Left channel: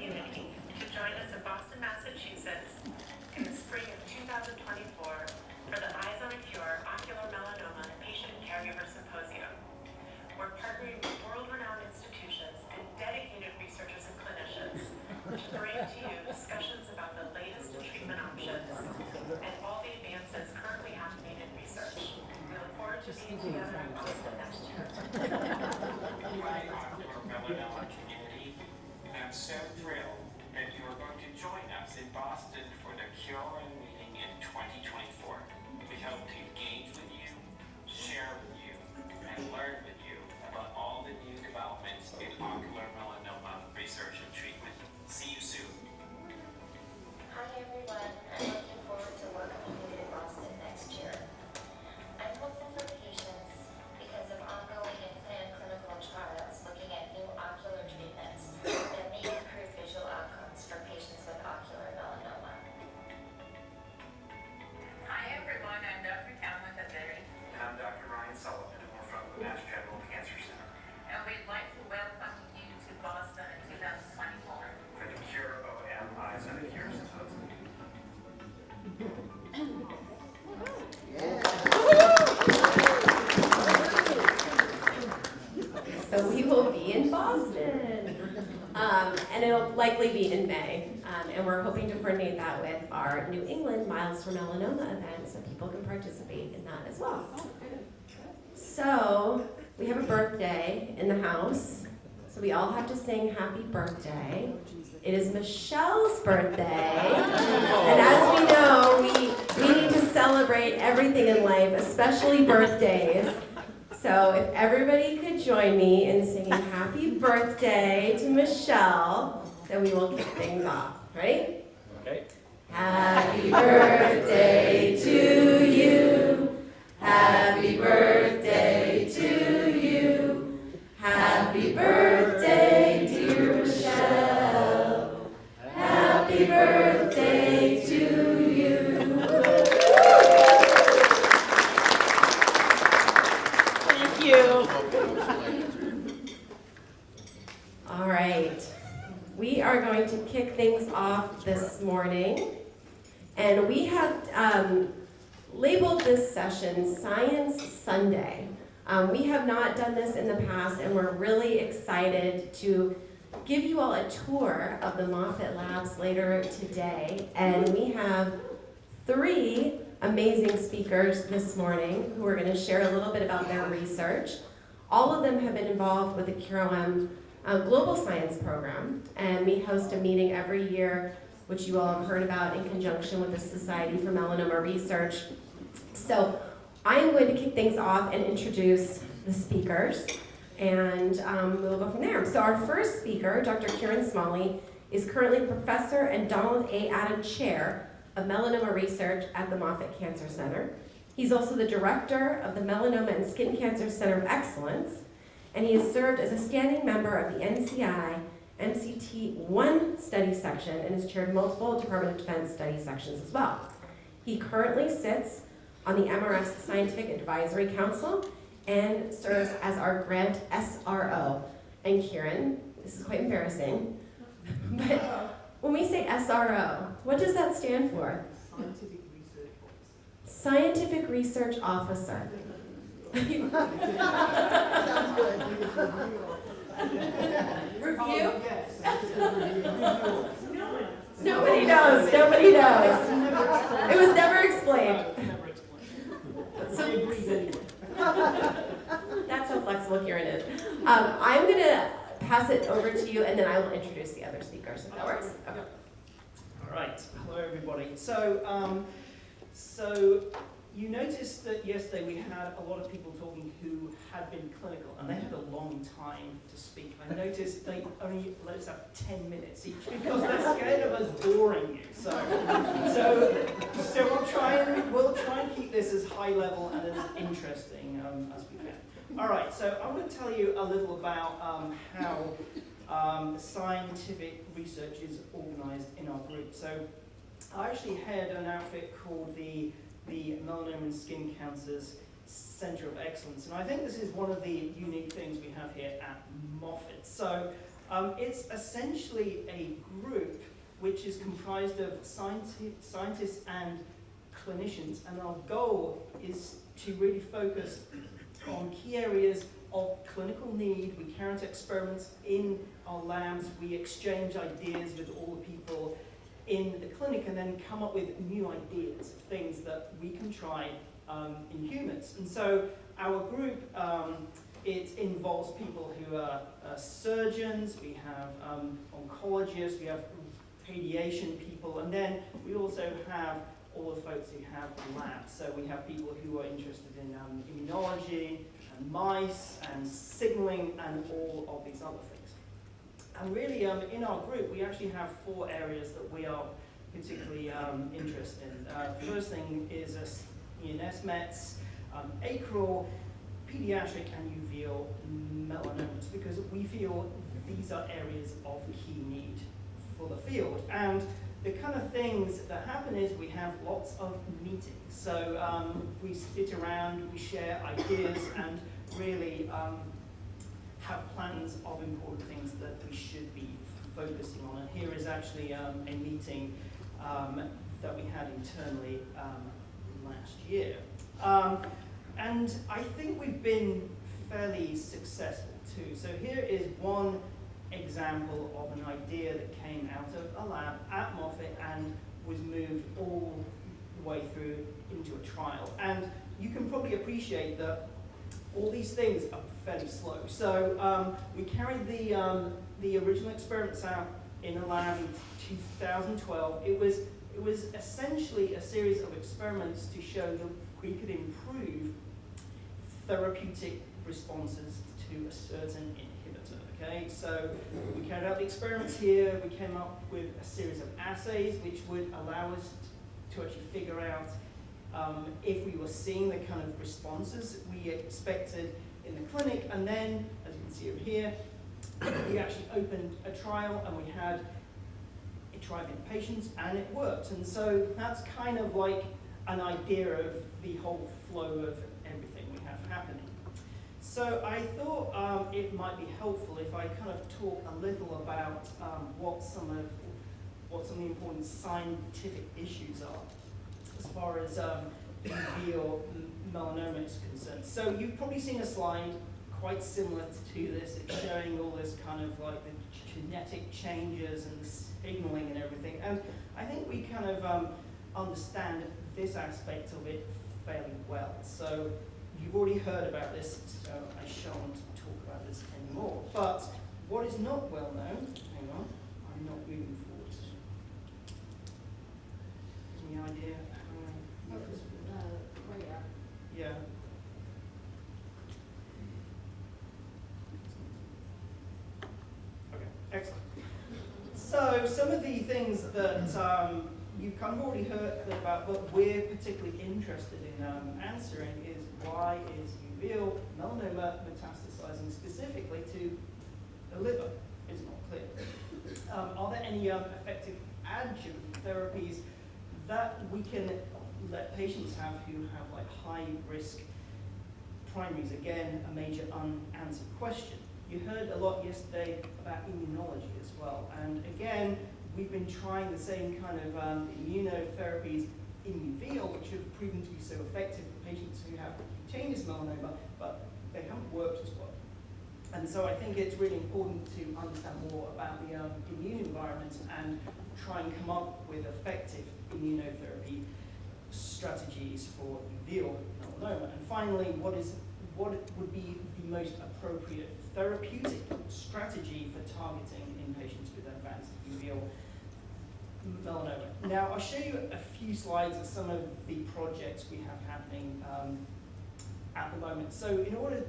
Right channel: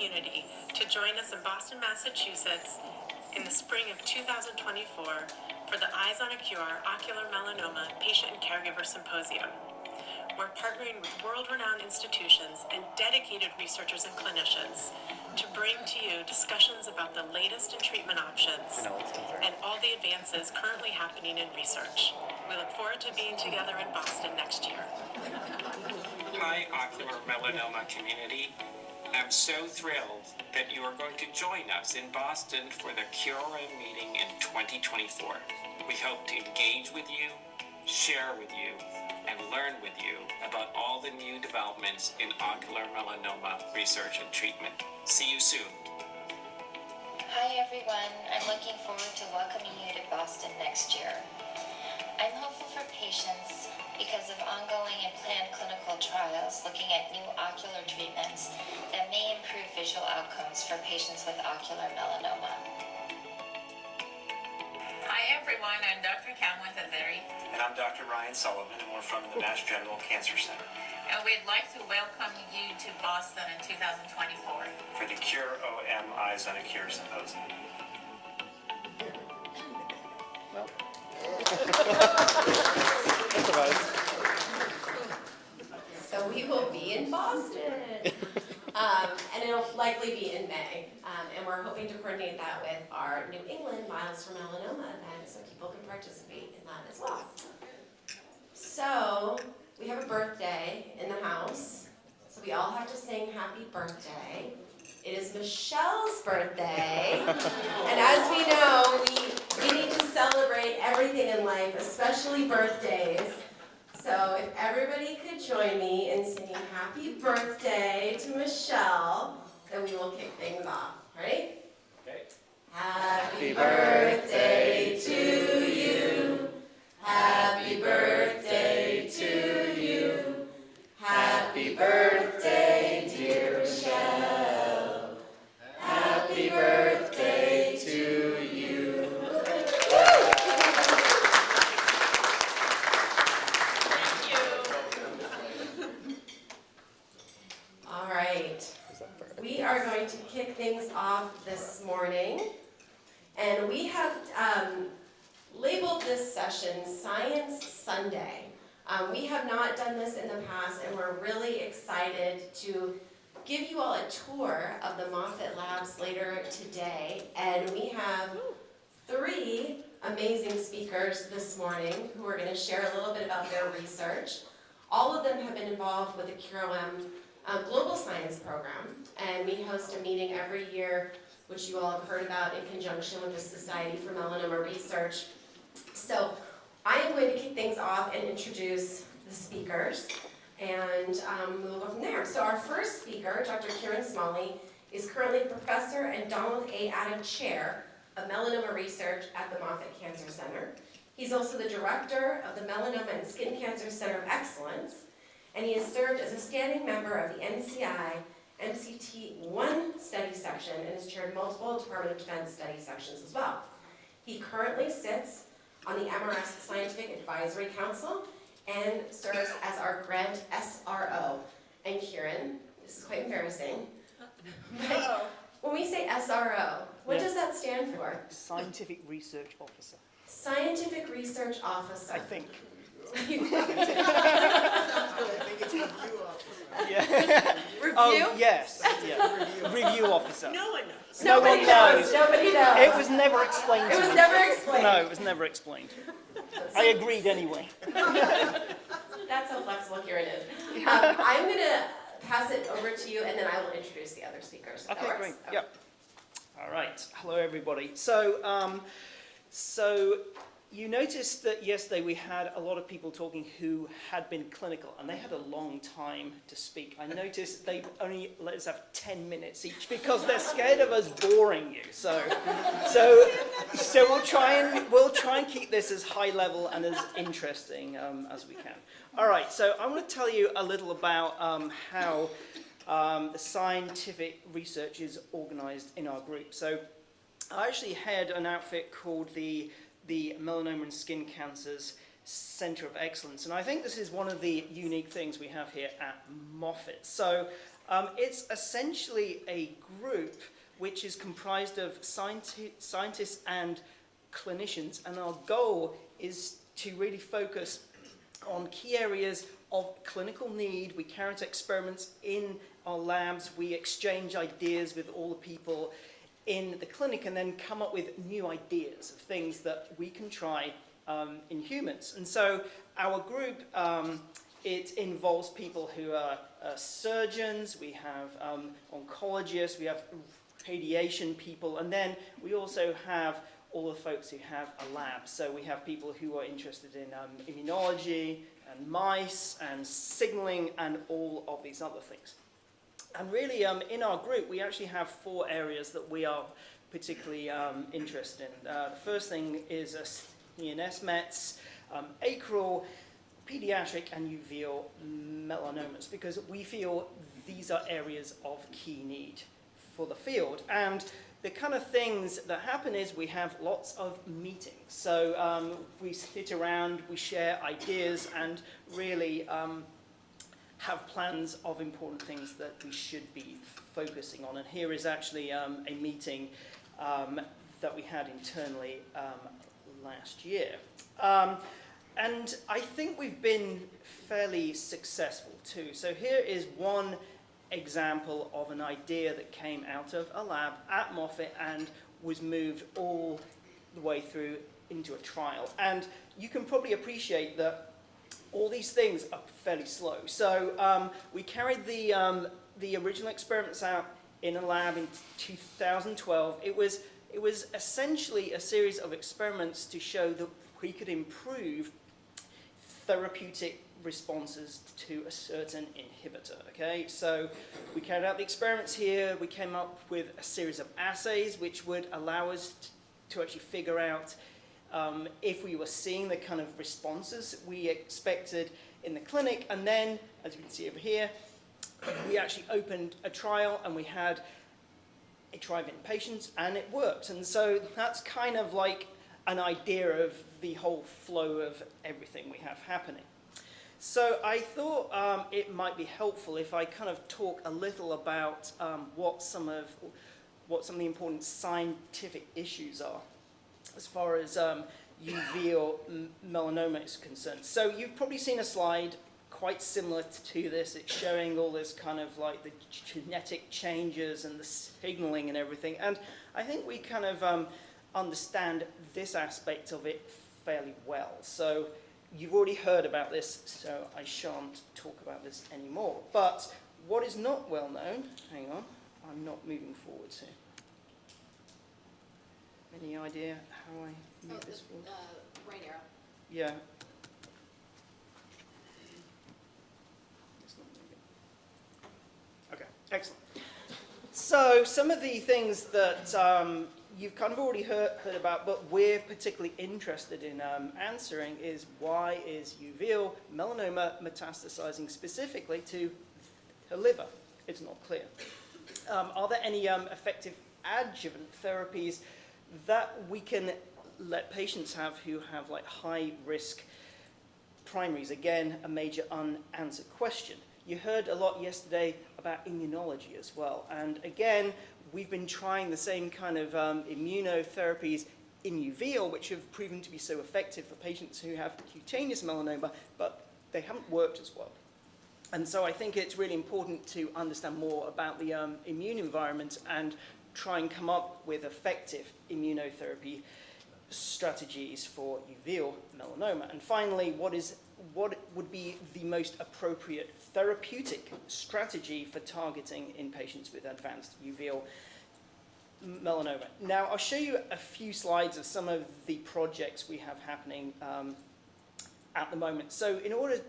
community to join us in Boston, Massachusetts in the spring of 2024 for the Eyes on a Cure Ocular Melanoma Patient and Caregiver Symposium. We're partnering with world-renowned institutions and dedicated researchers and clinicians to bring to you discussions about the latest in treatment options and all the advances currently happening in research. We look forward to being together in Boston next year. Hi, Ocular Melanoma community. I'm so thrilled that you are going to join us in Boston for the Keiran meeting in 2024. We hope to engage with you, share with you, and learn with you about all the new developments in ocular melanoma research and treatment. See you soon. Hi everyone, I'm looking forward to welcoming you to Boston next year. I'm hopeful for patients because of ongoing and planned clinical trials looking at new ocular treatments that may improve visual outcomes for patients with ocular melanoma. Hi everyone, I'm Dr. Azeri. And I'm Dr. Ryan Sullivan, and we're from the Mass General Cancer Center. And we'd like to welcome you to Boston in 2024. For the Cure OM Eyes on a Cure Symposium. So we will be in Boston, and it'll likely be in May, and we're hoping to coordinate that with our New England Miles for Melanoma event so people can participate in that as well. So we have a birthday in the house, so we all have to sing happy birthday. It is Michelle's birthday, and as we know, we need to celebrate everything in life, especially birthdays. So if everybody could join me in singing happy birthday to Michelle, then we will kick things off. Ready? Okay. Happy birthday to you. Happy birthday to you. Happy birthday, dear Michelle. Happy birthday to you. Thank you. All right. We are going to kick things off this morning, and we have labeled this session Science Sunday. We have not done this in the past, and we're really excited to give you all a tour of the Moffitt Labs later today. And we have 3 amazing speakers this morning who are going to share a little bit about their research. All of them have been involved with the Keiran Global Science Program, and we host a meeting every year, which you all have heard about in conjunction with the Society for Melanoma Research. So I am going to kick things off and introduce the speakers, and we'll go from there. So our first speaker, Dr. Keiran Smalley, is currently Professor and Donald A. Adam Chair of Melanoma Research at the Moffitt Cancer Center. He's also the Director of the Melanoma and Skin Cancer Center of Excellence, and he has served as a standing member of the NCI MCT1 study section and has chaired multiple Department of Defense study sections as well. He currently sits on the MRS Scientific Advisory Council and serves as our grant SRO. And Keiran, this is quite embarrassing, but when we say SRO, what does that stand for? Scientific Research Officer. Scientific Research Officer. I think. Yeah. Review? Oh, yes. Yeah. Review officer. No one knows. Nobody knows. Nobody knows. It was never explained. It was never explained. No, it was never explained. I agreed anyway. That's how flexible Keiran is. I'm going to pass it over to you, and then I will introduce the other speakers. If that works? Great. Yep. All right. Hello, everybody. So you noticed that yesterday we had a lot of people talking who had been clinical, and they had a long time to speak. I noticed they only let us have 10 minutes each because they're scared of us boring you. So we'll try and keep this as high level and as interesting as we can. All right. So I want to tell you a little about how the scientific research is organized in our group. So I actually head an outfit called the Melanoma and Skin Cancers Center of Excellence, and I think this is one of the unique things we have here at Moffitt. So It's essentially a group which is comprised of scientists and clinicians, and our goal is to really focus on key areas of clinical need. We carry out experiments in our labs, we exchange ideas with all the people in the clinic, and then come up with new ideas of things that we can try in humans. And so our group, it involves people who are surgeons, we have oncologists, we have radiation people, and then we also have all the folks who have a lab. So we have people who are interested in immunology, and mice, and signaling, and all of these other things. And really, in our group, we actually have 4 areas that we are particularly interested in. First thing is CNS mets, acral, pediatric, and uveal melanomas, because we feel these are areas of key need for the field. And the kind of things that happen is we have lots of meetings. So we sit around, we share ideas, and really have plans of important things that we should be focusing on. And here is actually a meeting that we had internally last year. And I think we've been fairly successful too. So here is one example of an idea that came out of a lab at Moffitt and was moved all the way through into a trial. And you can probably appreciate that all these things are fairly slow. So we carried the original experiments out in a lab in 2012. It was essentially a series of experiments to show that we could improve therapeutic responses to a certain inhibitor. Okay, so we carried out the experiments here. We came up with a series of assays which would allow us to actually figure out if we were seeing the kind of responses we expected in the clinic. And then, as you can see over here, we actually opened a trial, and we had a trial in patients, and it worked. And so that's kind of like an idea of the whole flow of everything we have happening. So I thought it might be helpful if I kind of talk a little about what some of the important scientific issues are as far as uveal melanoma is concerned. So you've probably seen a slide quite similar to this. It's showing all this kind of like the genetic changes and the signaling and everything. And I think we kind of understand this aspect of it fairly well. So you've already heard about this, so I shan't talk about this anymore. But what is not well known, hang on, I'm not moving forward. So. Any idea how I move this forward? Right arrow. Yeah. Okay, excellent. So some of the things that you've kind of already heard about, but we're particularly interested in answering is, why is uveal melanoma metastasizing specifically to the liver? It's not clear. Are there any effective adjuvant therapies that we can let patients have who have like high risk primaries? Again, a major unanswered question. You heard a lot yesterday about immunology as well, and again, we've been trying the same kind of immunotherapies in uveal, which have proven to be so effective for patients who have cutaneous melanoma, but they haven't worked as well. And so I think it's really important to understand more about the immune environment and try and come up with effective immunotherapy strategies for uveal melanoma. And finally, what would be the most appropriate therapeutic strategy for targeting in patients with advanced uveal melanoma? Now, I'll show you a few slides of some of the projects we have happening at the moment. So in order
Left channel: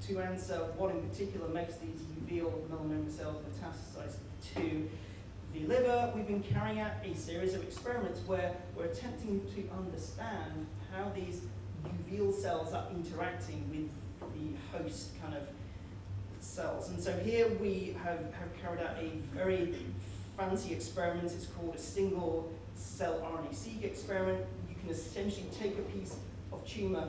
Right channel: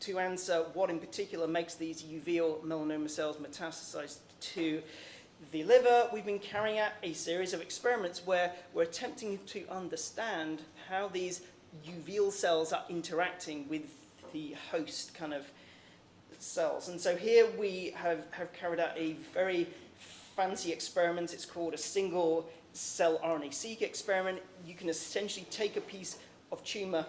to answer what in particular makes these uveal melanoma cells metastasize to the liver, we've been carrying out a series of experiments where we're attempting to understand how these uveal cells are interacting with the host kind of cells. And so here we have carried out a very fancy experiment. It's called a single cell RNA-seq experiment. You can essentially take a piece of tumor,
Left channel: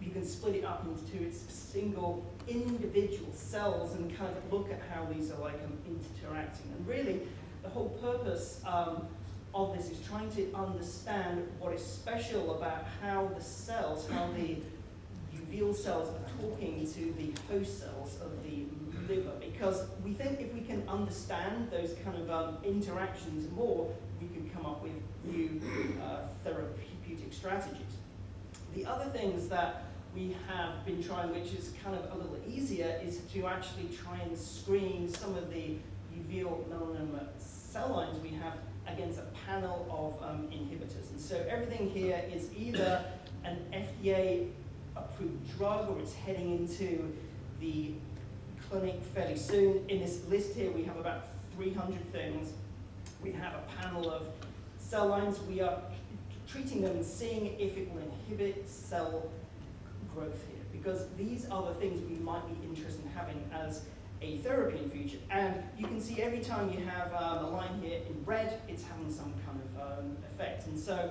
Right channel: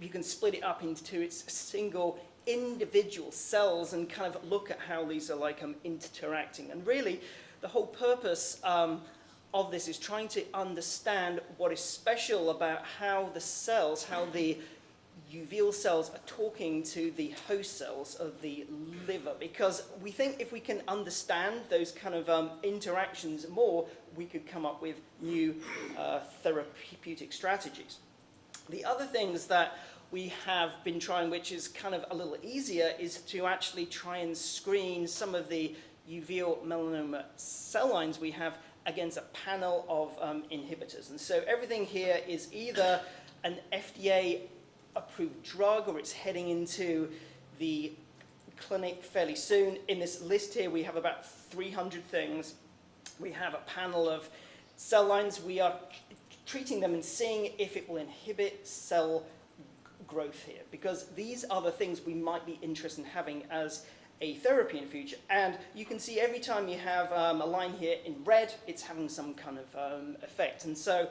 you can split it up into its single individual cells and kind of look at how these are like interacting. And really, the whole purpose of this is trying to understand what is special about how the cells, how the uveal cells are talking to the host cells of the liver, because we think if we can understand those kind of interactions more, we could come up with new therapeutic strategies. The other things that we have been trying, which is kind of a little easier, is to actually try and screen some of the uveal melanoma cell lines we have against a panel of inhibitors. And so everything here is either an FDA-approved drug or it's heading into the clinic fairly soon. In this list here, we have about 300 things. We have a panel of cell lines. We are treating them and seeing if it will inhibit cell growth here, because these are the things we might be interested in having as a therapy in future. And you can see every time you have a line here in red, it's having some kind of effect. And so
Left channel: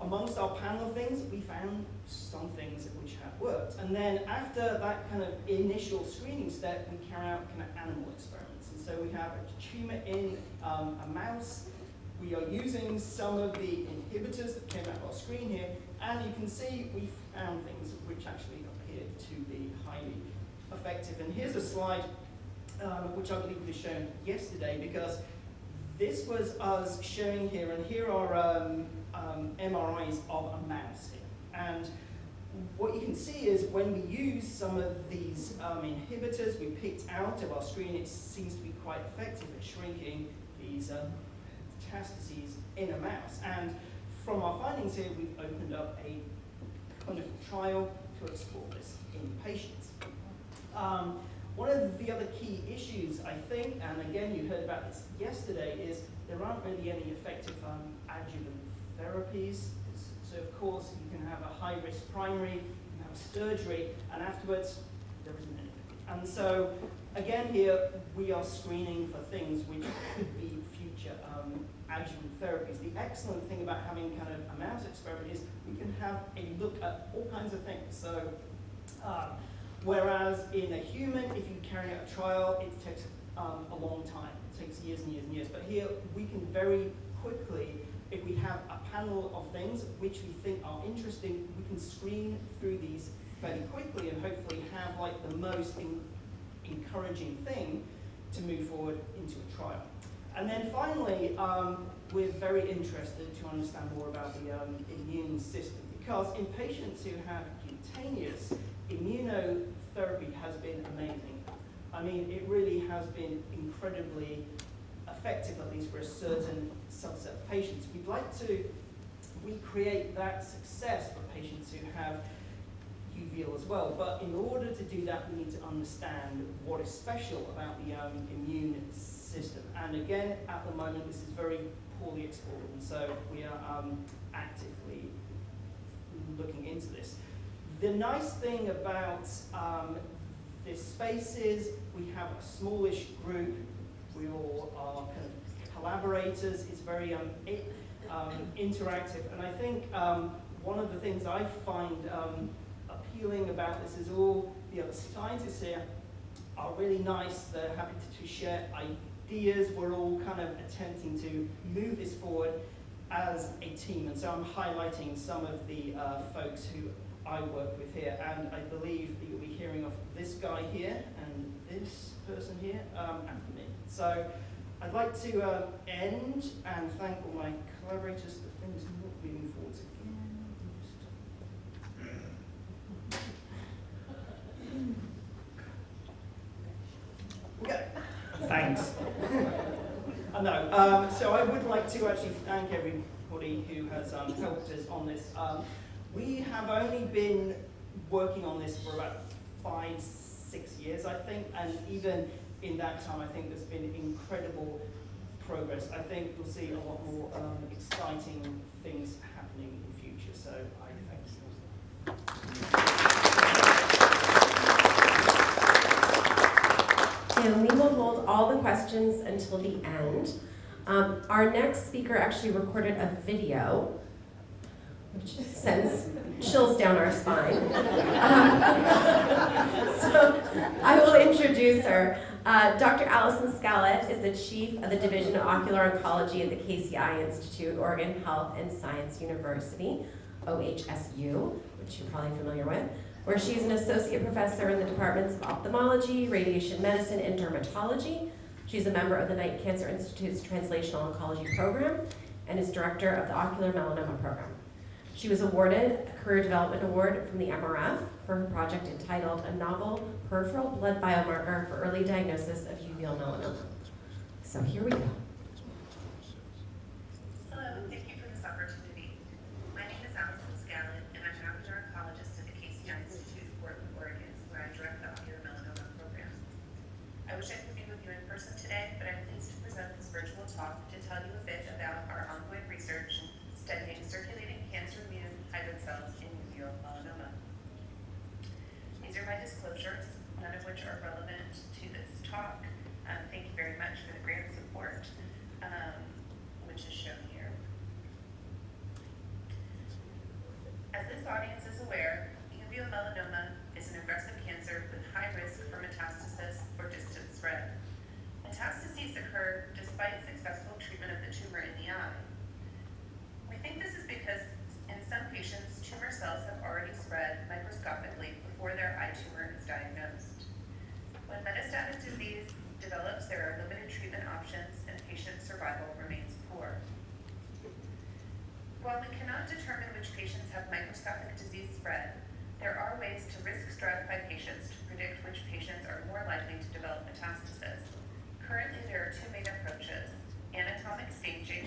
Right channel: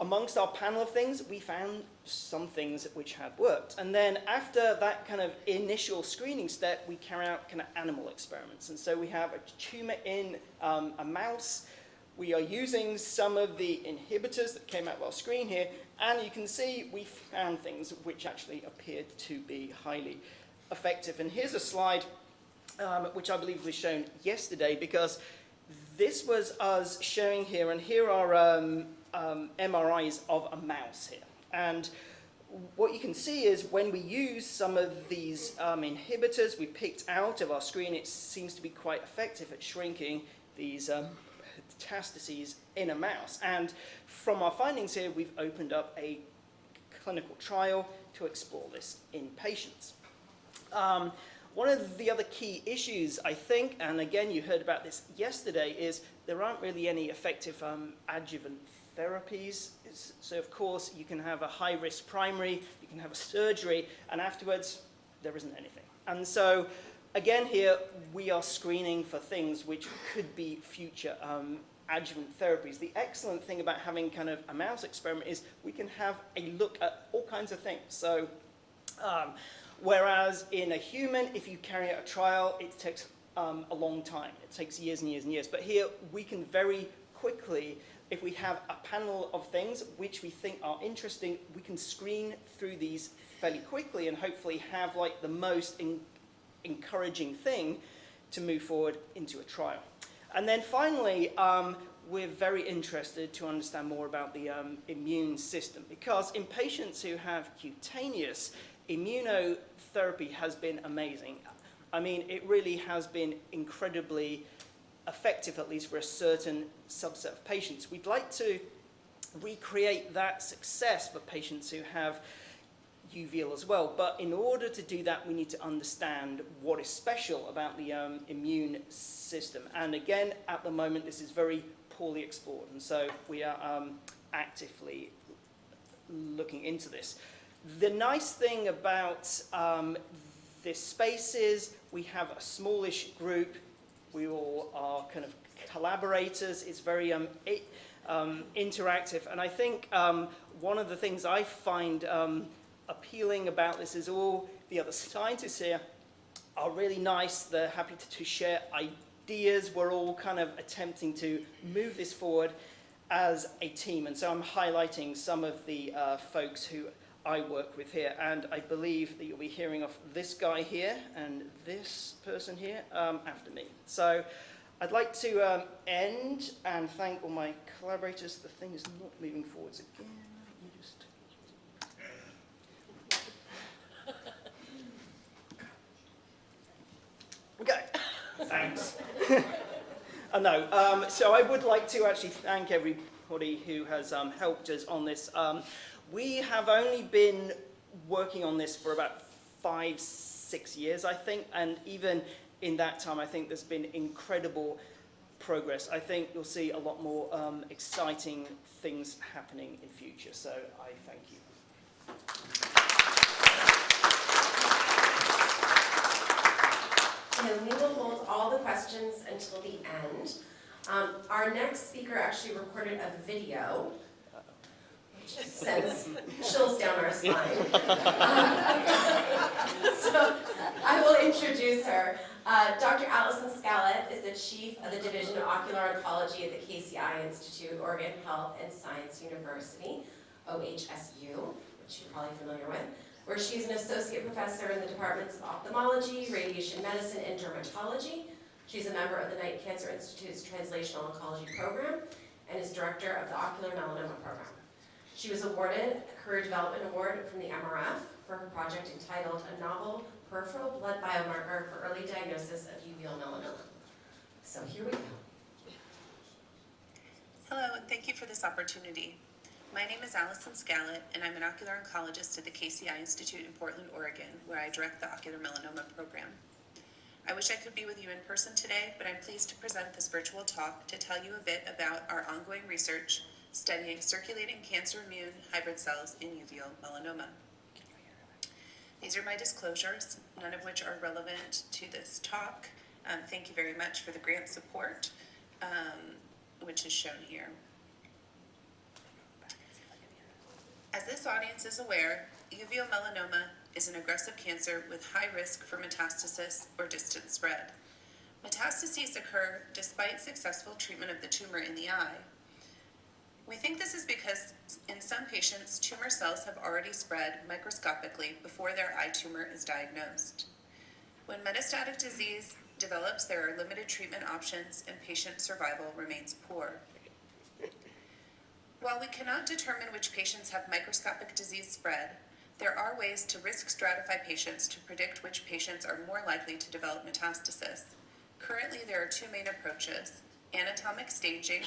amongst our panel of things, we found some things which had worked. And then after that kind of initial screening step, we carry out kind of animal experiments. And so we have a tumor in a mouse. We are using some of the inhibitors that came out of our screen here, and you can see we found things which actually appeared to be highly effective. And here's a slide which I believe was shown yesterday, because this was us showing here, and here are MRIs of a mouse here. And what you can see is when we use some of these inhibitors we picked out of our screen, it seems to be quite effective at shrinking these metastases in a mouse. And from our findings here, we've opened up a clinical trial to explore this in patients. One of the other key issues, I think, and again you heard about this yesterday, is there aren't really any effective adjuvant therapies. So of course you can have a high-risk primary, you can have a surgery, and afterwards there isn't anything. And so again here we are screening for things which could be future adjuvant therapies. The excellent thing about having kind of a mouse experiment is we can have a look at all kinds of things. So whereas in a human, if you carry out a trial, it takes a long time. It takes years and years and years. But here we can very quickly, if we have a panel of things which we think are interesting, we can screen through these fairly quickly and hopefully have like the most encouraging thing to move forward into a trial. And then finally, we're very interested to understand more about the immune system, because in patients who have cutaneous, immunotherapy has been amazing. I mean, it really has been incredibly effective, at least for a certain subset of patients. We'd like to recreate that success for patients who have uveal as well, but in order to do that, we need to understand what is special about the immune system. And again, at the moment, this is very poorly explored, and so we are actively looking into this. The nice thing about this space is we have a smallish group. We all are kind of collaborators. It's very interactive. And I think one of the things I find appealing about this is all the other scientists here are really nice. They're happy to share ideas. We're all kind of attempting to move this forward as a team. And so I'm highlighting some of the folks who I work with here, and I believe that you'll be hearing of this guy here and this person here after me. So I'd like to end and thank all my collaborators. The thing is not moving forwards again. Okay, thanks. No, so I would like to actually thank everybody who has helped us on this. We have only been working on this for about 5-6 years, I think, and even in that time, I think there's been incredible progress. I think you'll see a lot more exciting things happening in future, so I thank you. And we will hold all the questions until the end. Our next speaker actually recorded a video which sends chills down our spine. So I will introduce her. Dr. Alison Skalet is the Chief of the Division of Ocular Oncology at the KCI Institute, Oregon Health and Science University, OHSU, which you're probably familiar with, where she's an associate professor in the departments of ophthalmology, radiation medicine, and dermatology. She's a member of the Knight Cancer Institute's Translational Oncology Program and is director of the Ocular Melanoma Program. She was awarded a Career Development Award from the MRF for her project entitled A Novel Peripheral Blood Biomarker for Early Diagnosis of Uveal Melanoma. So here we go. Hello, and thank you for this opportunity. My name is Alison Skalet, and I'm an ocular oncologist at the KCI Institute in Portland, Oregon, where I direct the Ocular Melanoma Program. I wish I could be with you in person today, but I'm pleased to present this virtual talk to tell you a bit about our ongoing research studying circulating cancer immune hybrid cells in uveal melanoma. These are my disclosures, none of which are relevant to this talk. Thank you very much for the grant support, which is shown here. As this audience is aware, uveal melanoma is an aggressive cancer with high risk for metastasis or distant spread. Metastases occur despite successful treatment of the tumor in the eye. We think this is because in some patients, tumor cells have already spread microscopically before their eye tumor is diagnosed. When metastatic disease develops, there are limited treatment options and patient survival remains poor. While we cannot determine which patients have microscopic disease spread, there are ways to risk stratify patients to predict which patients are more likely to develop metastasis. Currently, there are two main approaches: anatomic staging,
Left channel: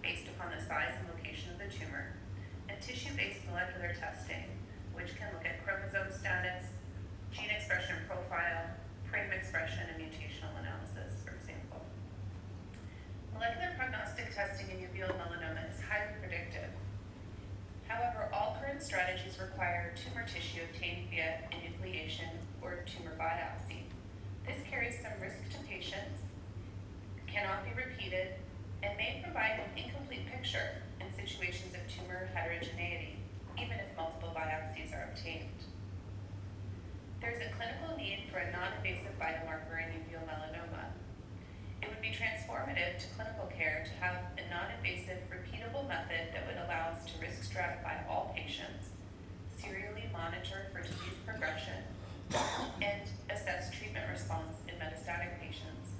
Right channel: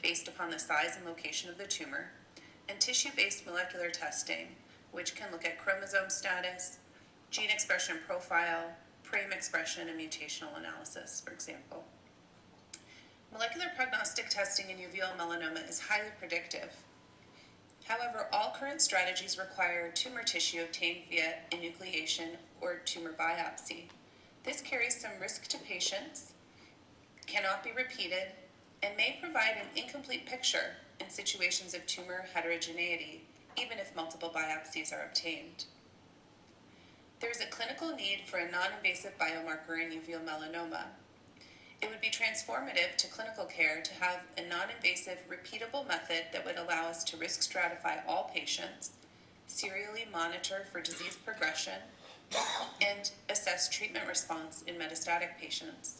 based upon the size and location of the tumor, and tissue-based molecular testing, which can look at chromosome status, gene expression profile, PRAME expression, and mutational analysis, for example. Molecular prognostic testing in uveal melanoma is highly predictive. However, all current strategies require tumor tissue obtained via enucleation or tumor biopsy. This carries some risk to patients, cannot be repeated, and may provide an incomplete picture in situations of tumor heterogeneity, even if multiple biopsies are obtained. There is a clinical need for a non-invasive biomarker in uveal melanoma. It would be transformative to clinical care to have a non-invasive, repeatable method that would allow us to risk stratify all patients, serially monitor for disease progression, and assess treatment response in metastatic patients.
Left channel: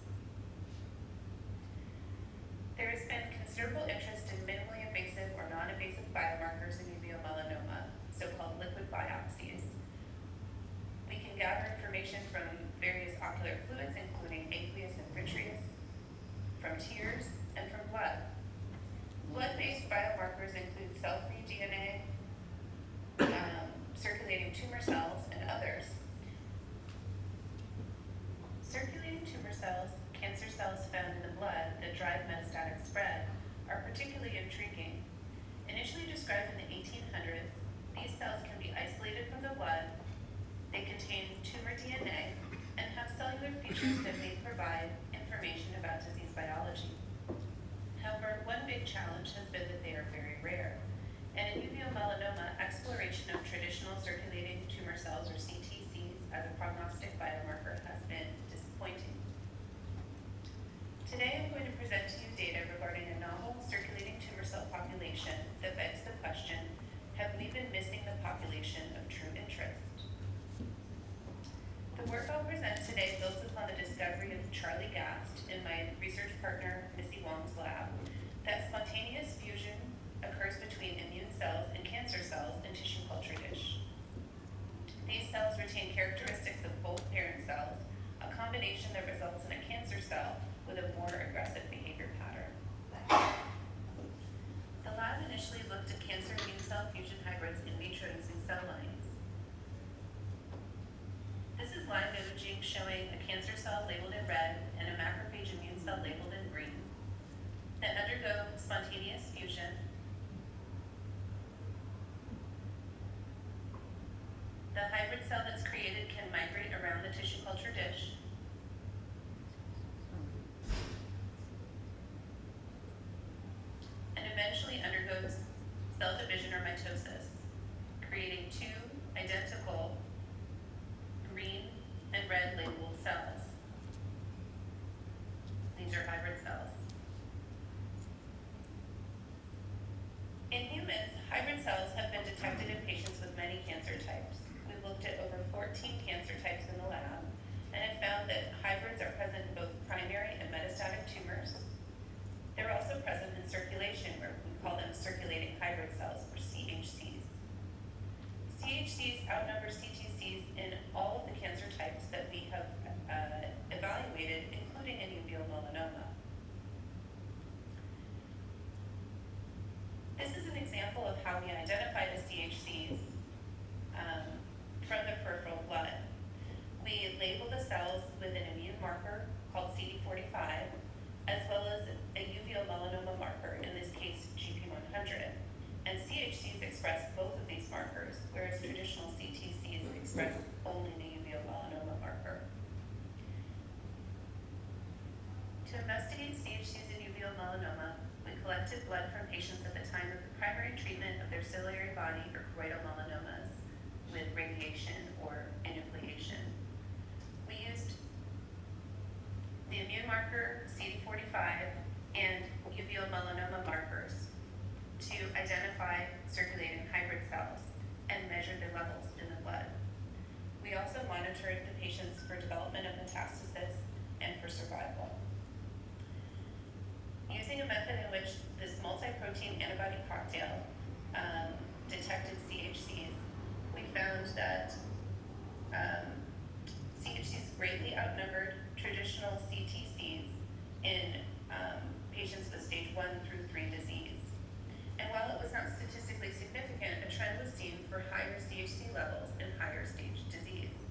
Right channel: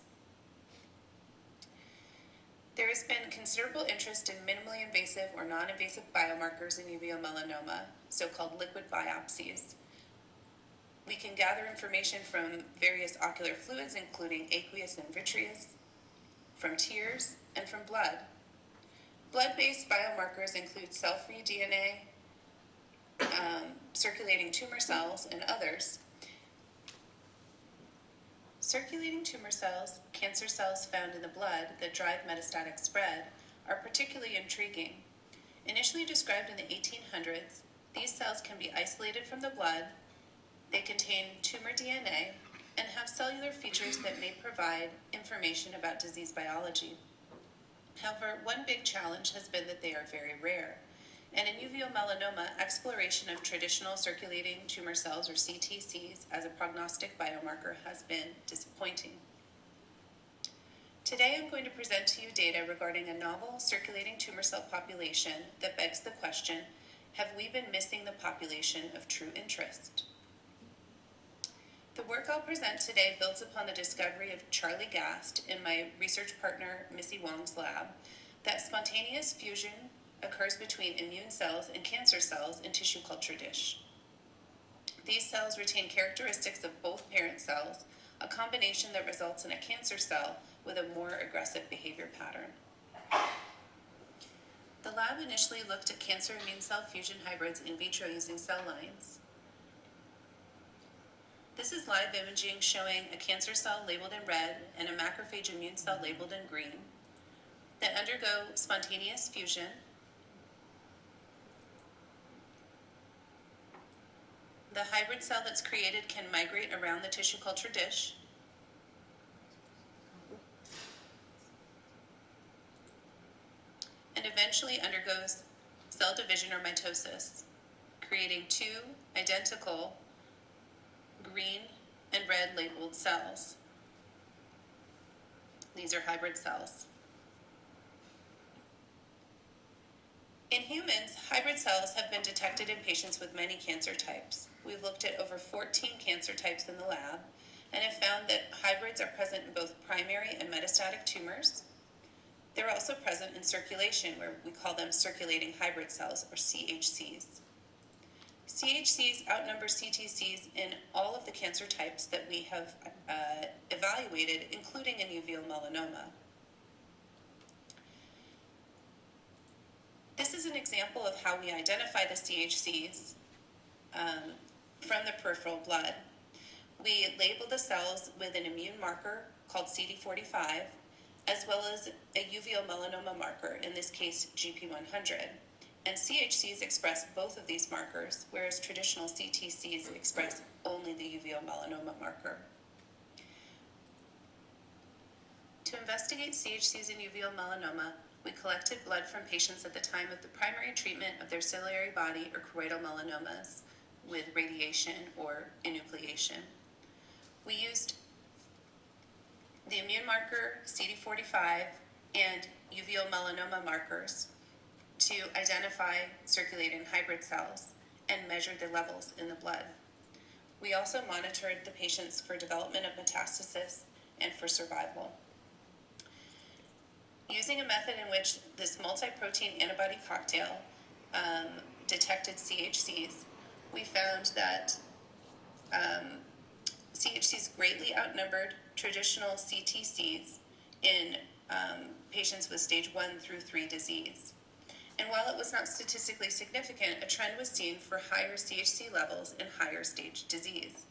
There has been considerable interest in minimally invasive or non-invasive biomarkers in uveal melanoma, so-called liquid biopsies. We can gather information from various ocular fluids, including aqueous and vitreous, from tears, and from blood. Blood-based biomarkers include cell-free DNA, circulating tumor cells, and others. Circulating tumor cells, cancer cells found in the blood that drive metastatic spread, are particularly intriguing. Initially described in the 1800s, these cells can be isolated from the blood. They contain tumor DNA and have cellular features that may provide information about disease biology. However, one big challenge has been that they are very rare. And in uveal melanoma, exploration of traditional circulating tumor cells, or CTCs, as a prognostic biomarker has been disappointing. Today I'm going to present to you data regarding a novel circulating tumor cell population that begs the question, have we been missing the population of true interest? The work I'll present today builds upon the discovery of Charlie Gast and my research partner Missy Wong's lab that spontaneous fusion occurs between immune cells and cancer cells in tissue culture dish. These cells retain characteristics of both parent cells, a combination that results in a cancer cell with a more aggressive behavior pattern. The lab initially looked at cancer immune cell fusion hybrids in vitro using cell lines. This is live imaging showing a cancer cell labeled in red and a macrophage immune cell labeled in green that undergo spontaneous fusion. The hybrid cell that's created can migrate around the tissue culture dish. And eventually undergoes cell division or mitosis, creating two identical green and red labeled cells. These are hybrid cells. In humans, hybrid cells have been detected in patients with many cancer types. We've looked at over 14 cancer types in the lab and have found that hybrids are present in both primary and metastatic tumors. They're also present in circulation, where we call them circulating hybrid cells, or CHCs. CHCs outnumber CTCs in all of the cancer types that we have evaluated, including in uveal melanoma. This is an example of how we identify the CHCs from the peripheral blood. We label the cells with an immune marker called CD45, as well as a uveal melanoma marker, in this case GP100. And CHCs express both of these markers, whereas traditional CTCs express only the uveal melanoma marker. To investigate CHCs in uveal melanoma, we collected blood from patients at the time of the primary treatment of their ciliary body or choroidal melanomas with radiation or enucleation. We used the immune marker, CD45, and uveal melanoma markers to identify circulating hybrid cells and measured their levels in the blood. We also monitored the patients for development of metastasis and for survival. Using a method in which this multi-protein antibody cocktail detected CHCs, we found that CHCs greatly outnumbered traditional CTCs in patients with stage 1 through 3 disease. And while it was not statistically significant, a trend was seen for higher CHC levels in higher stage disease.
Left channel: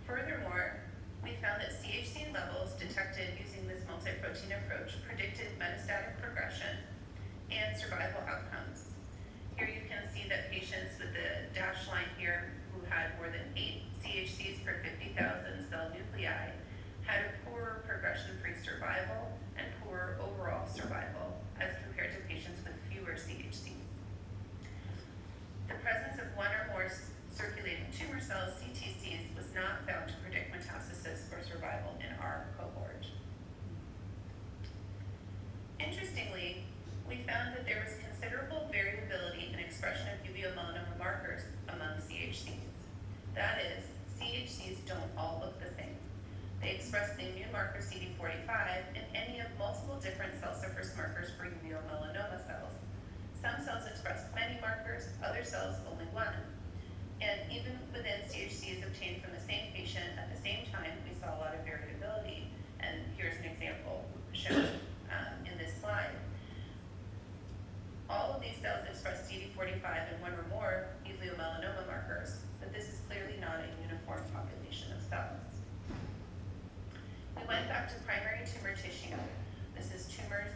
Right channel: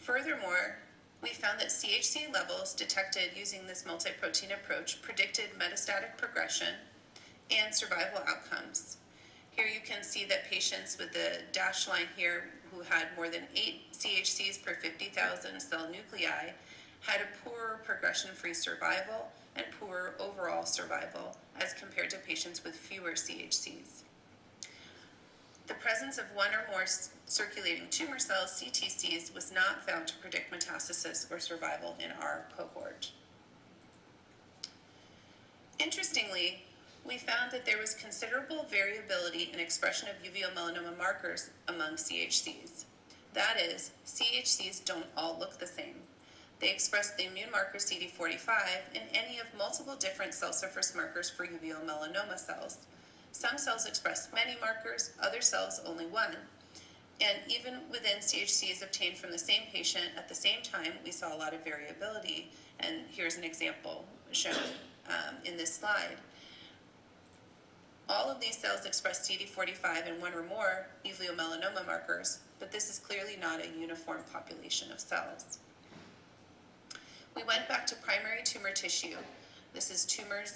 Furthermore, we found that CHC levels detected using this multi-protein approach predicted metastatic progression and survival outcomes. Here you can see that patients with the dashed line here who had more than 8 CHCs per 50,000 cell nuclei had a poorer progression-free survival and poorer overall survival as compared to patients with fewer CHCs. The presence of one or more circulating tumor cells, CTCs, was not found to predict metastasis or survival in our cohort. Interestingly, we found that there was considerable variability in expression of uveal melanoma markers among CHCs. That is, CHCs don't all look the same. They express the immune marker CD45 in any of multiple different cell surface markers for uveal melanoma cells. Some cells express many markers, other cells only one. And even within CHCs obtained from the same patient at the same time, we saw a lot of variability. And here's an example shown in this slide. All of these cells express CD45 and one or more uveal melanoma markers, but this is clearly not a uniform population of cells. We went back to primary tumor tissue. This is tumors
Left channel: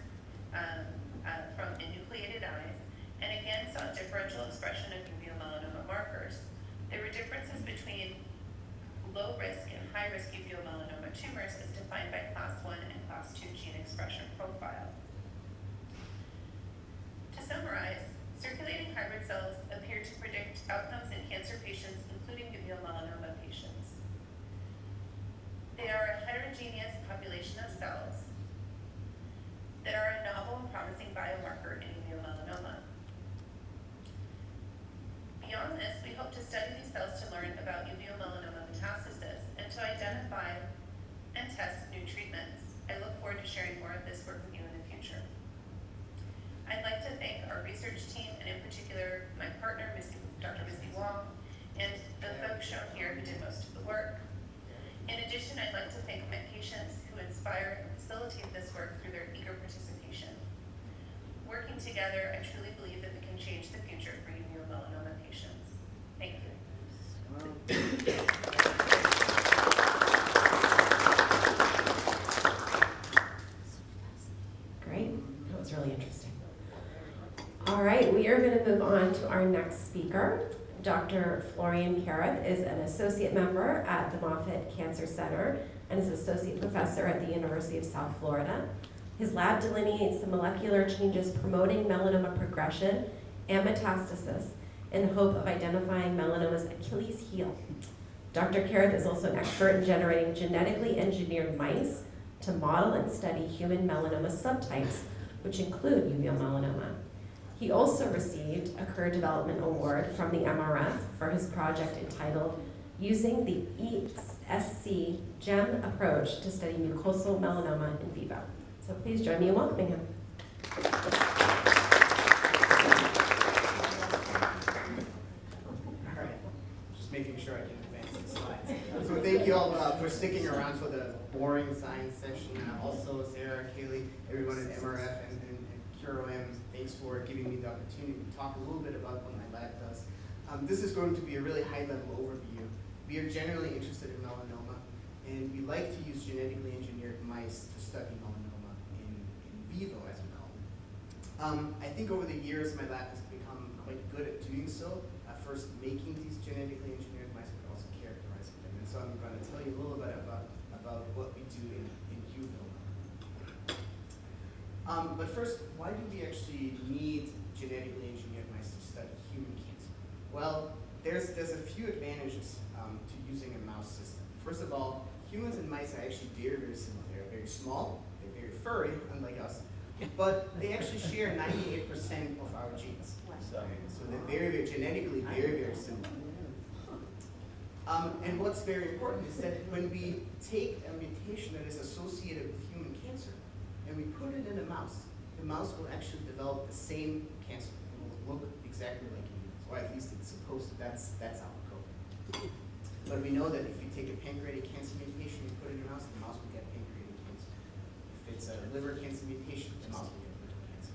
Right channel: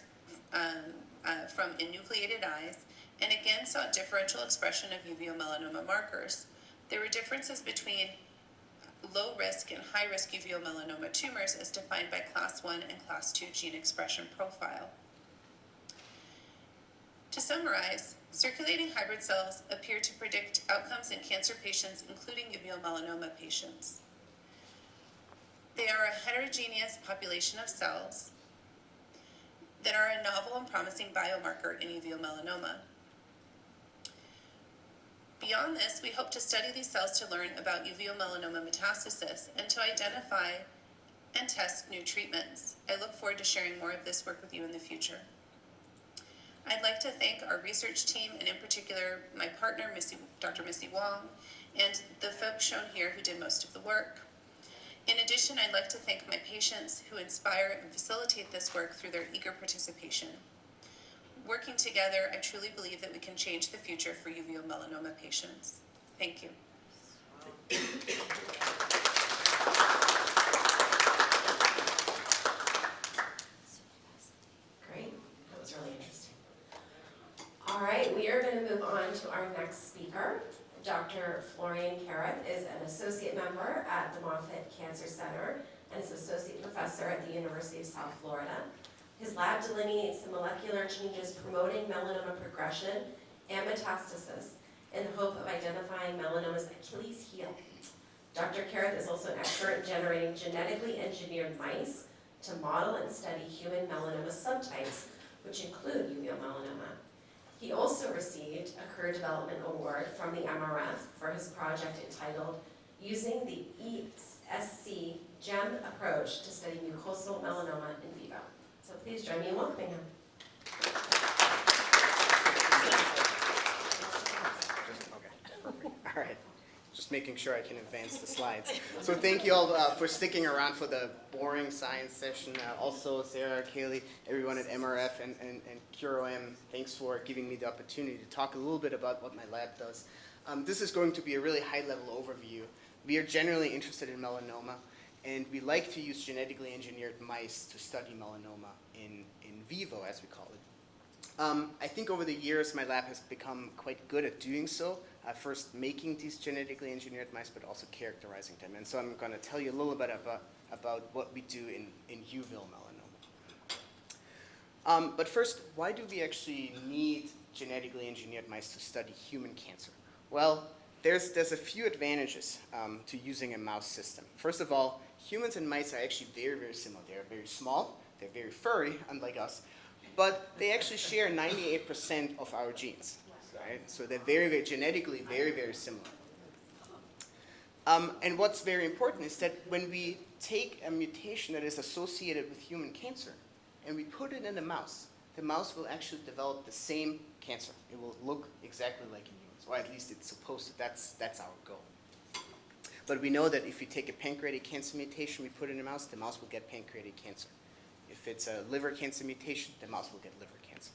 from enucleated eyes, and again saw differential expression of uveal melanoma markers. There were differences between low risk and high risk uveal melanoma tumors as defined by class 1 and class 2 gene expression profile. To summarize, circulating hybrid cells appear to predict outcomes in cancer patients, including uveal melanoma patients. They are a heterogeneous population of cells that are a novel and promising biomarker in uveal melanoma. Beyond this, we hope to study these cells to learn about uveal melanoma metastasis and to identify and test new treatments. I look forward to sharing more of this work with you in the future. I'd like to thank our research team, and in particular, my partner, Dr. Missy Wong, and the folks shown here who did most of the work. In addition, I'd like to thank my patients who inspire and facilitate this work through their eager participation. Working together, I truly believe that we can change the future for uveal melanoma patients. Thank you. Great, that was really interesting. All right, we are going to move on to our next speaker. Dr. Florian Karreth is an associate member at the Moffitt Cancer Center and is associate professor at the University of South Florida. His lab delineates the molecular changes promoting melanoma progression and metastasis in the hope of identifying melanoma's Achilles heel. Dr. Karreth is also an expert in generating genetically engineered mice to model and study human melanoma subtypes, which include uveal melanoma. He also received a Career Development Award from the MRF for his project entitled Using the ESC GEM Approach to Study Mucosal Melanoma in Vivo. So please join me in welcoming him. All right, just making sure I can advance the slides. So thank you all for sticking around for the boring science session. Also, Sarah, Kaylee, everyone at MRF and Keiran, thanks for giving me the opportunity to talk a little bit about what my lab does. This is going to be a really high-level overview. We are generally interested in melanoma, and we like to use genetically engineered mice to study melanoma in vivo, as we call it. I think over the years, my lab has become quite good at doing so. First making these genetically engineered mice, but also characterizing them. And so I'm going to tell you a little bit about what we do in uveal melanoma. But first, why do we actually need genetically engineered mice to study human cancer? Well, there's a few advantages to using a mouse system. First of all, humans and mice are actually very, very similar. They're very small, they're very furry, unlike us, but they actually share 98% of our genes. Right? So they're very, very genetically very, very similar. And what's very important is that when we take a mutation that is associated with human cancer and we put it in a mouse, the mouse will actually develop the same cancer. It will look exactly like humans, or at least it's supposed to. That's our goal. But we know that if we take a pancreatic cancer mutation, we put it in a mouse, the mouse will get pancreatic cancer. If it's a liver cancer mutation, the mouse will get liver cancer.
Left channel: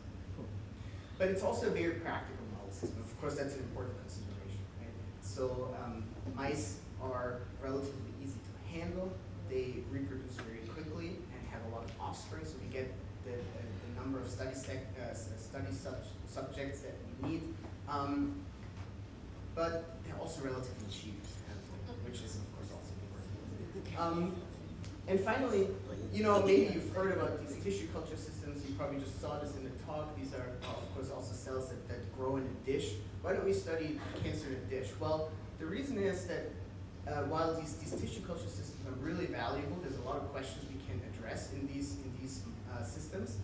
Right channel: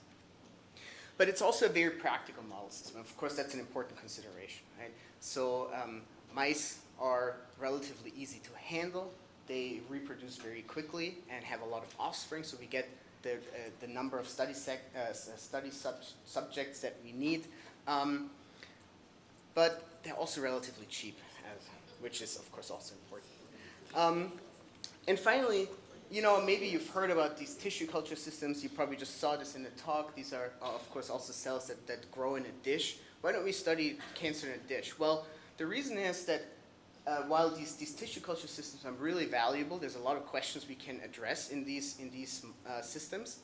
But it's also a very practical model system. Of course, that's an important consideration, right? So mice are relatively easy to handle. They reproduce very quickly and have a lot of offspring, so we get the number of study subjects that we need. But they're also relatively cheap, which is, of course, also important. And finally, you know, maybe you've heard about these tissue culture systems. You probably just saw this in the talk. These are, of course, also cells that grow in a dish. Why don't we study cancer in a dish? Well, the reason is that while these tissue culture systems are really valuable, there's a lot of questions we can address in these systems.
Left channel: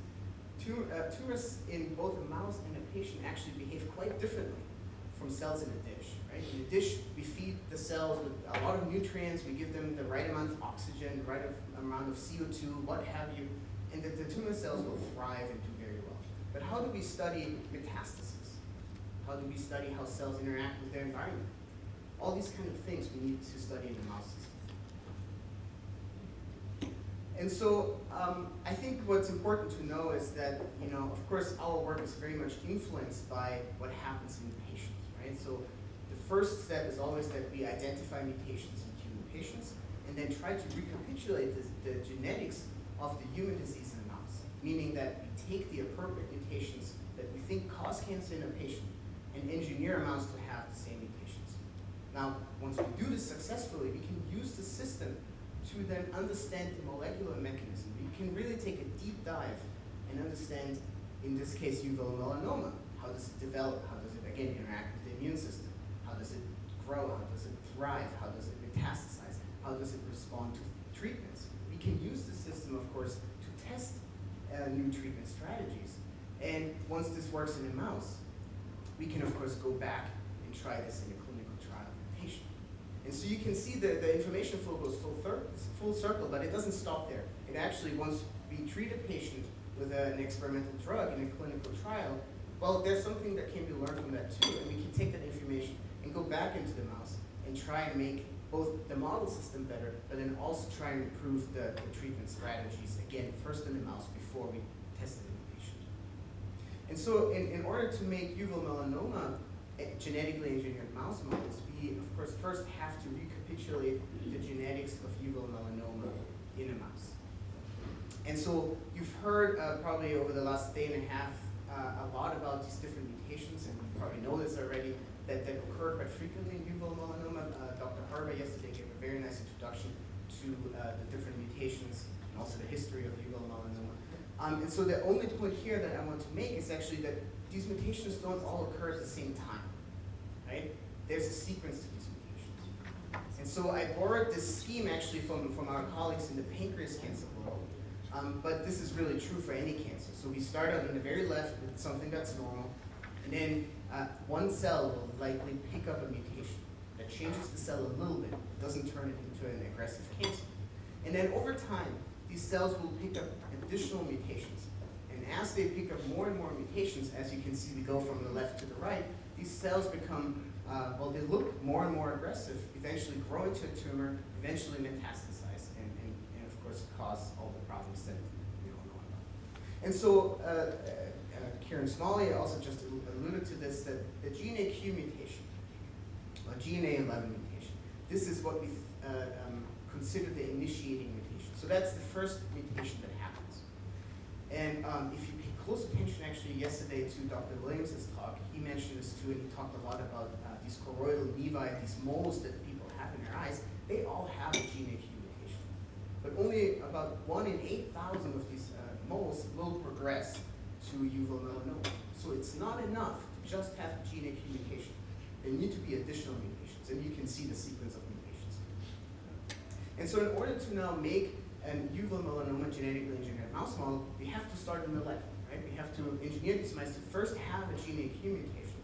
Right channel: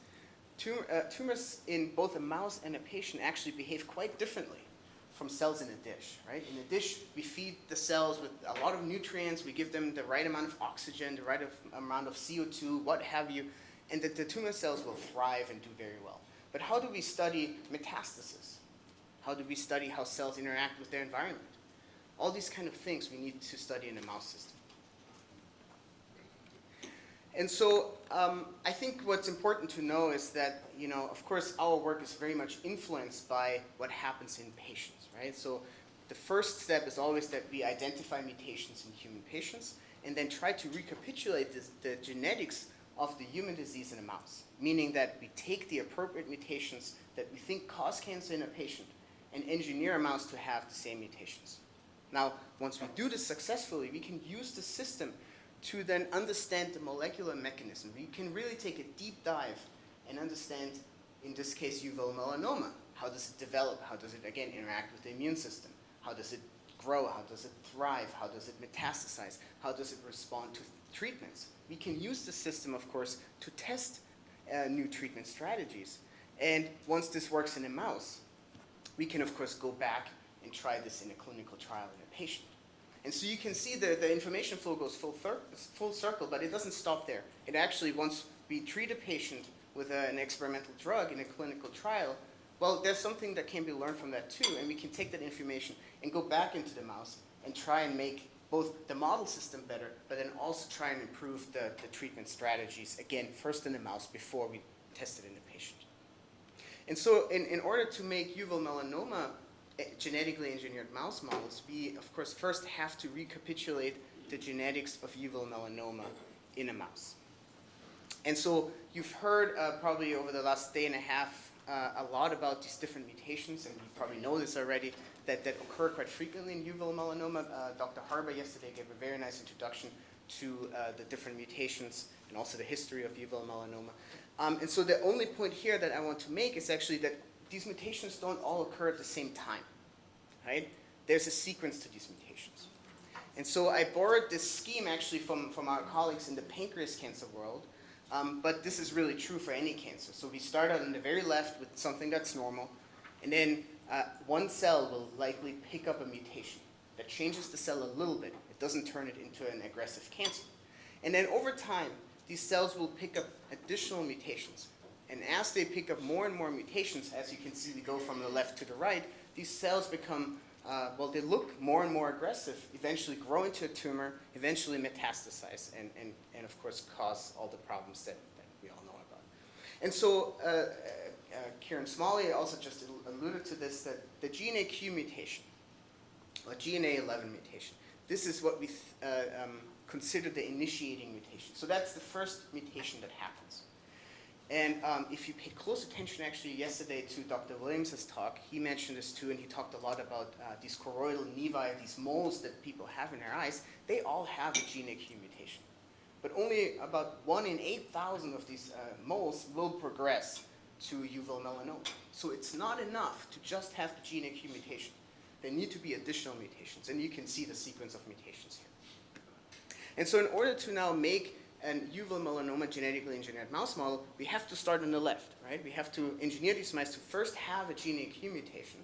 Tumors in both a mouse and a patient actually behave quite differently from cells in a dish, right? In a dish, we feed the cells with a lot of nutrients, we give them the right amount of oxygen, the right amount of CO2, what have you, and the tumor cells will thrive and do very well. But how do we study metastasis? How do we study how cells interact with their environment? All these kind of things we need to study in a mouse system. And so I think what's important to know is that, you know, of course, our work is very much influenced by what happens in patients, right? So the first step is always that we identify mutations in human patients and then try to recapitulate the genetics of the human disease in a mouse, meaning that we take the appropriate mutations that we think cause cancer in a patient and engineer a mouse to have the same mutations. Now, once we do this successfully, we can use the system to then understand the molecular mechanism. We can really take a deep dive and understand, in this case, uveal melanoma. How does it develop? How does it, again, interact with the immune system? How does it grow? How does it thrive? How does it metastasize? How does it respond to treatments? We can use the system, of course, to test new treatment strategies. And once this works in a mouse, we can, of course, go back and try this in a clinical trial in a patient. And so you can see the information flow goes full circle, but it doesn't stop there. It actually, once we treat a patient with an experimental drug in a clinical trial, well, there's something that can be learned from that too, and we can take that information and go back into the mouse and try and make both the model system better, but then also try and improve the treatment strategies, again, first in the mouse before we test it in the patient. And so in order to make uveal melanoma genetically engineered mouse models, we, of course, first have to recapitulate the genetics of uveal melanoma in a mouse. And so you've heard probably over the last day and a half a lot about these different mutations, and you probably know this already, that occur quite frequently in uveal melanoma. Dr. Harber yesterday gave a very nice introduction to the different mutations and also the history of uveal melanoma. And so the only point here that I want to make is actually that these mutations don't all occur at the same time, right? There's a sequence to these mutations. And so I borrowed this scheme actually from our colleagues in the pancreas cancer world, but this is really true for any cancer. So we start out on the very left with something that's normal, and then one cell will likely pick up a mutation that changes the cell a little bit. It doesn't turn it into an aggressive cancer. And then over time, these cells will pick up additional mutations. And as they pick up more and more mutations, as you can see, we go from the left to the right, these cells become, well, they look more and more aggressive, eventually grow into a tumor, eventually metastasize, and of course cause all the problems that we all know about. And so Keiran Smalley also just alluded to this, that the GNAQ mutation, or GNA11 mutation, this is what we consider the initiating mutation. So that's the first mutation that happens. And if you paid close attention actually yesterday to Dr. Williams' talk, he mentioned this too, and he talked a lot about these choroidal nevi, these moles that people have in their eyes. They all have a GNAQ mutation. But only about 1 in 8,000 of these moles will progress to uveal melanoma. So it's not enough to just have the GNAQ mutation. There need to be additional mutations, and you can see the sequence of mutations here. And so in order to now make an uveal melanoma genetically engineered mouse model, we have to start on the left, right? We have to engineer these mice to first have a GNAQ mutation.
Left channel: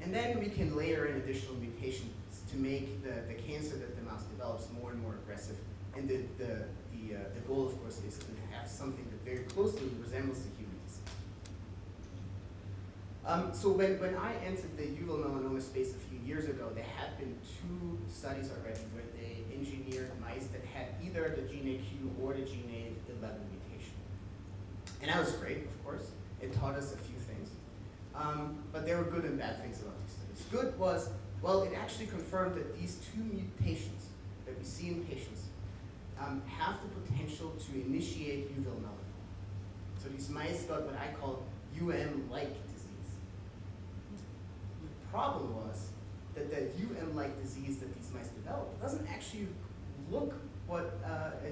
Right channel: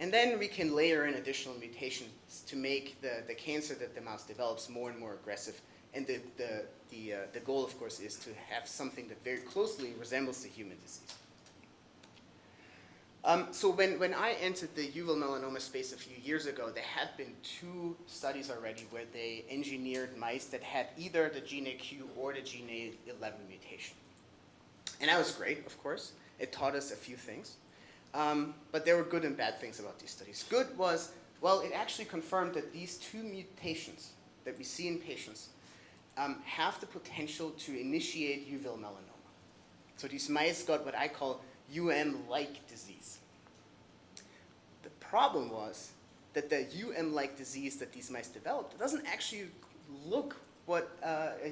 And then we can layer in additional mutations to make the cancer that the mouse develops more and more aggressive. And the goal, of course, is to have something that very closely resembles the human disease. So when I entered the uveal melanoma space a few years ago, there had been 2 studies already where they engineered mice that had either the GNAQ or the GNA11 mutation. And that was great, of course. It taught us a few things. But there were good and bad things about these studies. Good was, well, it actually confirmed that these 2 mutations that we see in patients have the potential to initiate uveal melanoma. So these mice got what I call UM-like disease. The problem was that the UM-like disease that these mice developed doesn't actually look what a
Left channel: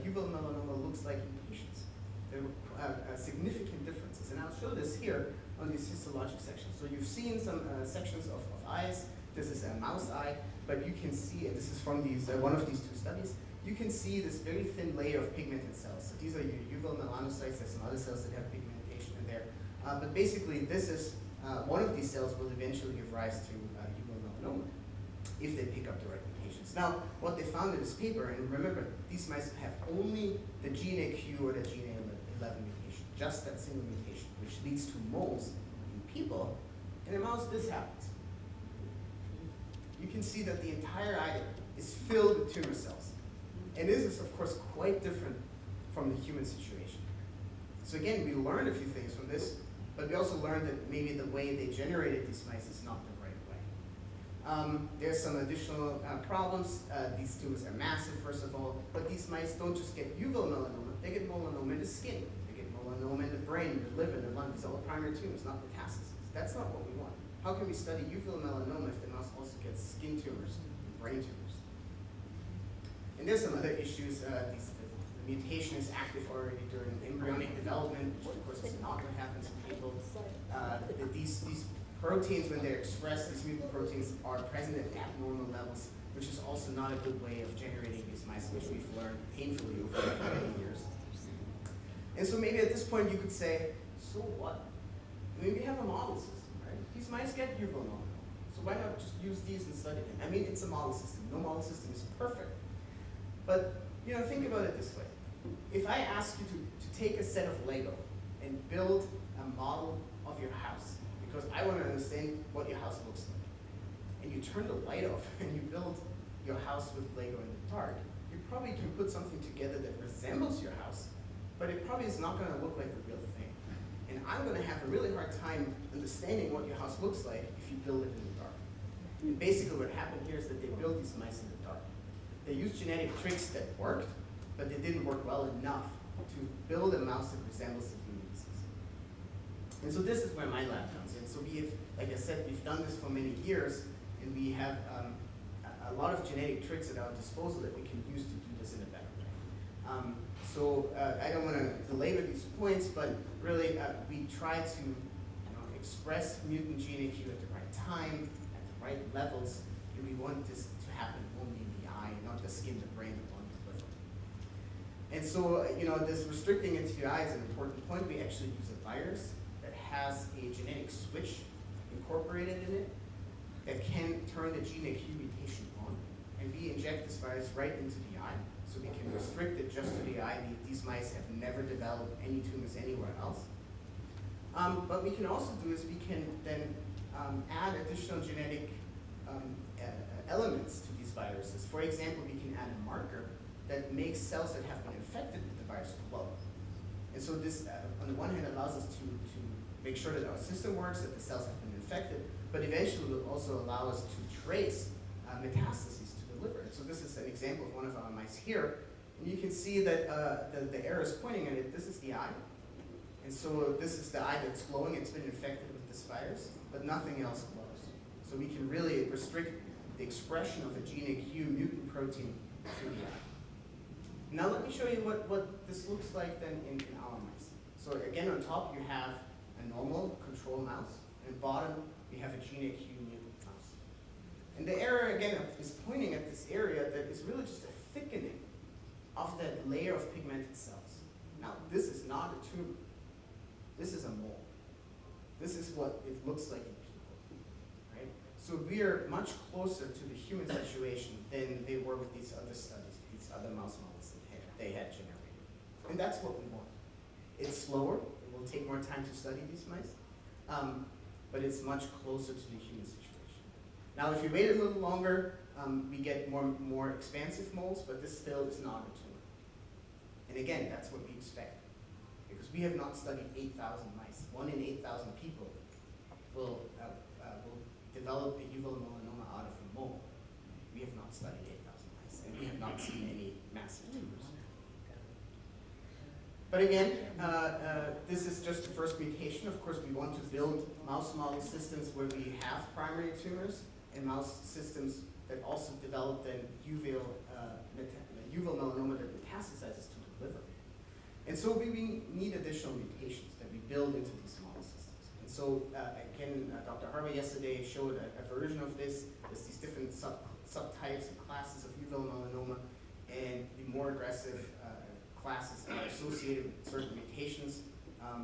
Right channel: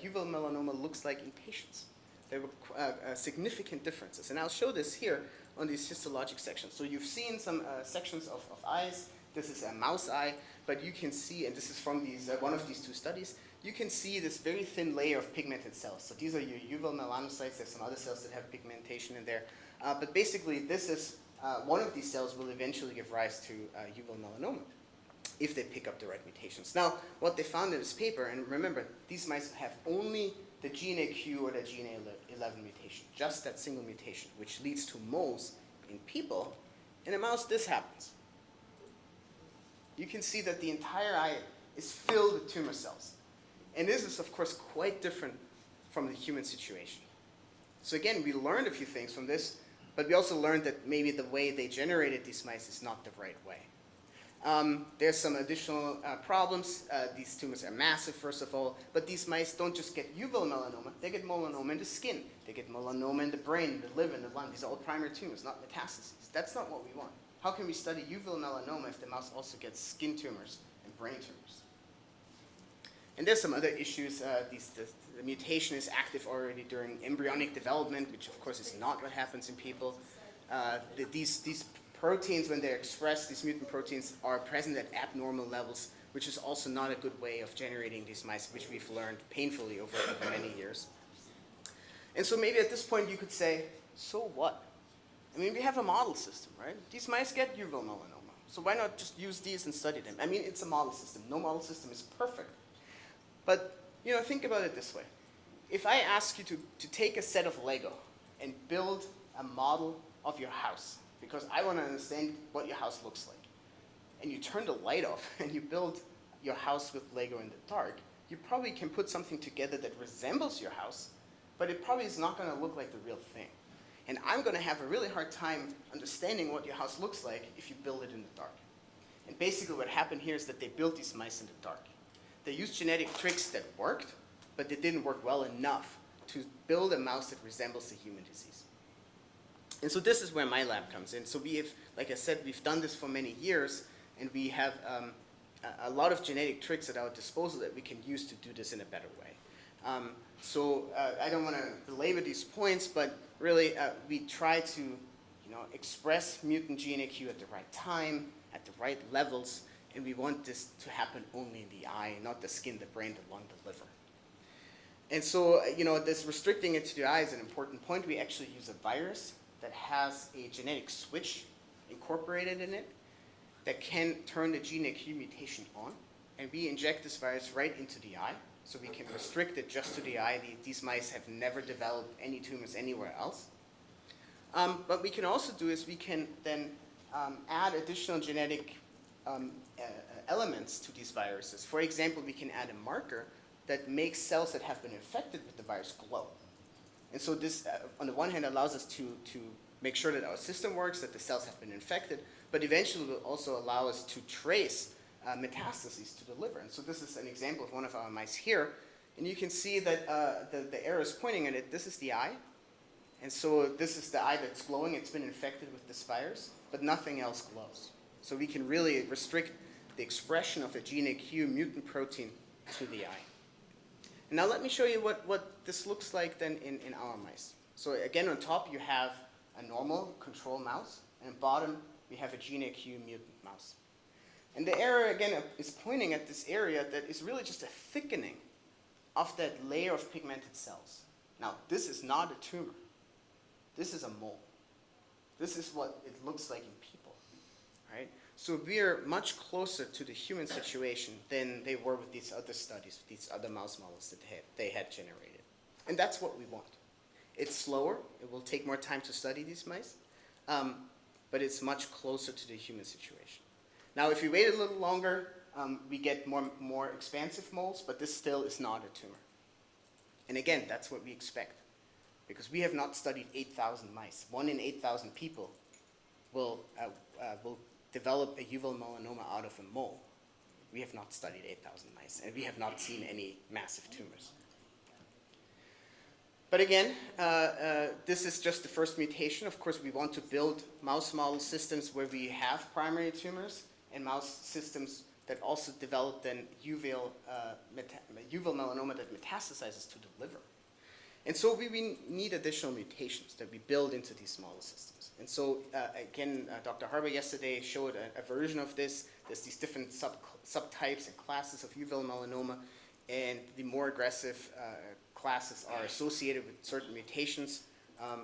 uveal melanoma looks like in patients. There were significant differences, and I'll show this here on these histologic sections. So you've seen some sections of eyes. This is a mouse eye, but you can see, and this is from these one of these 2 studies, you can see this very thin layer of pigmented cells. So these are your uveal melanocytes. There's some other cells that have pigmentation in there. But basically, this is one of these cells will eventually give rise to uveal melanoma if they pick up the right mutations. Now, what they found in this paper, and remember, these mice have only the GNAQ or the GNA11 mutation, just that single mutation, which leads to moles in people. In a mouse, this happens. You can see that the entire eye is filled with tumor cells. And this is, of course, quite different from the human situation. So again, we learned a few things from this, but we also learned that maybe the way they generated these mice is not the right way. There's some additional problems. These tumors are massive, first of all, but these mice don't just get uveal melanoma, they get melanoma in the skin. They get melanoma in the brain, in the liver, in the lung. These are all primary tumors, not metastases. That's not what we want. How can we study uveal melanoma if the mouse also gets skin tumors and brain tumors? And there's some other issues. The mutation is active already during embryonic development, which of course is not what happens in people. These proteins, when they're expressed, these mutant proteins are present at abnormal levels, which is also not a good way of generating these mice, which we've learned painfully over many years. And so maybe at this point you could say, so what? I mean, we have a model system, right? These mice get uveal melanoma, so why not just use these and study them? I mean, it's a model system. No model system is perfect. But, think about it this way. If I ask you to take a set of Lego and build a model of your house, because I want to understand what your house looks like, and you turn the light off and you build your house with Lego in the dark, you probably can put something together that resembles your house, but it probably is not going to look like the real thing. And I'm going to have a really hard time understanding what your house looks like if you build it in the dark. And basically what happened here is that they built these mice in the dark. They used genetic tricks that worked, but they didn't work well enough to build a mouse that resembles the human disease. And so this is where my lab comes in. So we have, like I said, we've done this for many years, and we have a lot of genetic tricks at our disposal that we can use to do this in a better way. So I don't want to belabor these points, but really we try to express mutant gene AQ at the right time, at the right levels, and we want this to happen only in the eye, not the skin, the brain, the lung, the liver. And so this restricting it to the eye is an important point. We actually use a virus that has a genetic switch incorporated in it that can turn the gene AQ mutation on, and we inject this virus right into the eye, so we can restrict it just to the eye. These mice have never developed any tumors anywhere else. What we can also do is we can then add additional genetic elements to these viruses. For example, we can add a marker that makes cells that have been infected with the virus glow. And so this, on the one hand, allows us to make sure that our system works, that the cells have been infected, but eventually will also allow us to trace metastases to the liver. And so this is an example of one of our mice here. And you can see that the arrow is pointing at it. This is the eye. And so this is the eye that's glowing. It's been infected with this virus, but nothing else glows. So we can really restrict the expression of the gene AQ mutant protein to the eye. Now let me show you what this looks like then in our mice. So again, on top you have a normal control mouse, and bottom we have a gene AQ mutant mouse. And the arrow again is pointing at this area that is really just a thickening of that layer of pigmented cells. Now this is not a tumor. This is a mole. This is what it looks like in people, right? So we are much closer to the human situation than they were with these other studies, with these other mouse models that they had generated. And that's what we want. It's slower. It will take more time to study these mice, but it's much closer to the human situation. Now, if you wait a little longer, we get more expansive moles, but this still is not a tumor. And again, that's what we expect, because we have not studied 8,000 mice. 1 in 8,000 people will develop a uveal melanoma out of a mole. We have not studied 8,000 mice, and we have not seen any massive tumors. But again, this is just the first mutation. Of course, we want to build mouse model systems where we have primary tumors, and mouse systems that also develop then uveal melanoma that metastasizes to the liver. And so we need additional mutations that we build into these model systems. And so again, Dr. Harbour yesterday showed a version of this. There's these different subtypes and classes of uveal melanoma, and the more aggressive classes are associated with certain mutations.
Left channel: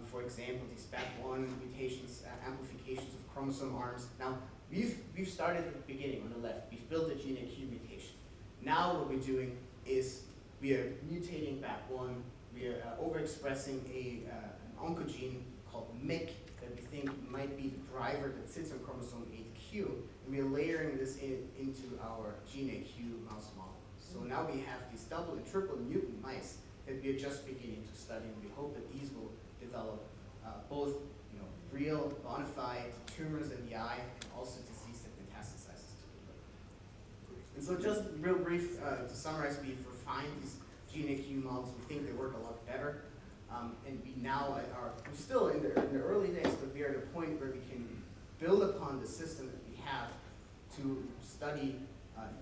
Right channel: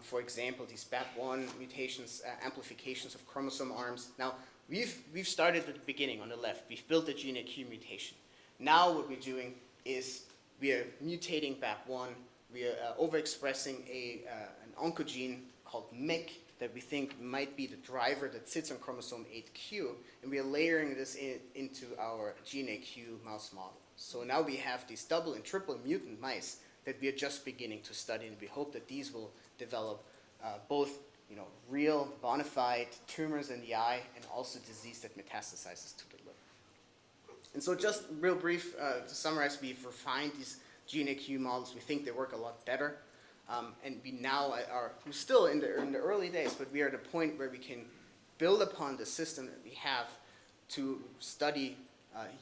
For example, these BAP1 mutations, amplifications of chromosome arms. Now, we've started at the beginning on the left. We've built a gene AQ mutation. Now what we're doing is we are mutating BAP1. We are overexpressing an oncogene called MYC that we think might be the driver that sits on chromosome 8q, and we are layering this into our gene AQ mouse model. So now we have these double and triple mutant mice that we are just beginning to study, and we hope that these will develop both real bona fide tumors in the eye and also disease that metastasizes to the liver. And so just real brief to summarize, we've refined these gene AQ models. We think they work a lot better, and we now we're still in the early days, but we are at a point where we can build upon the system that we have to study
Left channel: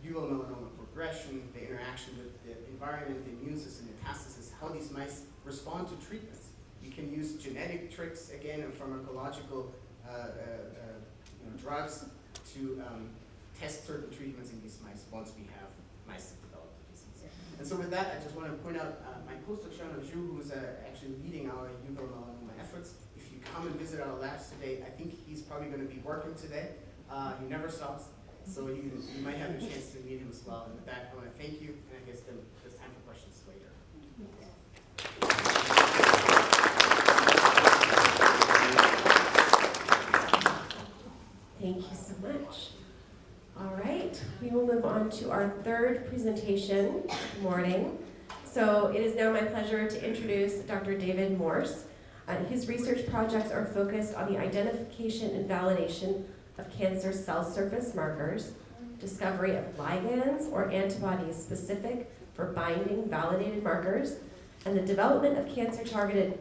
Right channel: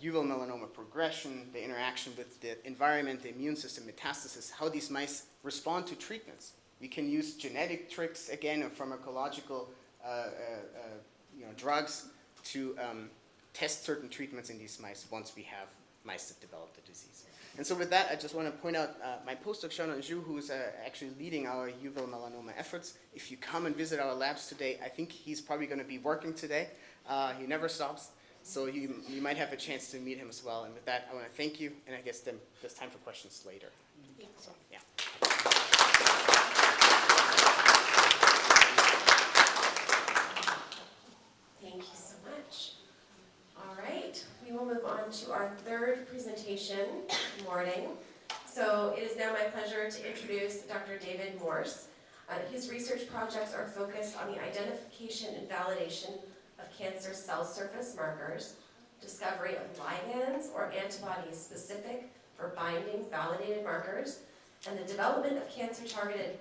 uveal melanoma progression, the interaction with the environment, the immune system, metastasis, how these mice respond to treatments. We can use genetic tricks, again, or pharmacological drugs to test certain treatments in these mice once we have mice that develop the disease. And so with that, I just want to point out my postdoc, Sean Anjou, who's actually leading our uveal melanoma efforts. If you come and visit our labs today, I think he's probably going to be working today. He never stops. So you might have a chance to meet him as well. And with that, I want to thank you, and I guess then there's time for questions later. So, yeah. Thank you so much. All right, we will move on to our third presentation this morning. So it is now my pleasure to introduce Dr. David Morse. His research projects are focused on the identification and validation of cancer cell surface markers, discovery of ligands or antibodies specific for binding validated markers, and the development of cancer-targeted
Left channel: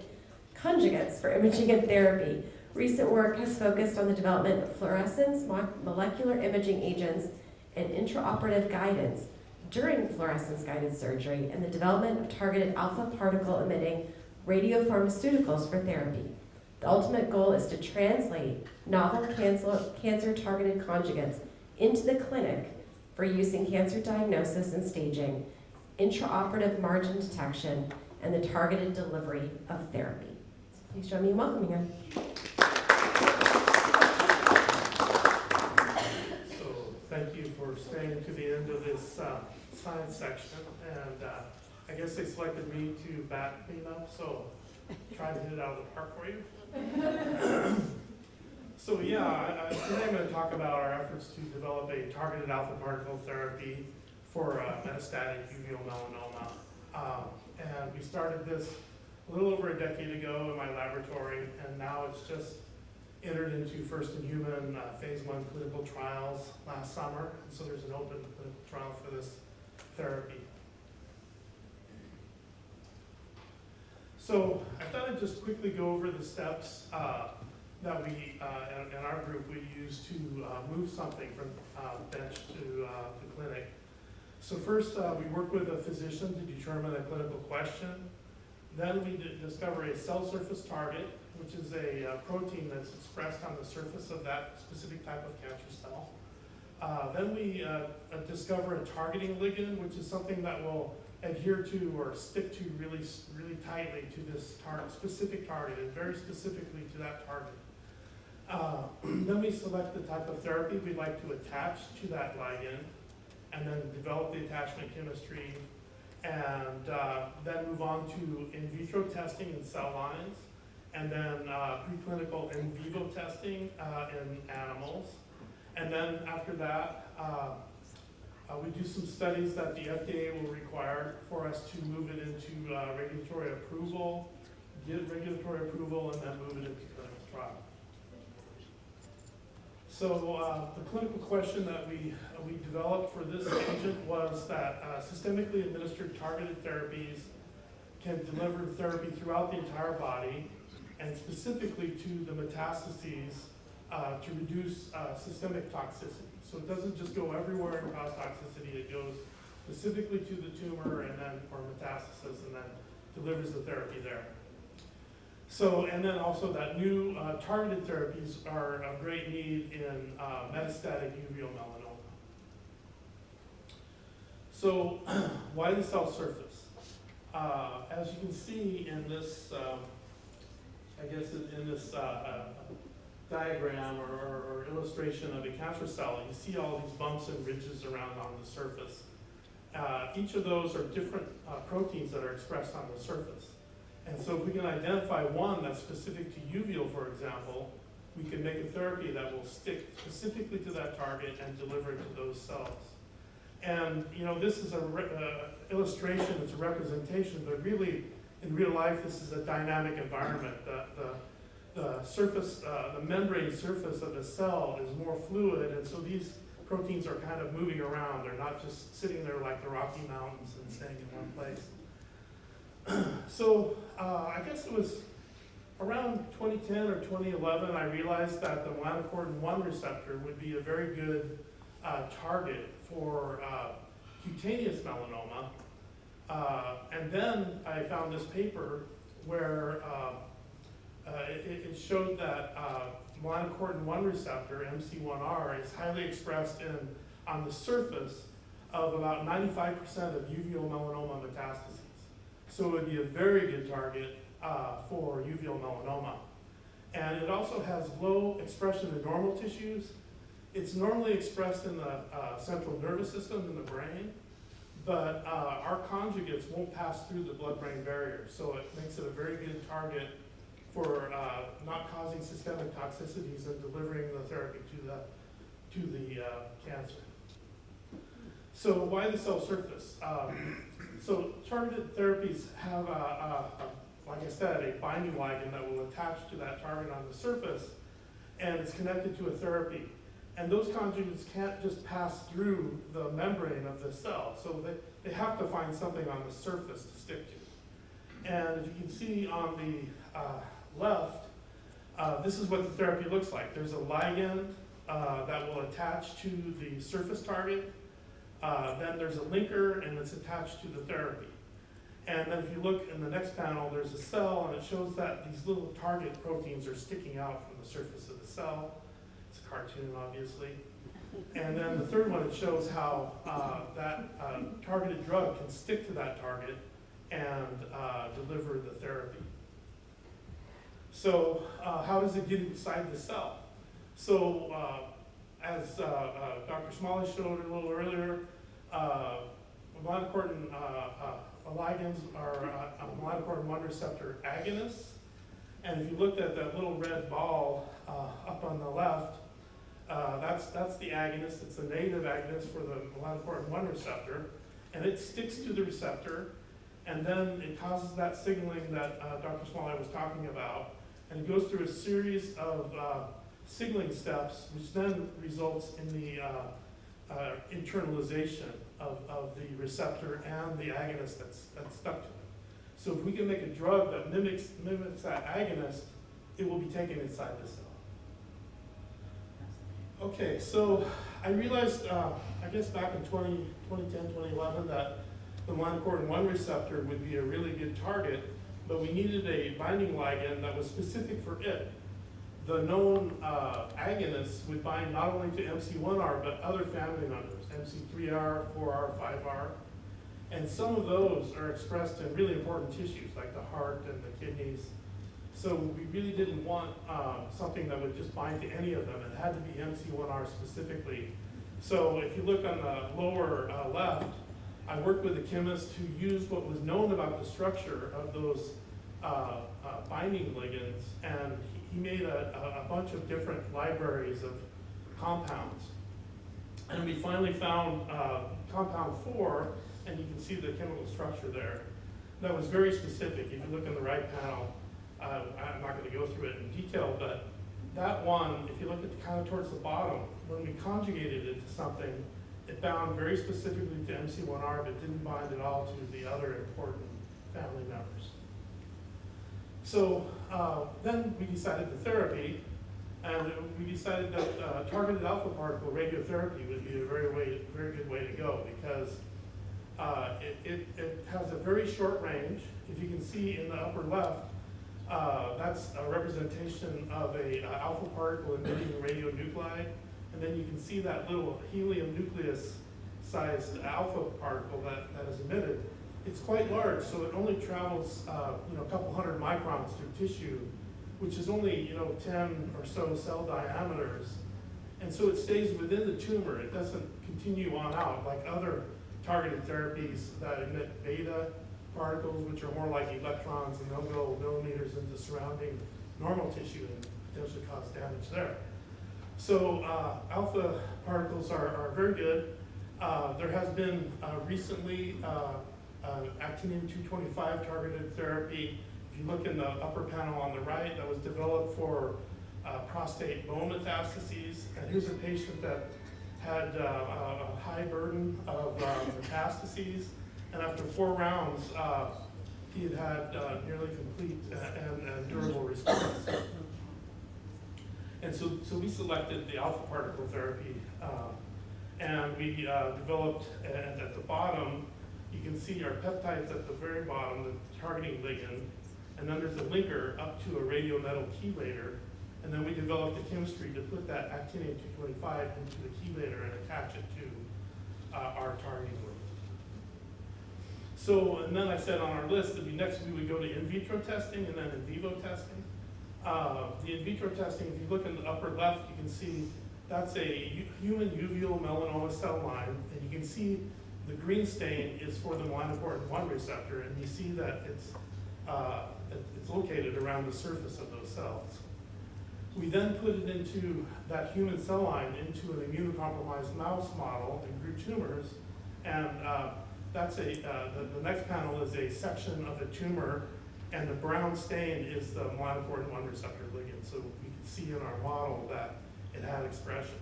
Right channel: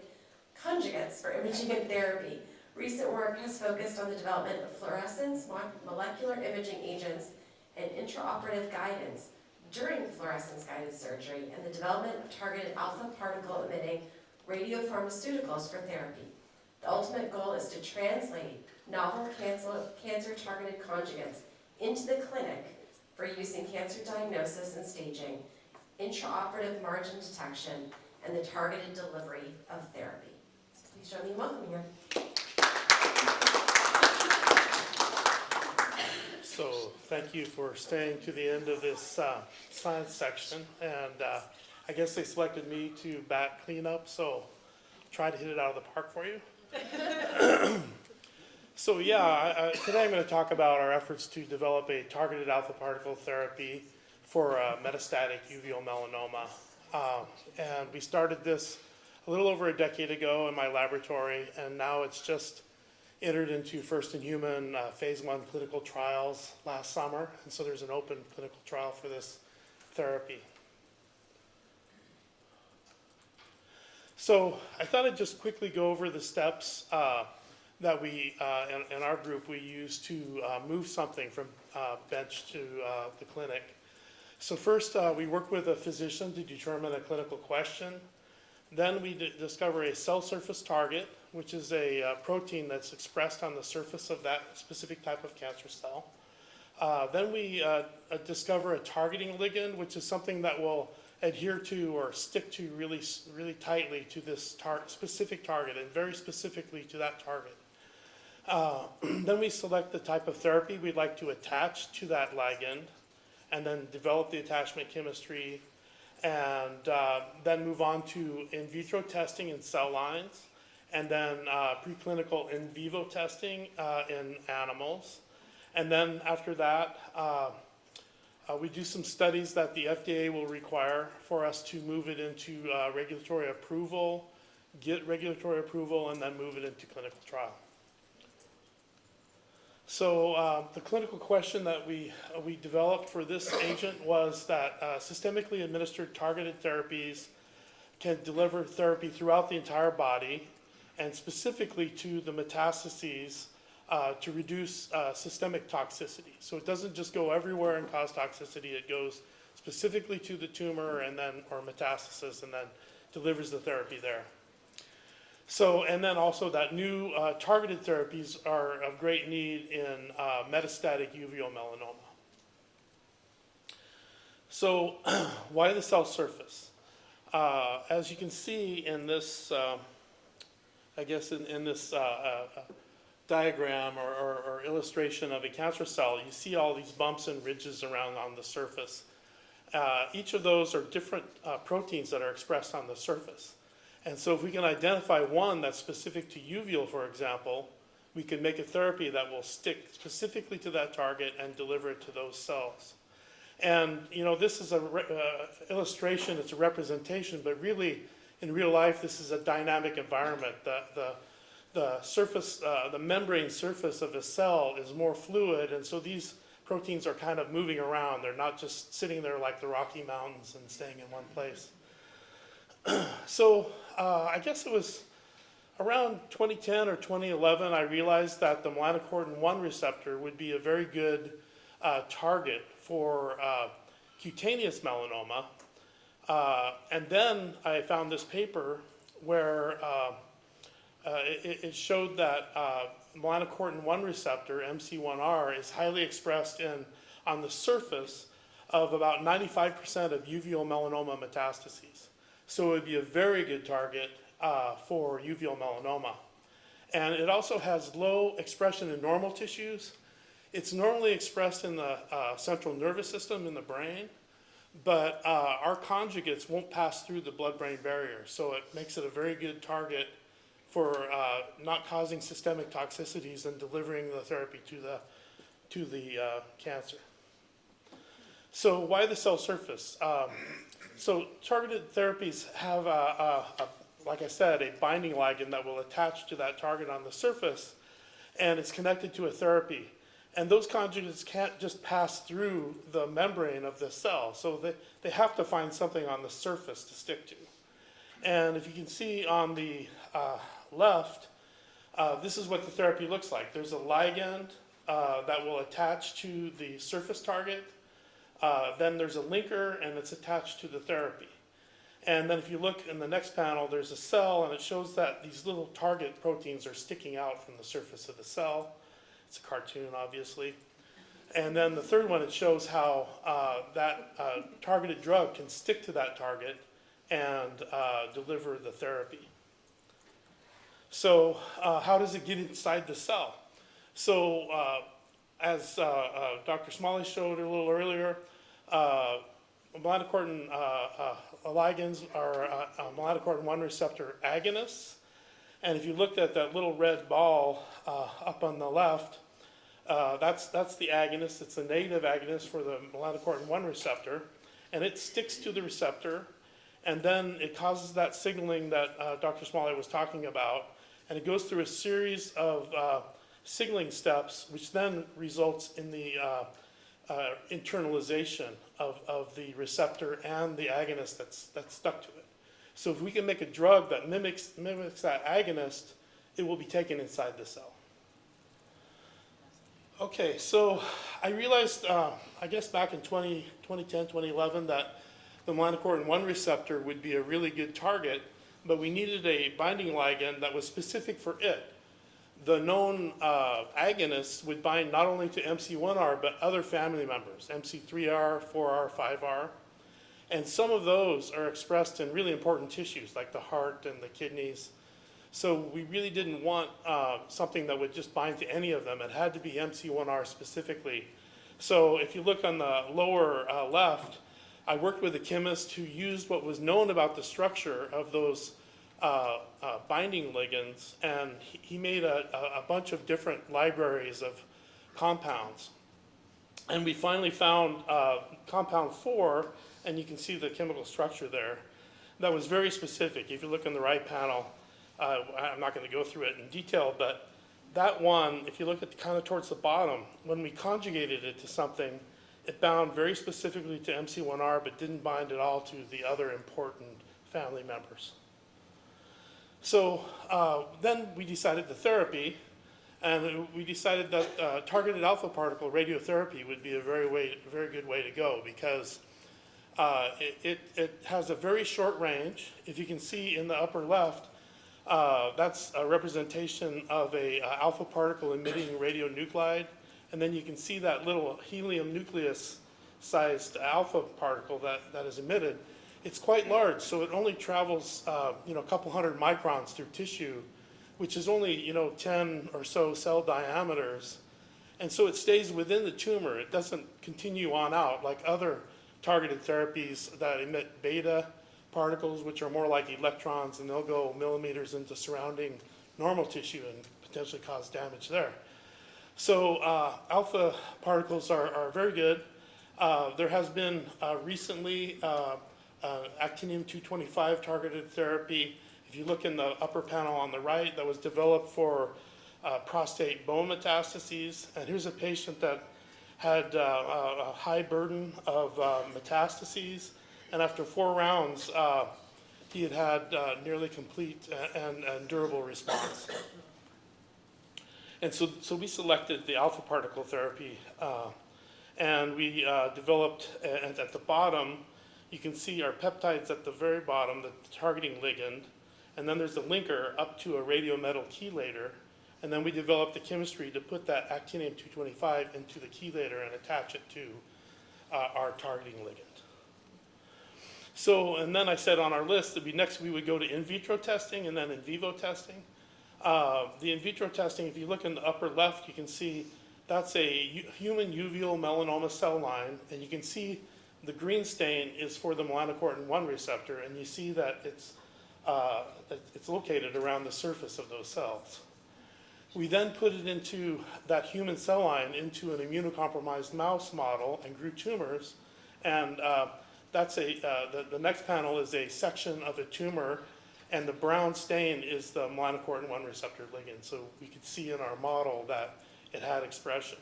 conjugates for imaging and therapy. Recent work has focused on the development of fluorescence, molecular imaging agents, and intraoperative guidance during fluorescence-guided surgery and the development of targeted alpha particle-emitting radiopharmaceuticals for therapy. The ultimate goal is to translate novel cancer-targeted conjugates into the clinic for use in cancer diagnosis and staging, intraoperative margin detection, and the targeted delivery of therapy. So please join me in welcoming her. So thank you for staying to the end of this science section, and I guess they selected me to back clean up, so trying to hit it out of the park for you. So yeah, today I'm going to talk about our efforts to develop a targeted alpha particle therapy for metastatic uveal melanoma. And we started this a little over a decade ago in my laboratory, and now it's just entered into first-in-human phase 1 clinical trials last summer, and so there's an open clinical trial for this therapy. So I thought I'd just quickly go over the steps that we, in our group, we use to move something from bench to the clinic. So first, we work with a physician to determine a clinical question. Then we discover a cell surface target, which is a protein that's expressed on the surface of that specific type of cancer cell. Then we discover a targeting ligand, which is something that will adhere to or stick to really tightly to this specific target, and very specifically to that target. Then we select the type of therapy we'd like to attach to that ligand, and then develop the attachment chemistry, and then move on to in vitro testing in cell lines, and then preclinical in vivo testing in animals. And then after that, we do some studies that the FDA will require for us to move it into regulatory approval, get regulatory approval, and then move it into clinical trial. So the clinical question that we developed for this agent was that systemically administered targeted therapies can deliver therapy throughout the entire body, and specifically to the metastases to reduce systemic toxicity. So it doesn't just go everywhere and cause toxicity, it goes specifically to the tumor and then, or metastasis, and then delivers the therapy there. So, and then also that new targeted therapies are of great need in metastatic uveal melanoma. So, why the cell surface? As you can see in this, I guess in this diagram or illustration of a cancer cell, you see all these bumps and ridges around on the surface. Each of those are different proteins that are expressed on the surface. And so if we can identify one that's specific to uveal, for example, we can make a therapy that will stick specifically to that target and deliver it to those cells. And you know, this is an illustration, it's a representation, but really, in real life, this is a dynamic environment. The surface, the membrane surface of a cell is more fluid, and so these proteins are kind of moving around. They're not just sitting there like the Rocky Mountains and staying in one place. So I guess it was around 2010 or 2011, I realized that the melanocortin-1 receptor would be a very good target for cutaneous melanoma. And then I found this paper where it showed that melanocortin-1 receptor, MC1R, is highly expressed on the surface of about 95% of uveal melanoma metastases. So it would be a very good target for uveal melanoma. And it also has low expression in normal tissues. It's normally expressed in the central nervous system in the brain, but our conjugates won't pass through the blood-brain barrier, so it makes it a very good target for not causing systemic toxicities and delivering the therapy to the cancer. So why the cell surface? So targeted therapies have, like I said, a binding ligand that will attach to that target on the surface, and it's connected to a therapy. And those conjugates can't just pass through the membrane of the cell, so they have to find something on the surface to stick to. And if you can see on the left, this is what the therapy looks like. There's a ligand that will attach to the surface target. then there's a linker and it's attached to the therapy. And then if you look in the next panel, there's a cell and it shows that these little target proteins are sticking out from the surface of the cell. It's a cartoon, obviously. And then the third one, it shows how that targeted drug can stick to that target and deliver the therapy. So how does it get inside the cell? So as Dr. Smalley showed a little earlier, melanocortin ligands are melanocortin 1 receptor agonists. And if you looked at that little red ball up on the left, that's the agonist. It's a native agonist for the melanocortin 1 receptor. And it sticks to the receptor. And then it causes that signaling that Dr. Smalley was talking about. And it goes through a series of signaling steps, which then results in the internalization of the receptor and the agonist that's stuck to it. So if we can make a drug that mimics that agonist, it will be taken inside the cell. Okay, so I realized, I guess back in 2010, 2011, that the melanocortin 1 receptor would be a really good target, but we needed a binding ligand that was specific for it. The known agonists would bind not only to MC1R, but other family members, MC3R, 4R, 5R. And some of those are expressed in really important tissues, like the heart and the kidneys. So we really didn't want something that would just bind to any of them. It had to be MC1R specifically. So if you look on the lower left, I worked with a chemist who used what was known about the structure of those binding ligands, and he made a bunch of different libraries of compounds. And we finally found compound 4, and you can see the chemical structure there. That was very specific. If you look in the right panel, I'm not going to go through it in detail, but that one, if you look at kind of towards the bottom, when we conjugated it to something, it bound very specifically to MC1R, but didn't bind at all to the other important family members. So then we decided the therapy, and we decided that targeted alpha particle radiotherapy would be a very good way to go, because it has a very short range. If you can see in the upper left, that's a representation of a alpha particle emitting radionuclide. And then you can see that little helium nucleus-sized alpha particle that is emitted. It's quite large, so it only travels a couple hundred microns through tissue, which is only 10 or so cell diameters. And so it stays within the tumor. It doesn't continue on out like other targeted therapies that emit beta particles, which are more like electrons, and they'll go millimeters into surrounding normal tissue and potentially cause damage there. So alpha particles are very good. There has been recently actinium-225 targeted therapy. If you look in the upper panel on the right, that was developed for prostate bone metastases. And here's a patient that had a high burden of metastases. And after 4 rounds, he had nearly complete and durable response. And so we selected the alpha particle therapy, and we developed at the bottom, you can see our peptides at the very bottom, the targeting ligand, and then there's the linker up to a radiometal chelator, and then we developed the chemistry to put that actinium-225 into the chelator and attach it to our targeting ligand. So, and then I said on our list that next we would go to in vitro testing and then in vivo testing. The in vitro testing, if you look in the upper left, you can see that's a human uveal melanoma cell line, and you can see the green stain is for the melanocortin 1 receptor, and you see that it's located around the surface of those cells. We then put it into that human cell line into an immunocompromised mouse model and grew tumors, and that's the next panel is a section of a tumor, and the brown stain is the melanocortin 1 receptor ligand. So we could see in our model that it had expression.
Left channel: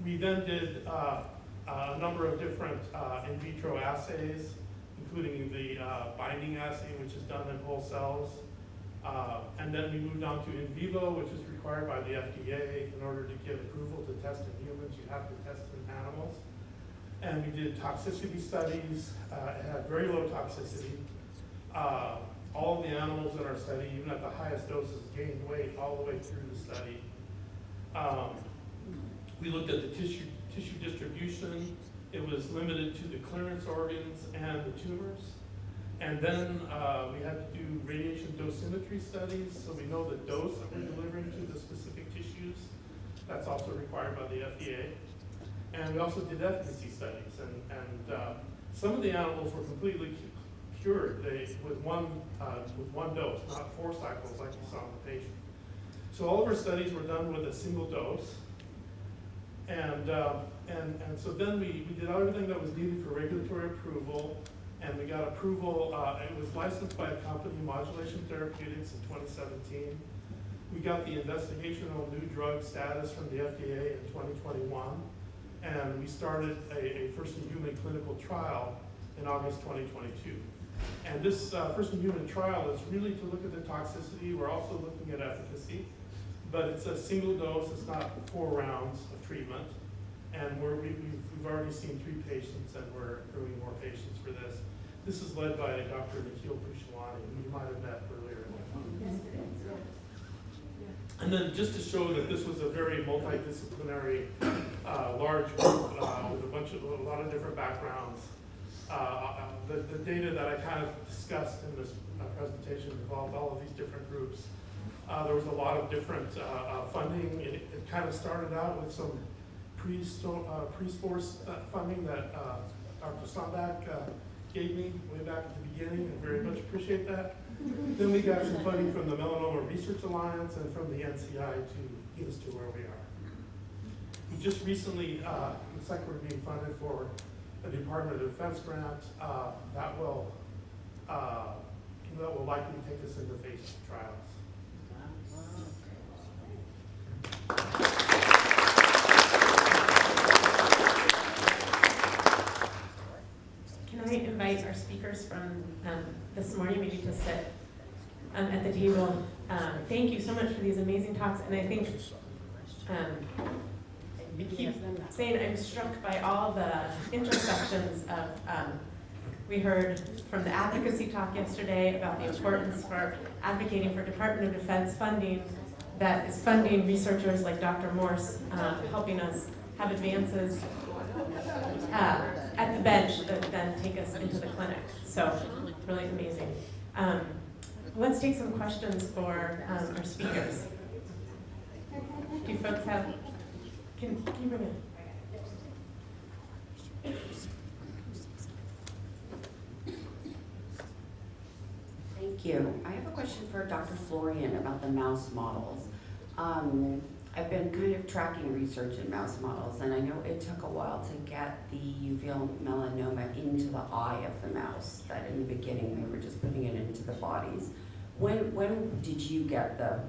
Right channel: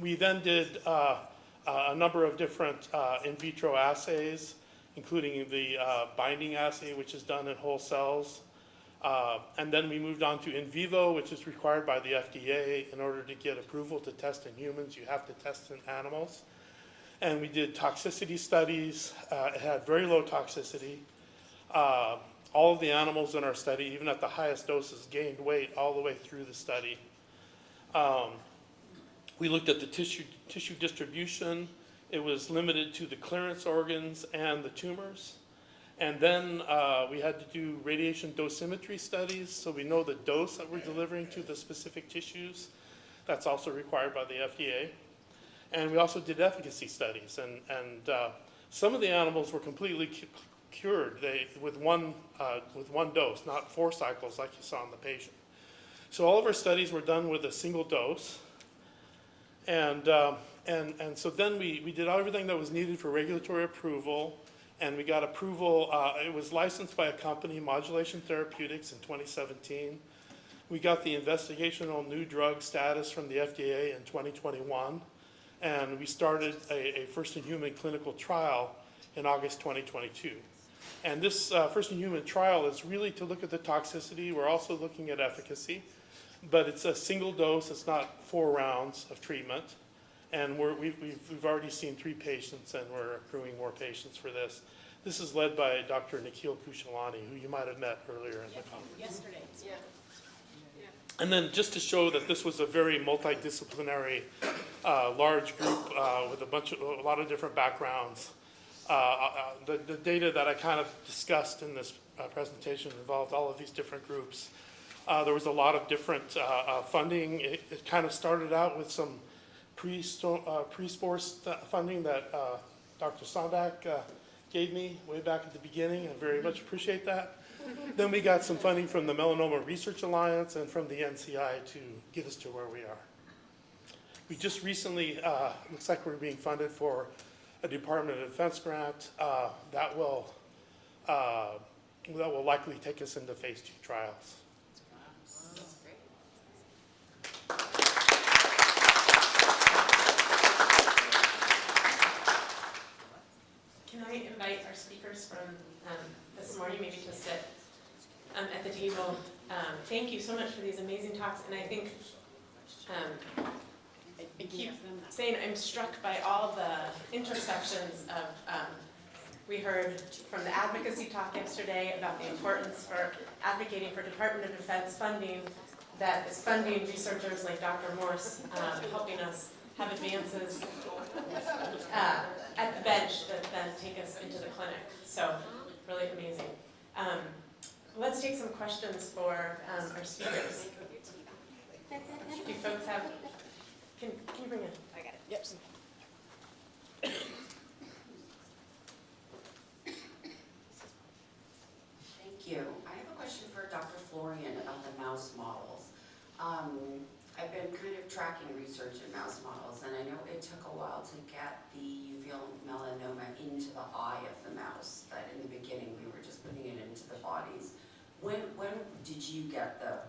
We then did a number of different in vitro assays, including the binding assay, which is done in whole cells. And then we moved on to in vivo, which is required by the FDA. In order to get approval to test in humans, you have to test in animals. And we did toxicity studies. It had very low toxicity. All of the animals in our study, even at the highest doses, gained weight all the way through the study. We looked at the tissue distribution. It was limited to the clearance organs and the tumors. And then we had to do radiation dosimetry studies, so we know the dose that we're delivering to the specific tissues. That's also required by the FDA. And we also did efficacy studies, and some of the animals were completely cured with one dose, not 4 cycles like you saw in the patient. So all of our studies were done with a single dose, and so then we did everything that was needed for regulatory approval, and we got approval. It was licensed by a company, Modulation Therapeutics, in 2017. We got the investigational new drug status from the FDA in 2021, and we started a first-in-human clinical trial in August 2022. And this first-in-human trial is really to look at the toxicity. We're also looking at efficacy, but it's a single dose. It's not 4 rounds of treatment. And we've already seen 3 patients, and we're accruing more patients for this. This is led by Dr. Nikhil Pushalani, who you might have met earlier in the conference. Yesterday, yeah. And then just to show that this was a very multidisciplinary, large group with a lot of different backgrounds. The data that I kind of discussed in this presentation involved all of these different groups. There was a lot of different funding. It kind of started out with some pre-sports funding that Dr. Sondak gave me way back at the beginning, and very much appreciate that. Then we got some funding from the Melanoma Research Alliance and from the NCI to get us to where we are. We just recently, looks like we're being funded for a Department of Defense grant that will likely take us into phase 2 trials. Can I invite our speakers from this morning maybe to sit at the table? Thank you so much for these amazing talks, and I think I keep saying I'm struck by all the intersections of, we heard from the advocacy talk yesterday about the importance for advocating for Department of Defense funding that is funding researchers like Dr. Morse, helping us have advances at the bench that then take us into the clinic. So really amazing. Let's take some questions for our speakers. Do you folks have, can you bring it? I got it. Yep. Thank you. I have a question for Dr. Florian about the mouse models. I've been kind of tracking research in mouse models, and I know it took a while to get the uveal melanoma into the eye of the mouse, that in the beginning they were just putting it into the bodies. When did you get the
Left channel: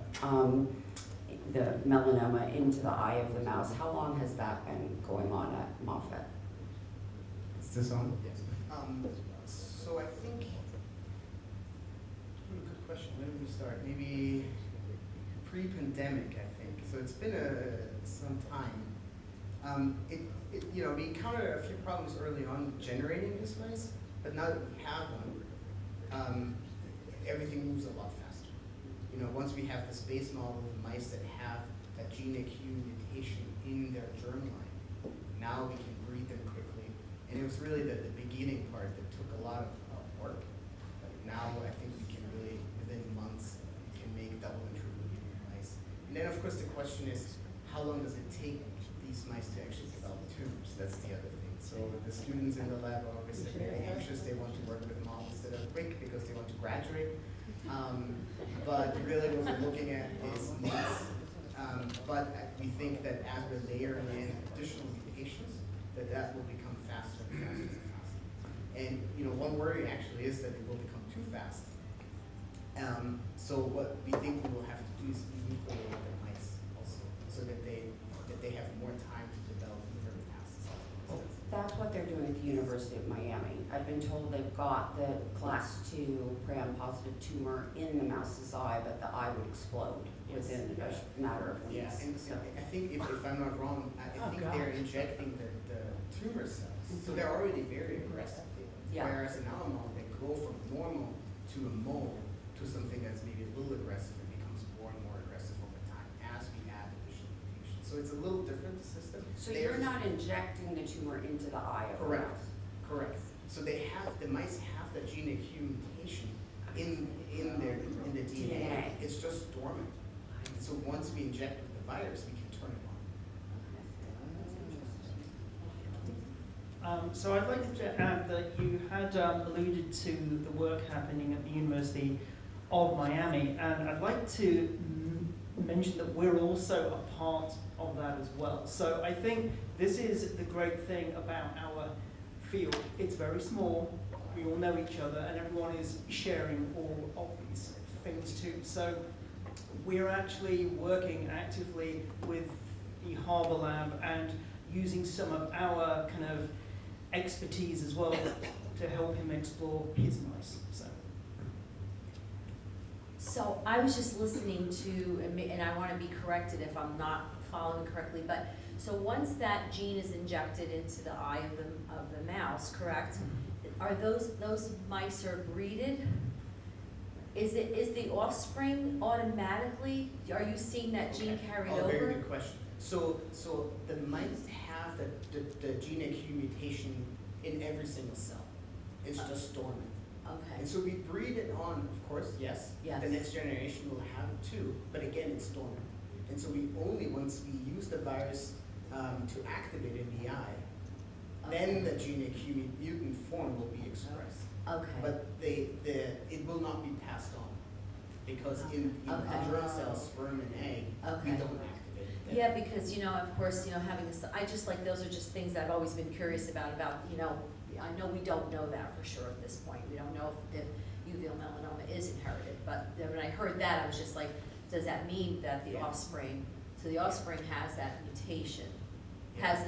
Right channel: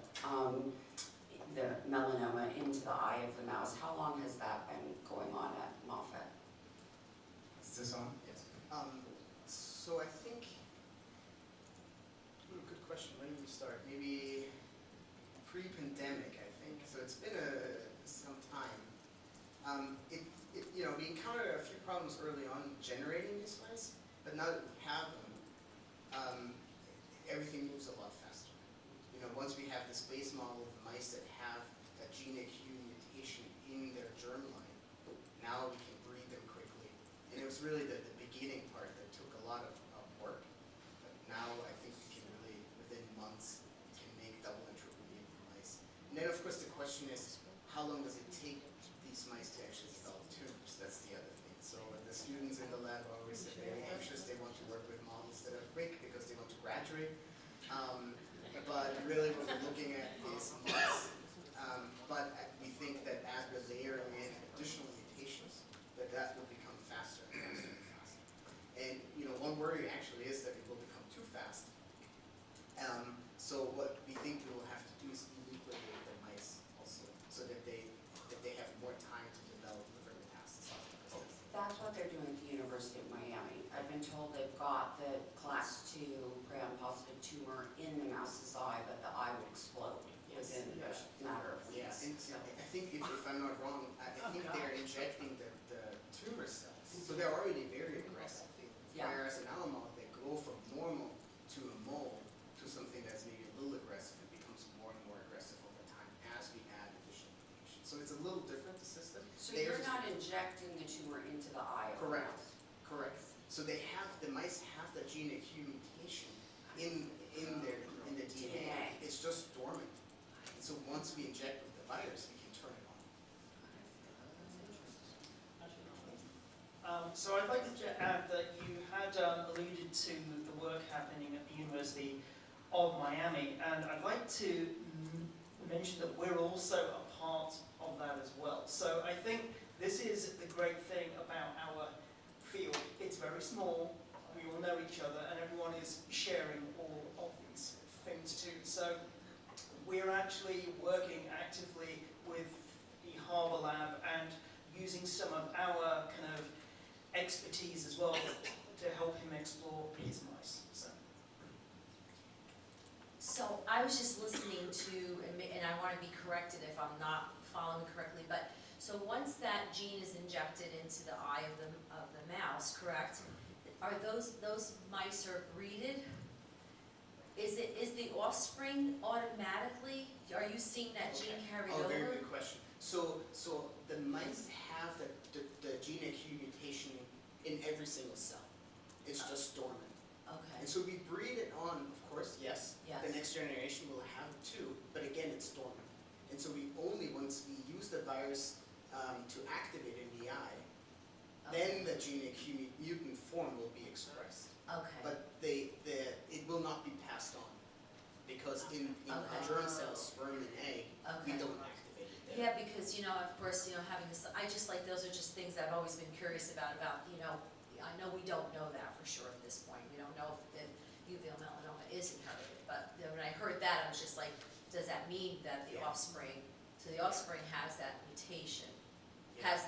melanoma into the eye of the mouse? How long has that been going on at Moffitt? Is this on? Yes. So I think, good question. When did we start? Maybe pre-pandemic, I think. So it's been some time. We encountered a few problems early on generating these mice, but now that we have them, everything moves a lot faster. Once we have this base model of mice that have that gene AQ mutation in their germline, now we can breed them quickly. And it was really the beginning part that took a lot of work. But now I think we can really, within months, we can make double and triple breeding mice. And then of course the question is, how long does it take these mice to actually develop tumors? That's the other thing. So the students in the lab are always very anxious. They want to work with models that are quick because they want to graduate. But really what we're looking at is months. But we think that as we're layering in additional mutations, that will become faster and faster and faster. And one worry actually is that it will become too fast. So what we think we will have to do is manipulate the mice also, so that they have more time to develop liver metastasis. That's what they're doing at the University of Miami. I've been told they've got the class 2 prion-positive tumor in the mouse's eye, but the eye would explode within a matter of Yeah, weeks. and So, I think if I'm not wrong, I think they're injecting the tumor cells, so they're already very aggressive. Yeah. Whereas in our model, they go from normal to a mole to something that's maybe a little aggressive and becomes more and more aggressive over time as we add additional mutations. So it's a little different system. so Theirs you're is- not injecting the tumor into the eye of the Correct. mouse? Correct. So the mice have the gene Q mutation in the DNA. It's just dormant. And so once we inject with the virus, we can turn it on. So I'd like to add that you had alluded to the work happening at the University of Miami, and I'd like to mention that we're also a part of that as well. So I think this is the great thing about our field. It's very small, we all know each other, and everyone is sharing all of these things too. So we're actually working actively with the Harbour Lab and using some of our kind of expertise as well to help him explore his mice. So I was just listening to, and I want to be corrected if I'm not following correctly, but so once that gene is injected into the eye of the mouse, correct? Are those mice are breeded? Is the offspring automatically? Are you seeing that gene carried over? Very good question. So the mice have the gene Q mutation in every single cell. It's just dormant. Okay. And so we breed it on, of course, yes. Yes. The next generation will have it too, but again, it's dormant. And so we only, once we use the virus to activate in the eye, then the gene Q mutant form will be expressed. Okay. But it will not be passed on, because in germ cells, sperm and egg, we Okay. don't activate it. Yeah, because, of course, having this, I just like, those are just things I've always been curious about, I know we don't know that for sure at this point. We don't know if uveal melanoma is inherited, but then when I heard that, I was just like, does that mean that the offspring, so the offspring has that mutation, has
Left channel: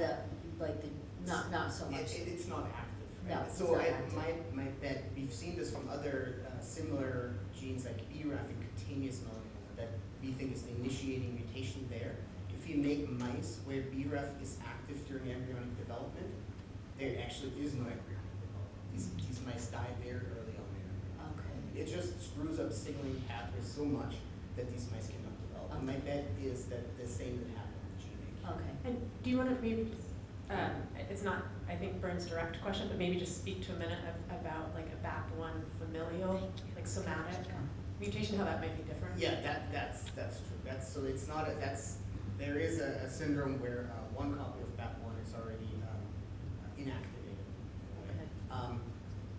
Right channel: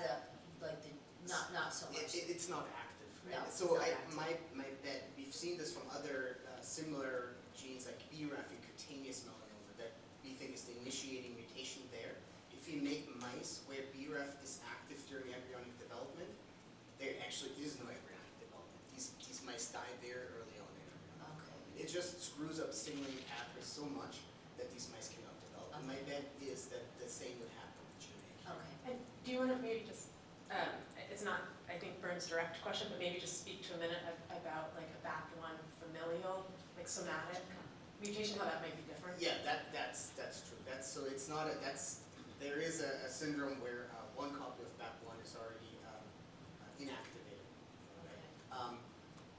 not so much. It's not active, right? No, it's So not active. my bet, we've seen this from other similar genes like BRAF and cutaneous melanoma that we think is the initiating mutation there. If you make mice where BRAF is active during embryonic development, there actually is no embryonic development. These mice die very early on in embryonic. Okay. It just screws up signaling pathways so much that these mice cannot develop. And my bet is that the same would happen with gene A. Okay. And do you want to maybe just, it's not, I think, Bern's direct question, but maybe just speak to a minute about like a BAP1 familial, like somatic mutation, how that might be different? Yeah, that's true. So it's not there is a syndrome where one copy of BAP1 is already inactivated. Okay.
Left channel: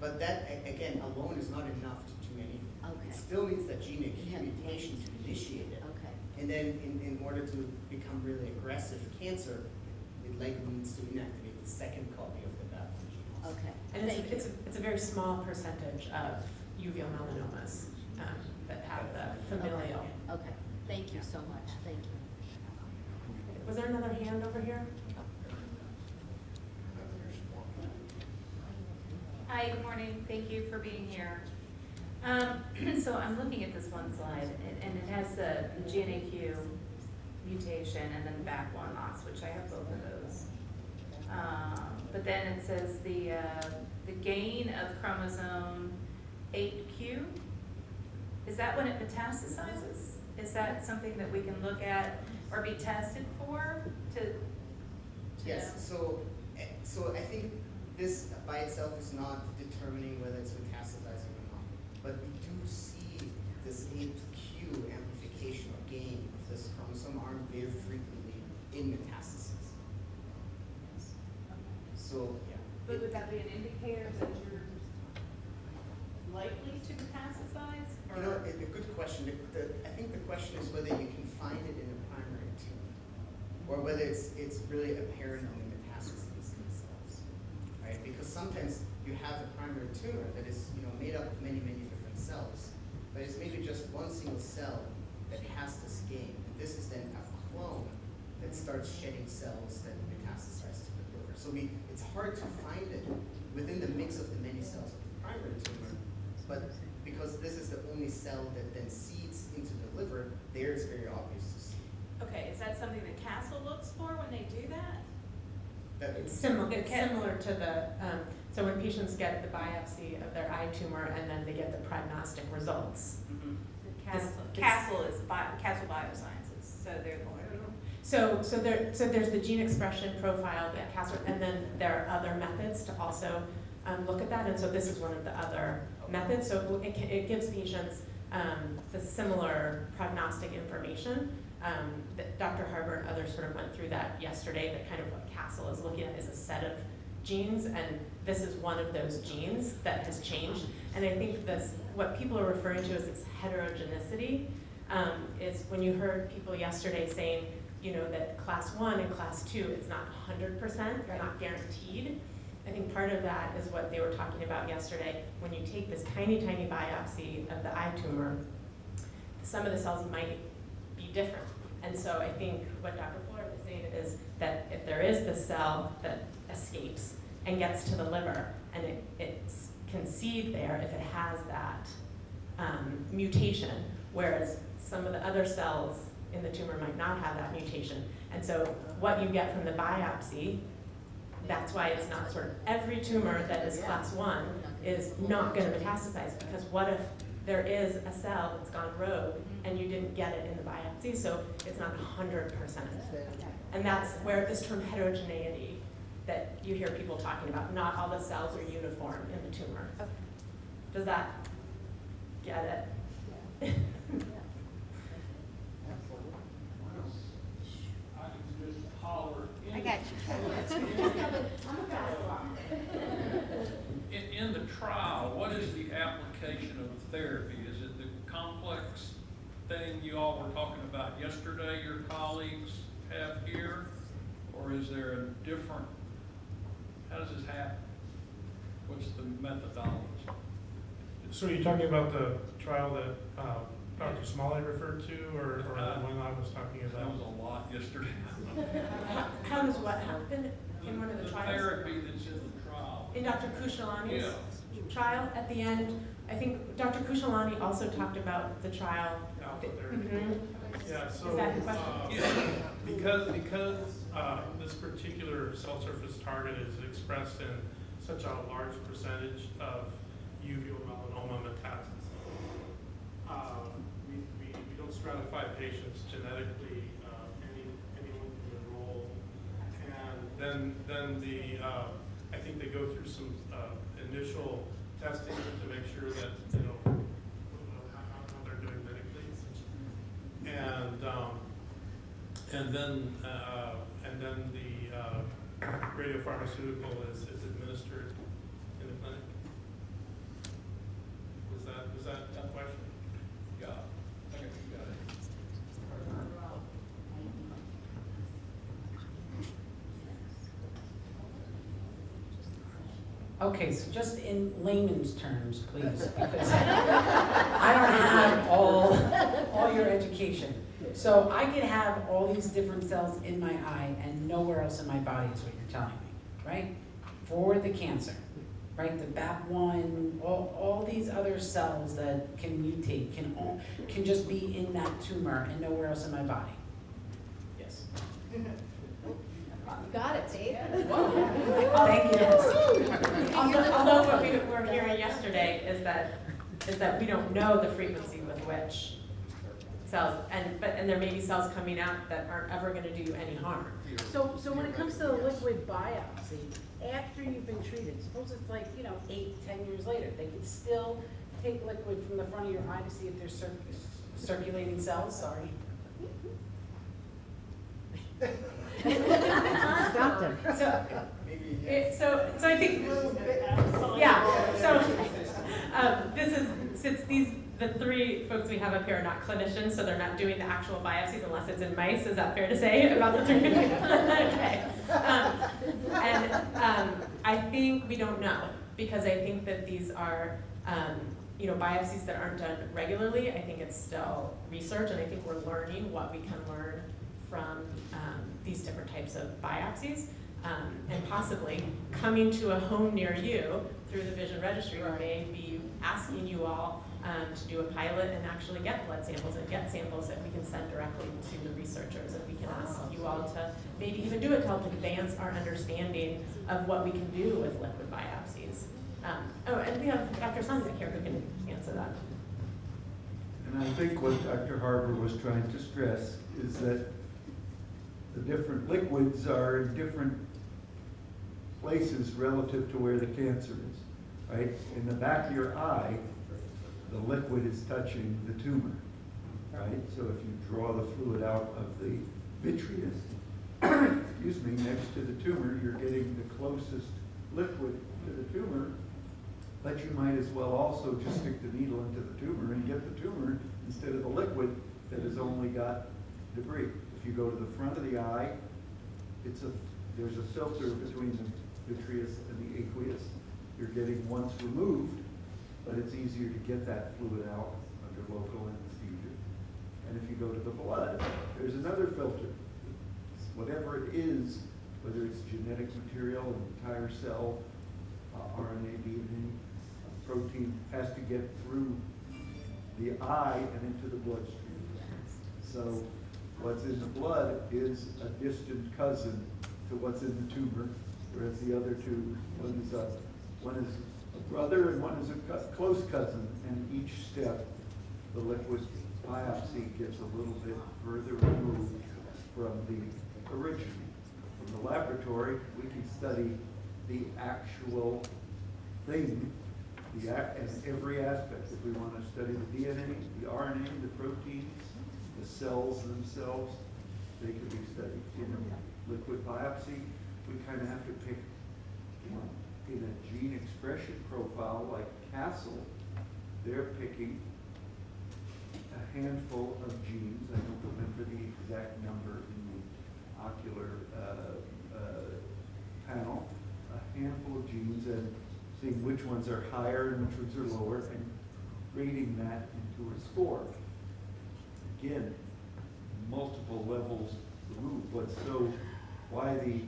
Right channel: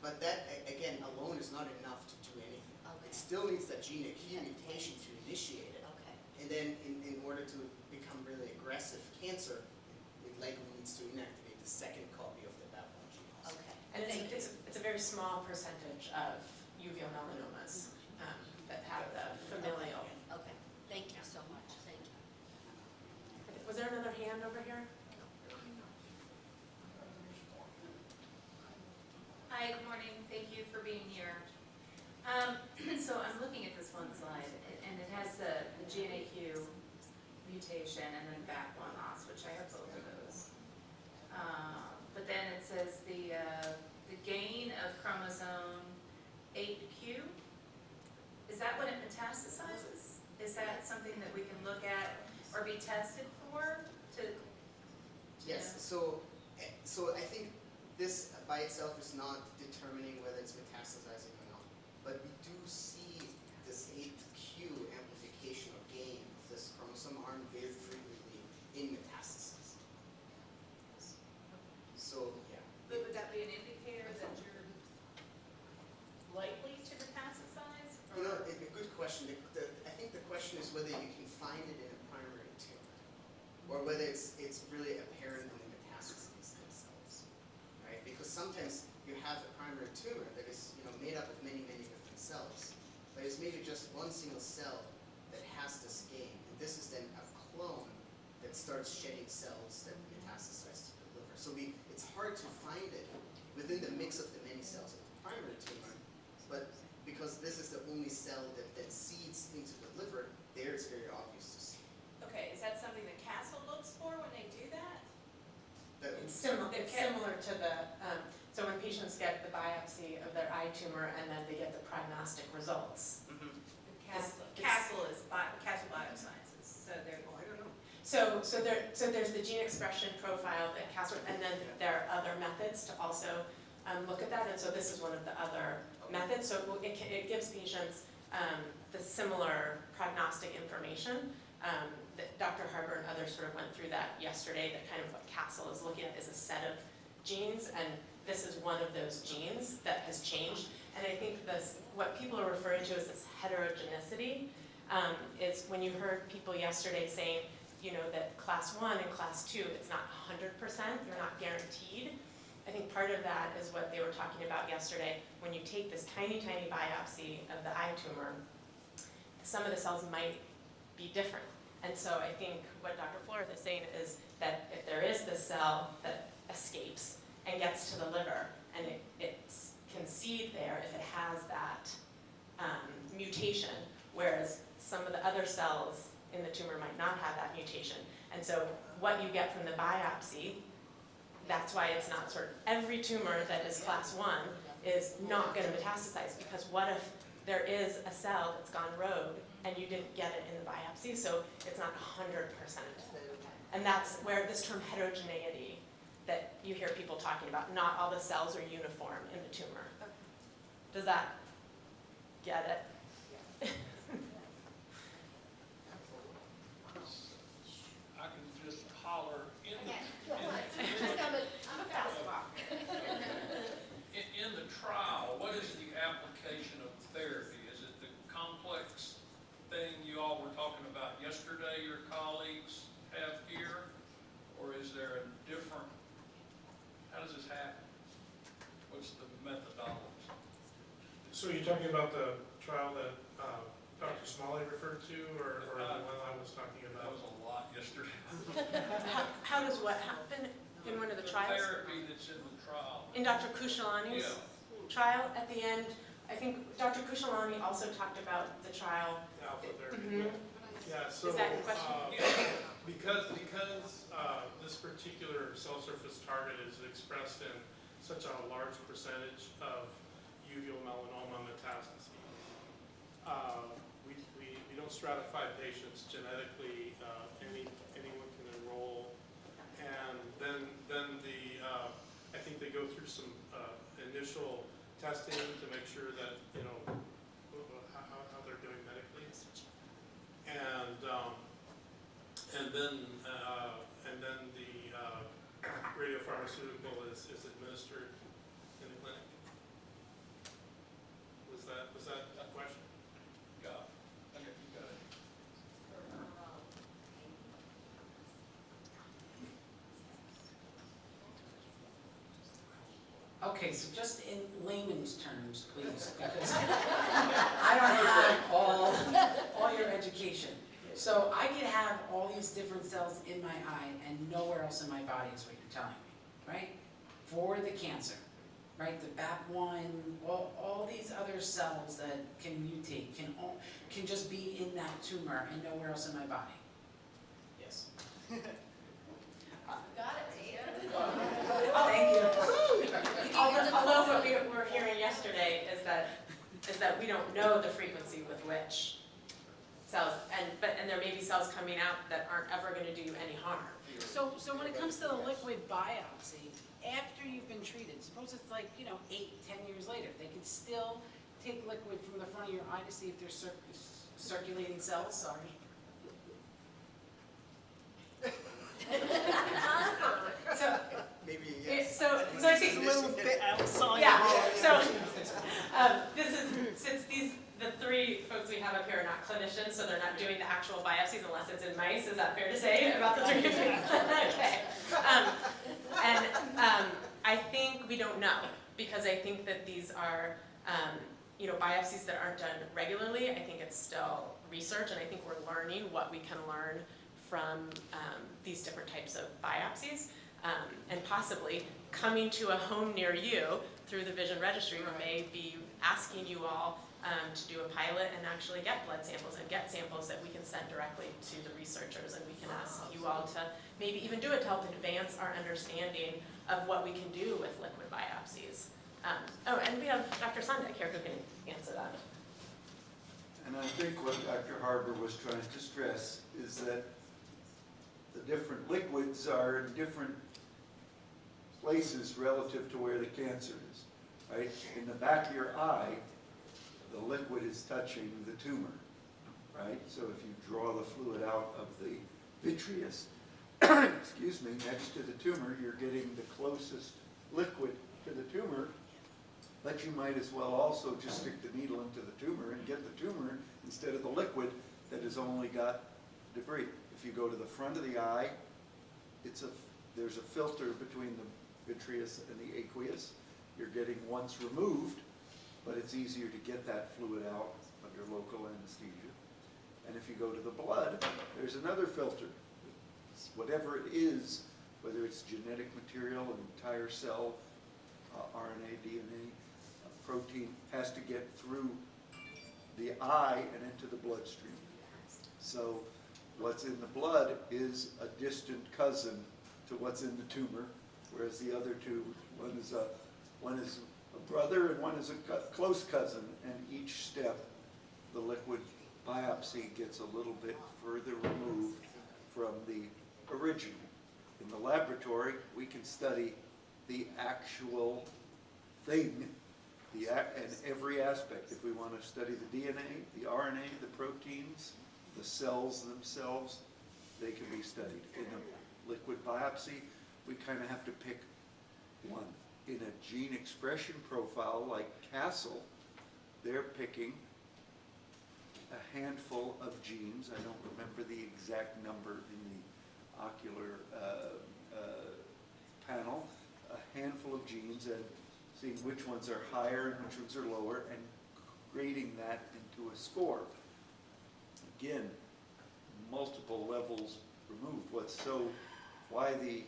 But that again alone is not enough to do anything. Okay. It still needs that gene Q mutation to initiate it. Okay. And then in order to become really aggressive cancer, it likely needs to inactivate the second copy of the BAP1 gene also. Okay. And it's a very small percentage of uveal melanomas that have the familial. Okay. Thank you so much. Thank you. Was there another hand over here? Hi, good morning. Thank you for being here. So I'm looking at this one slide, and it has the GNAQ mutation and then BAP1 loss, which I have both of those. But then it says the gain of chromosome 8q. Is that when it metastasizes? Is that something that we can look at or be tested for? Yes. So I think this by itself is not determining whether it's metastasizing or not, but we do see this 8q amplification or gain of this chromosome arm very frequently in metastasis. So yeah. But would that be an indicator that you're likely to metastasize? A good question. I think the question is whether you can find it in a primary tumor, or whether it's really apparent in the metastases themselves, right? Because sometimes you have a primary tumor that is made up of many different cells, but it's maybe just one single cell that has this gain, and this is then a clone that starts shedding cells that metastasize to the liver. So it's hard to find it within the mix of the many cells of the primary tumor, it's similar to the, so when patients get the biopsy of their eye tumor and then they get the prognostic results. Castle Biosciences, so they're the one. So there's the gene expression profile that Castle, and then there are other methods to also look at that, and so this is one of the other methods. So it gives patients the similar prognostic information. That Dr. Harbour and others sort of went through that yesterday, that kind of what Castle is looking at is a set of genes, and this is one of those genes that has changed. And I think this, what people are referring to as this heterogeneity, is when you heard people yesterday saying, you know, that class 1 and class 2, it's not 100%, they're not guaranteed. I think part of that is what they were talking about yesterday. When you take this tiny, tiny biopsy of the eye tumor, some of the cells might be different. And so I think what Dr. Florian is saying is that if there is this cell that escapes and gets to the liver and it can seed there if it has that mutation, whereas some of the other cells in the tumor might not have that mutation. And so what you get from the biopsy, that's why it's not sort of every tumor that is class 1 is not going to metastasize, because what if there is a cell that's gone rogue and you didn't get it in the biopsy, so it's not 100%. And that's where this term heterogeneity that you hear people talking about, not all the cells are uniform in the tumor. Does that get it? I can just holler. I got you. I'm a fast walker. In the trial, what is the application of the therapy? Is it the complex thing you all were talking about yesterday, your colleagues have here? Or is there a different, how does this happen? What's the methodology? So you're talking about the trial that Dr. Smalley referred to, or the one I was talking That about? was a lot yesterday. How does what happen in one of the trials? Therapy that's in the trial. In Dr. Kushalani's Yeah. trial at the end, I think Dr. Kushalani also talked about the trial. Alpha therapy. Yeah, so Is that your question? because this particular cell surface target is expressed in such a large percentage of uveal melanoma metastases, we don't stratify patients genetically. Anyone can enroll, and then the I think they go through some initial testing to make sure that how they're doing medically, and then the radiopharmaceutical is administered in the clinic. Was that a question? Yeah. I think you got it. Okay, so just in layman's terms, please, because I don't have all your education. So I could have all these different cells in my eye and nowhere else in my body is what you're telling me, right? For the cancer, right? The BAP1, all these other cells that can mutate, can just be in that tumor and nowhere else in my body. Yes. Got it, Dave. Thank you. Although what we were hearing yesterday is that we don't know the frequency with which cells, and there may be cells coming out that aren't ever going to do you any harm. So when it comes to the liquid biopsy, after you've been treated, suppose it's like, 8, 10 years later, they could still take liquid from the front of your eye to see if there's circulating cells, sorry. Stop them. So I think, since the 3 folks we have up here are not clinicians, so they're not doing the actual biopsies unless it's in mice, is that fair to say about the 3? Okay. I think we don't know, because I think that these are, biopsies that aren't done regularly. I think it's still research, and I think we're learning what we can learn from these different types of biopsies, and possibly coming to a home near you through the Vision Registry, we may be asking you all to do a pilot and actually get blood samples and get samples that we can send directly to the researchers, and we can ask you all to maybe even do it to help advance our understanding of what we can do with liquid biopsies. And we have Dr. Sondak here who can answer that. And I think what Dr. Harper was trying to stress is that the different liquids are in different places relative to where the cancer is, right? In the back of your eye, the liquid is touching the tumor, right? So if you draw the fluid out of the vitreous, excuse me, next to the tumor, you're getting the closest liquid to the tumor, but you might as well also just stick the needle into the tumor and get the tumor instead of the liquid that has only got debris. If you go to the front of the eye, there's a filter between the vitreous and the aqueous. You're getting once removed, but it's easier to get that fluid out under local anesthesia. And if you go to the blood, there's another filter. Whatever it is, whether it's genetic material, an entire cell, RNA, DNA, protein, has to get through the eye and into the bloodstream. So what's in the blood is a distant cousin to what's in the tumor, whereas the other two, one is a brother and one is a close cousin, and each step, the liquid biopsy gets a little bit further removed from the original. In the laboratory, we can study the actual thing, and every aspect. If we want to study the DNA, the RNA, the proteins, the cells themselves, they can be studied. In a liquid biopsy, we kind of have to pick one. In a gene expression profile like Castle, they're picking a handful of genes. I don't remember the exact number in the Ocular panel. A handful of genes and seeing which ones are higher and which ones are lower and grading that into a score. Again, multiple levels removed. Why the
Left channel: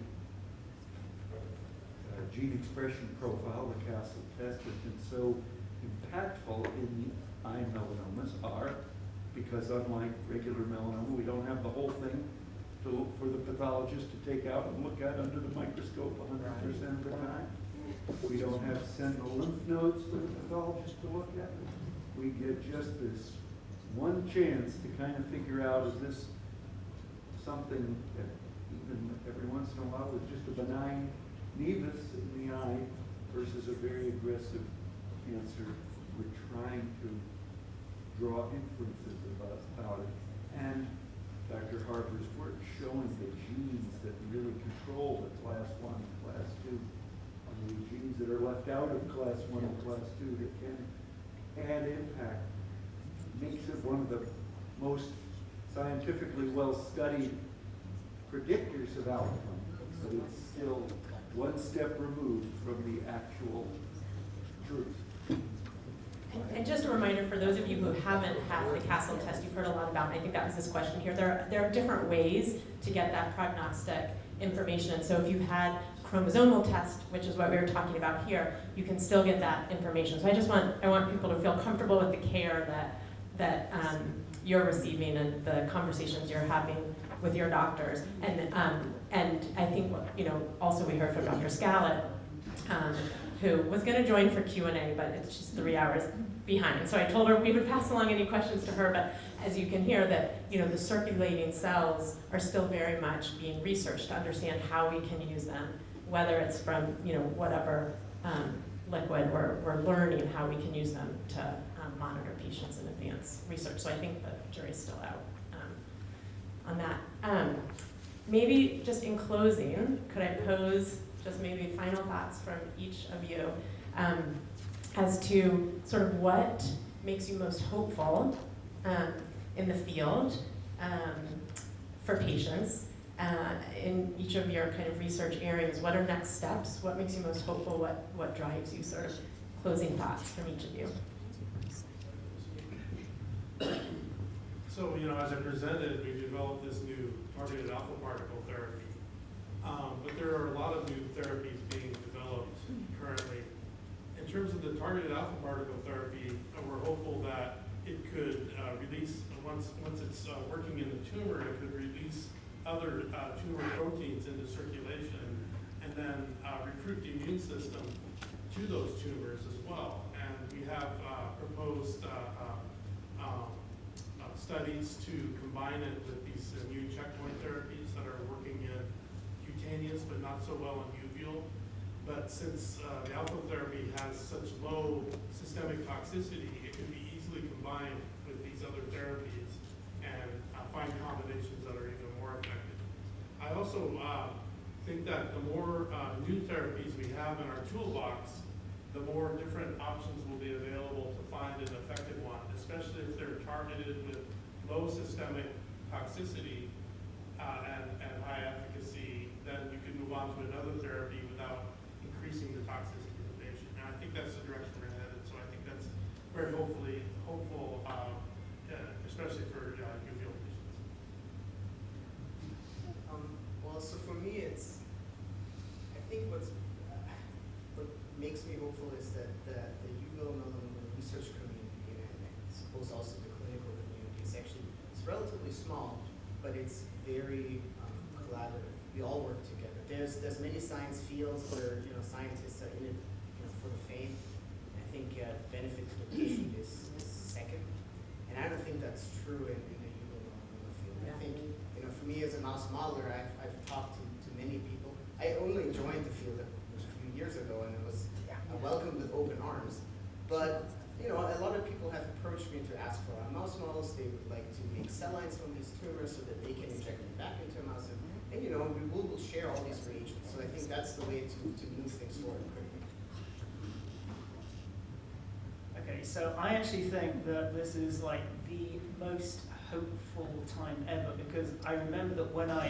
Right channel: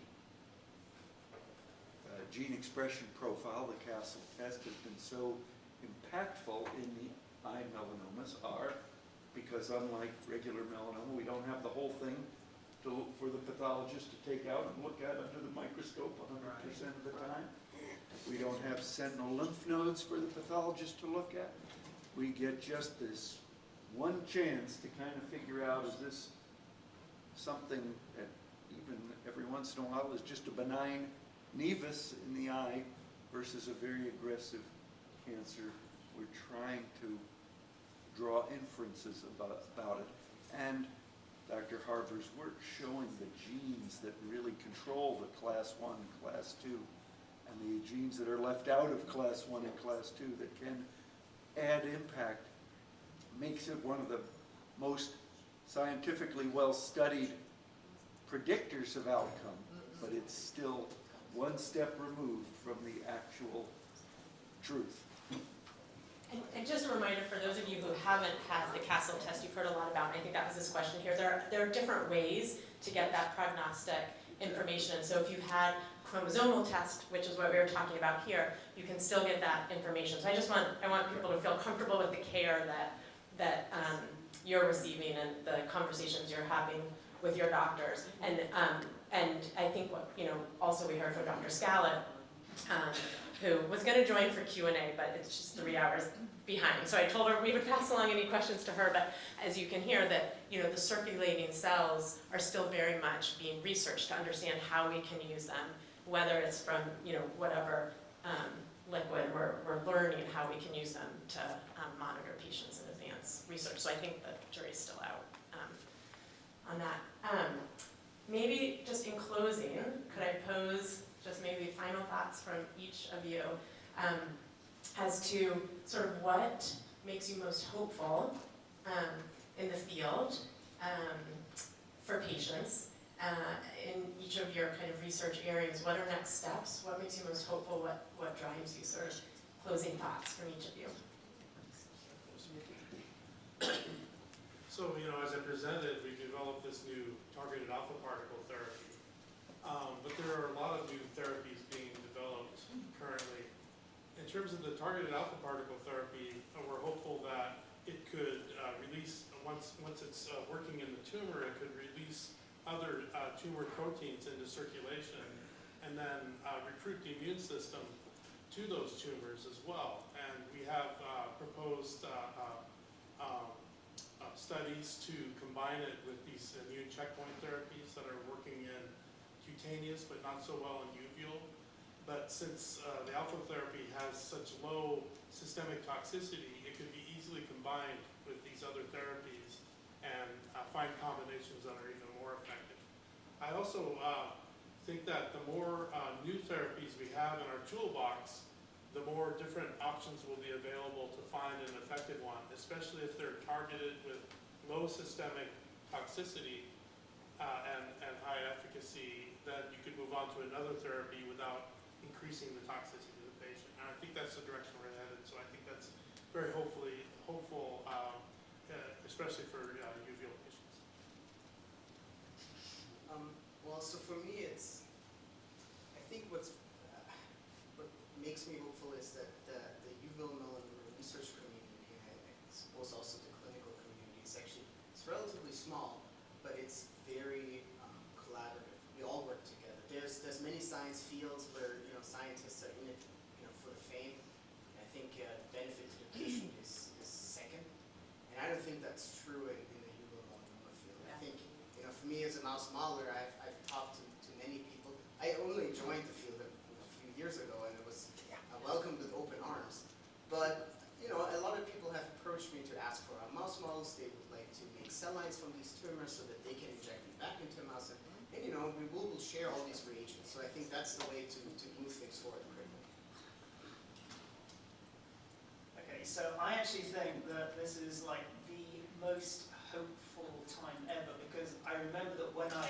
gene expression profile, the Castle test, has been so impactful in the eye melanomas are because unlike regular melanoma, we don't have the whole thing for the pathologist to take out and look at under the microscope 100% of the time. We don't have sentinel lymph nodes for the pathologist to look at. We get just this one chance to kind of figure out, is this something that even every once in a while is just a benign nevus in the eye versus a very aggressive cancer. We're trying to draw inferences about it. And Dr. Harper's work showing the genes that really control the class 1 and class 2, and the genes that are left out of class 1 and class 2 that can add impact, makes it one of the most scientifically well-studied predictors of outcome, but it's still one step removed from the actual truth. And just a reminder for those of you who haven't had the Castle test, you've heard a lot about, and I think that was this question here, there are different ways to get that prognostic information. And so if you've had chromosomal test, which is what we were talking about here, you can still get that information. So I want people to feel comfortable with the care that you're receiving and the conversations you're having with your doctors. And I think also we heard from Dr. Skalet, who was going to join for Q&A, but she's 3 hours behind. So I told her we would pass along any questions to her, but as you can hear that, the circulating cells are still very much being researched to understand how we can use them, whether it's from, whatever liquid, we're learning how we can use them to monitor patients in advance research. So I think the jury's still out on that. Maybe just in closing, could I pose just maybe final thoughts from each of you as to sort of what makes you most hopeful in the field for patients in each of your kind of research areas. What are next steps? What makes you most hopeful? What drives you? Sort of closing thoughts from each of you. So, as I presented, we developed this new targeted alpha particle therapy. But there are a lot of new therapies being developed currently. In terms of the targeted alpha particle therapy, we're hopeful other tumor proteins into circulation and then recruit the immune system to those tumors as well. And we have proposed studies to combine it with these immune checkpoint therapies that are working in cutaneous but not so well in uveal. But since the alpha therapy has such low systemic toxicity, it can be easily combined with these other therapies and find combinations that are even more effective. I also think that the more new therapies we have in our toolbox, the more different options will be available to find an effective one, especially if they're targeted with low systemic toxicity and high efficacy. Then you can move on to another therapy without increasing the toxicity of the patient. And I think that's the direction we're headed. So I think that's very hopeful, especially for uveal patients. Well, so for me, I think what makes me hopeful is that the uveal melanoma research community, and I suppose also the clinical community, it's relatively small, but it's very collaborative. We all work together. There's many science fields where scientists are in it for the fame. I think benefit to the patient is second, and I don't think that's true in the uveal melanoma field. I think for me as a mouse modeler, I've talked to many people. I only joined the field a few years ago, and it was welcomed with open arms. But a lot of people have approached me to ask for mouse models. They would like to make cell lines from these tumors so that they can inject them back into a mouse. And we will share all these reagents. So I think that's the way to move things forward quickly. Okay, so I actually think that this is like the most hopeful time ever, because I remember that when I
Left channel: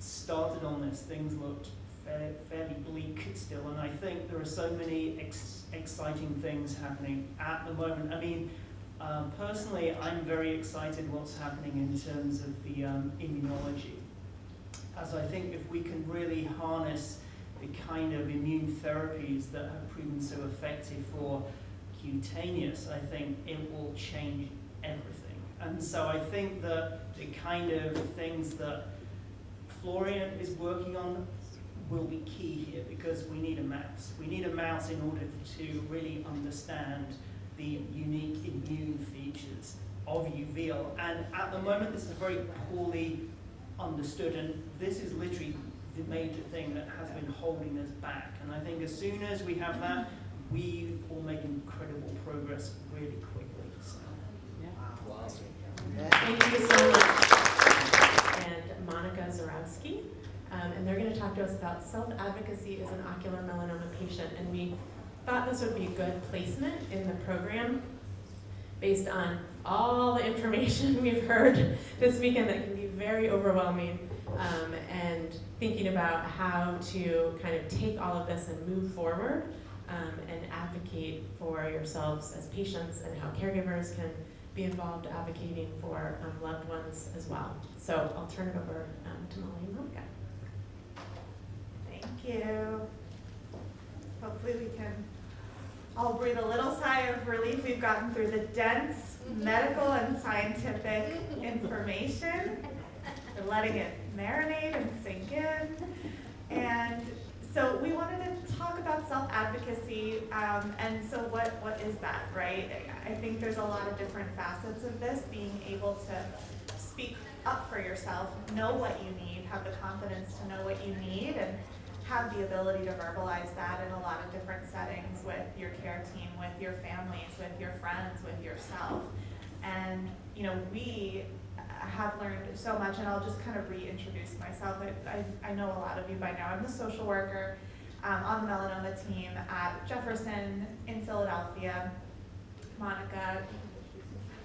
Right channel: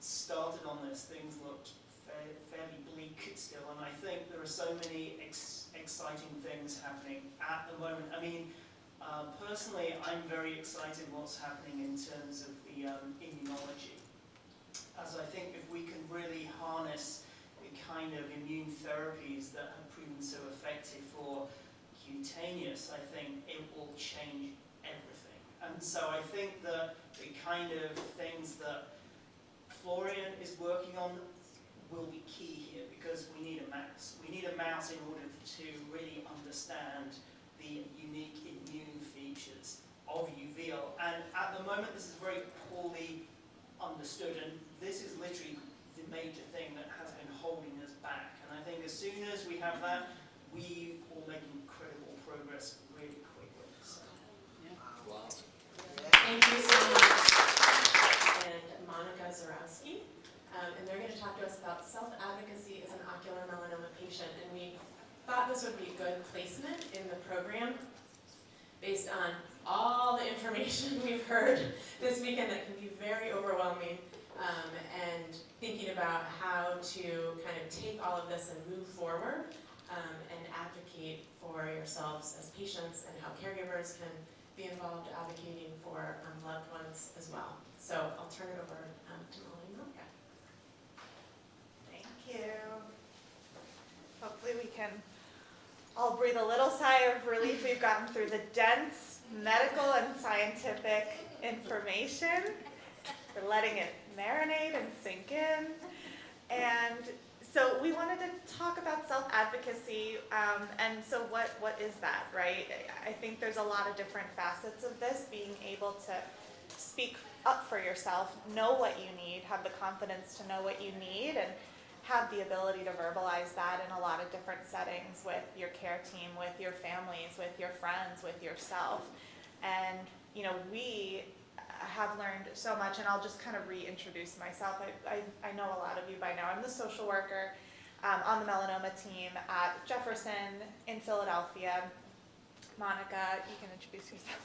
started on this, things looked fairly bleak still, and I think there are so many exciting things happening at the moment. I mean, personally, I'm very excited what's happening in terms of the immunology, as I think if we can really harness the kind of immune therapies that have proven so effective for cutaneous, I think it will change everything. And so I think that the kind of things that Florian is working on will be key here, because we need a mouse. We need a mouse in order to really understand the unique immune features of uveal. And at the moment, this is very poorly understood, and this is literally the major thing that has been holding us back. And I think as soon as we have that, we will make incredible progress really quickly. So. Thank you so much. And Monika Zurowski. And they're going to talk to us about self-advocacy as an ocular melanoma patient. And we thought this would be good placement in the program based on all the information we've heard this weekend that can be very overwhelming, and thinking about how to kind of take all of this and move forward and advocate for yourselves as patients, and how caregivers can be involved advocating for loved ones as well. So I'll turn it over to Molly and Monika. Thank you. Hopefully we can all breathe a little sigh of relief. We've gotten through the dense medical and scientific information. We're letting it marinate and sink in. And so we wanted to talk about self-advocacy, and so what is that, right? I think there's a lot of different facets of this, being able to speak up for yourself, know what you need, have the confidence to know what you need, and have the ability to verbalize that in a lot of different settings with your care team, with your families, with your friends, with yourself. And we have learned so much, and I'll just kind of reintroduce myself. I know a lot of you by now. I'm the social worker on the melanoma team at Jefferson in Philadelphia. Monika, you can introduce yourself.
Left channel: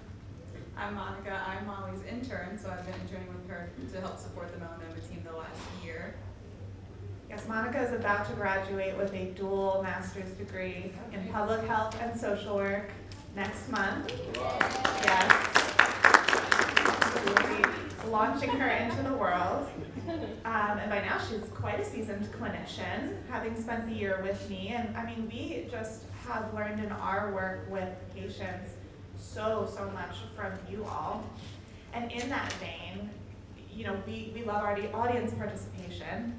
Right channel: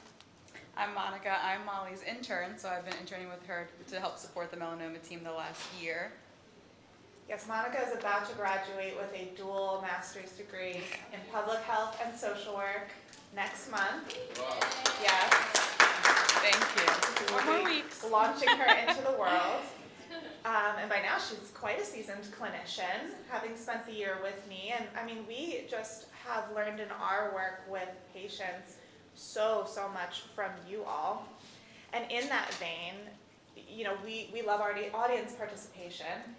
I'm Monika. I'm Molly's intern, so I've been interning with her to help support the melanoma team the last year. Yes, Monika is about to graduate with a dual master's degree in public health and social work next month. Wow. Yes. Thank you. 4 weeks. Launching her into the world. And by now she's quite a seasoned clinician, having spent the year with me. And I mean, we just have learned in our work with patients so much from you all. And in that vein, we love our audience participation.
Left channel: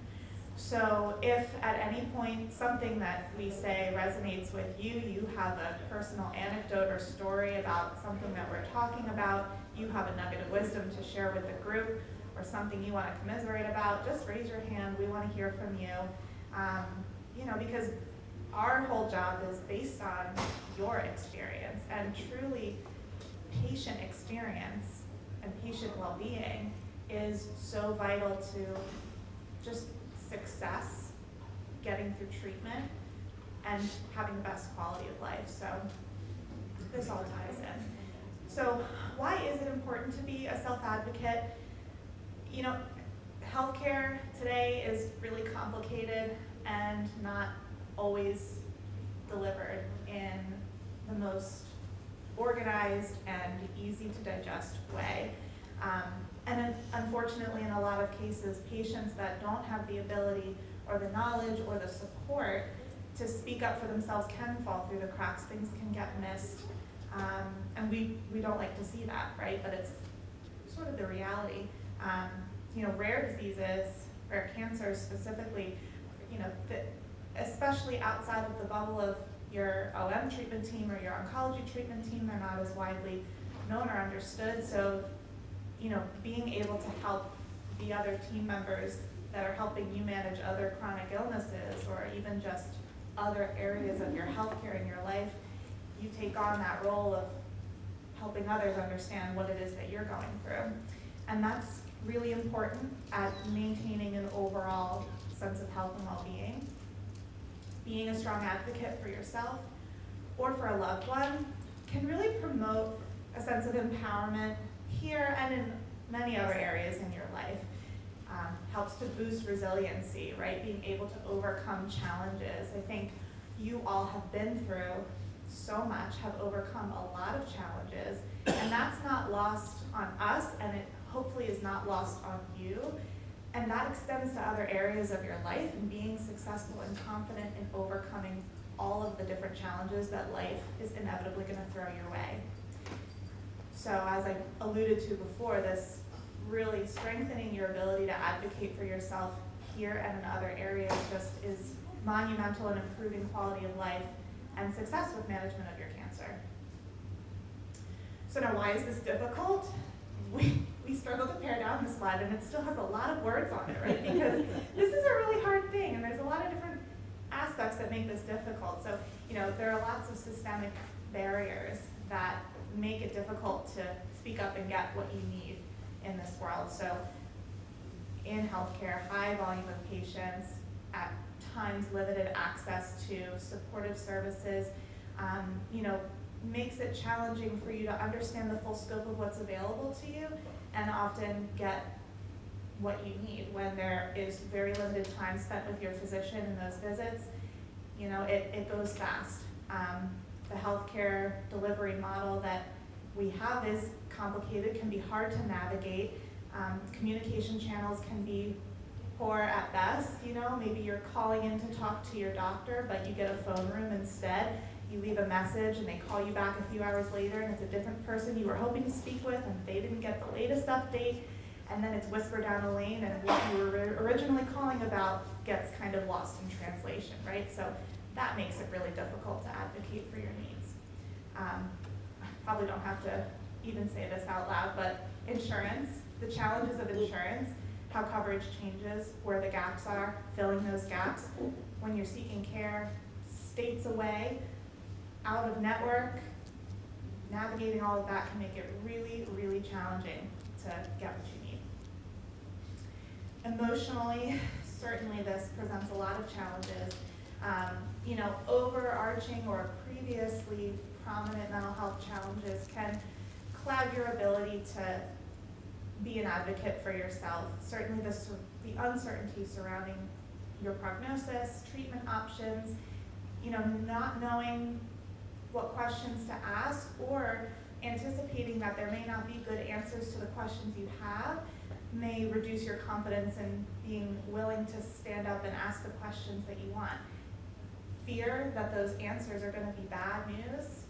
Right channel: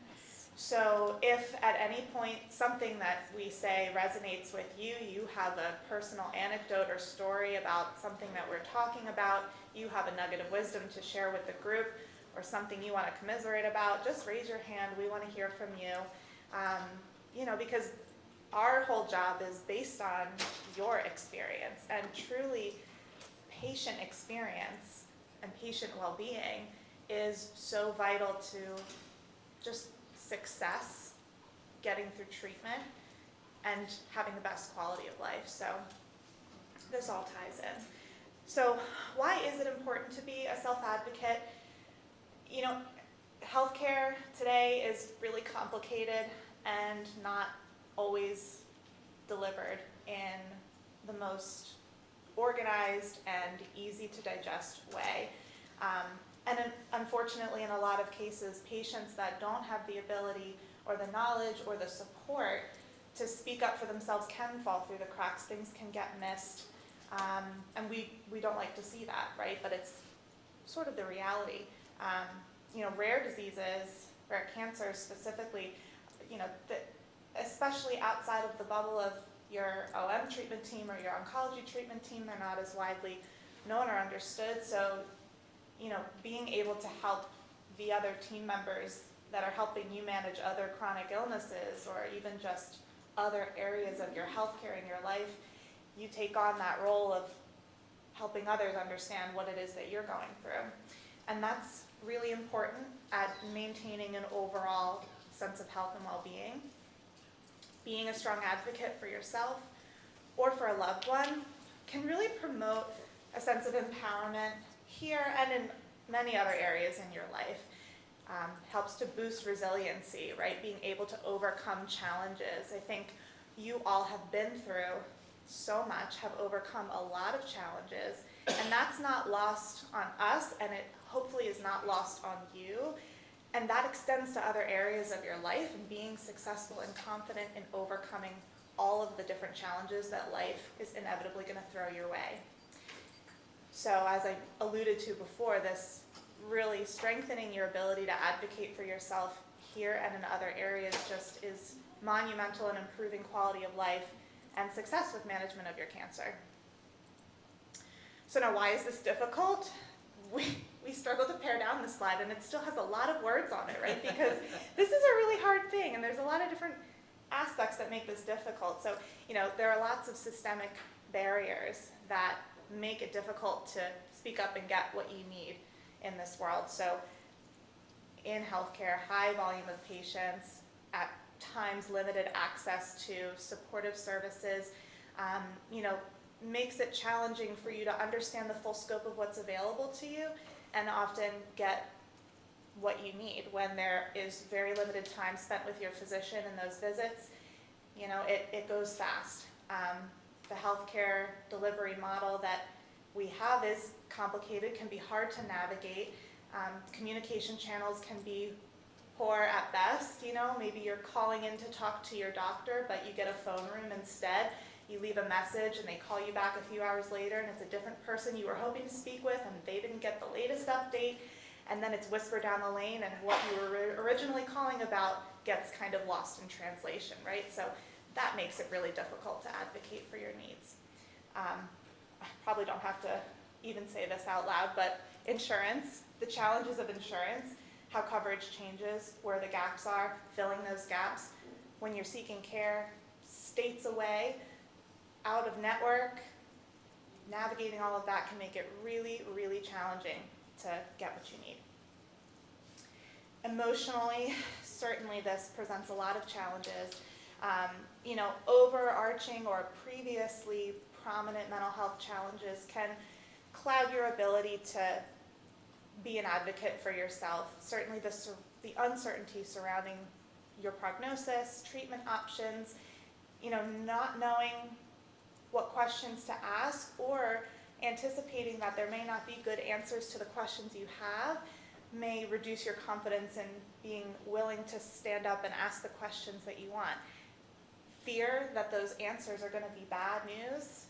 So if at any point something that we say resonates with you, you have a personal anecdote or story about something that we're talking about, you have a nugget of wisdom to share with the group, or something you want to commiserate about, just raise your hand. We want to hear from you. Because our whole job is based on your experience, and truly patient experience and patient well-being is so vital to just success, getting through treatment, and having the best quality of life. So this all ties in. So why is it important to be a self-advocate? Healthcare today is really complicated and not always delivered in the most organized and easy to digest way. And unfortunately, in a lot of cases, patients that don't have the ability or the knowledge or the support to speak up for themselves can fall through the cracks. Things can get missed. And we don't like to see that, right? But it's sort of the reality. Rare diseases, rare cancers specifically, especially outside of the bubble of your OM treatment team or your oncology treatment team, they're not as widely known or understood. So, being able to help the other team members that are helping you manage other chronic illnesses, or even just other areas of your healthcare in your life, you take on that role of helping others understand what it is that you're going through. And that's really important at maintaining an overall sense of health and well-being. Being a strong advocate for yourself or for a loved one can really promote a sense of empowerment here and in many other areas in your life. Helps to boost resiliency, right? Being able to overcome challenges. I think you all have been through so much, have overcome a lot of challenges, and that's not lost on us, and it hopefully is not lost on you. And that extends to other areas of your life, and being successful and confident in overcoming all of the different challenges that life is inevitably going to throw your way. So as I alluded to before, this really strengthening your ability to advocate for yourself here and in other areas just is monumental in improving quality of life and success with management of your cancer. So now, why is this difficult? We struggle to pare down the slide, and it still has a lot of words on it, right? Because this is a really hard thing, and there's a lot of different aspects that make this difficult. So, there are lots of systemic barriers that make it difficult to speak up and get what you need in this world. So, in healthcare, high volume of patients, at times limited access to supportive services, makes it challenging for you to understand the full scope of what's available to you and often get what you need when there is very limited time spent with your physician in those visits. It goes fast. The healthcare delivery model that we have is complicated, can be hard to navigate. Communication channels can be poor at best. Maybe you're calling in to talk to your doctor, but you get a phone room instead. You leave a message and they call you back a few hours later, and it's a different person you were hoping to speak with, and they didn't get the latest update. And then it's whispered down the lane, and what you were originally calling about gets kind of lost in translation, right? So that makes it really difficult to advocate for your needs. I probably don't have to even say this out loud, but insurance, the challenges of insurance, how coverage changes, where the gaps are, filling those gaps. When you're seeking care states away, out of network, navigating all of that can make it really, really challenging to get what you need. Emotionally, certainly this presents a lot of challenges. Overarching or previously prominent mental health challenges can cloud your ability to be an advocate for yourself. Certainly the uncertainty surrounding your prognosis, treatment options, not knowing what questions to ask or anticipating that there may not be good answers to the questions you have may reduce your confidence in being willing to stand up and ask the questions that you want. Fear that those answers are going to be bad news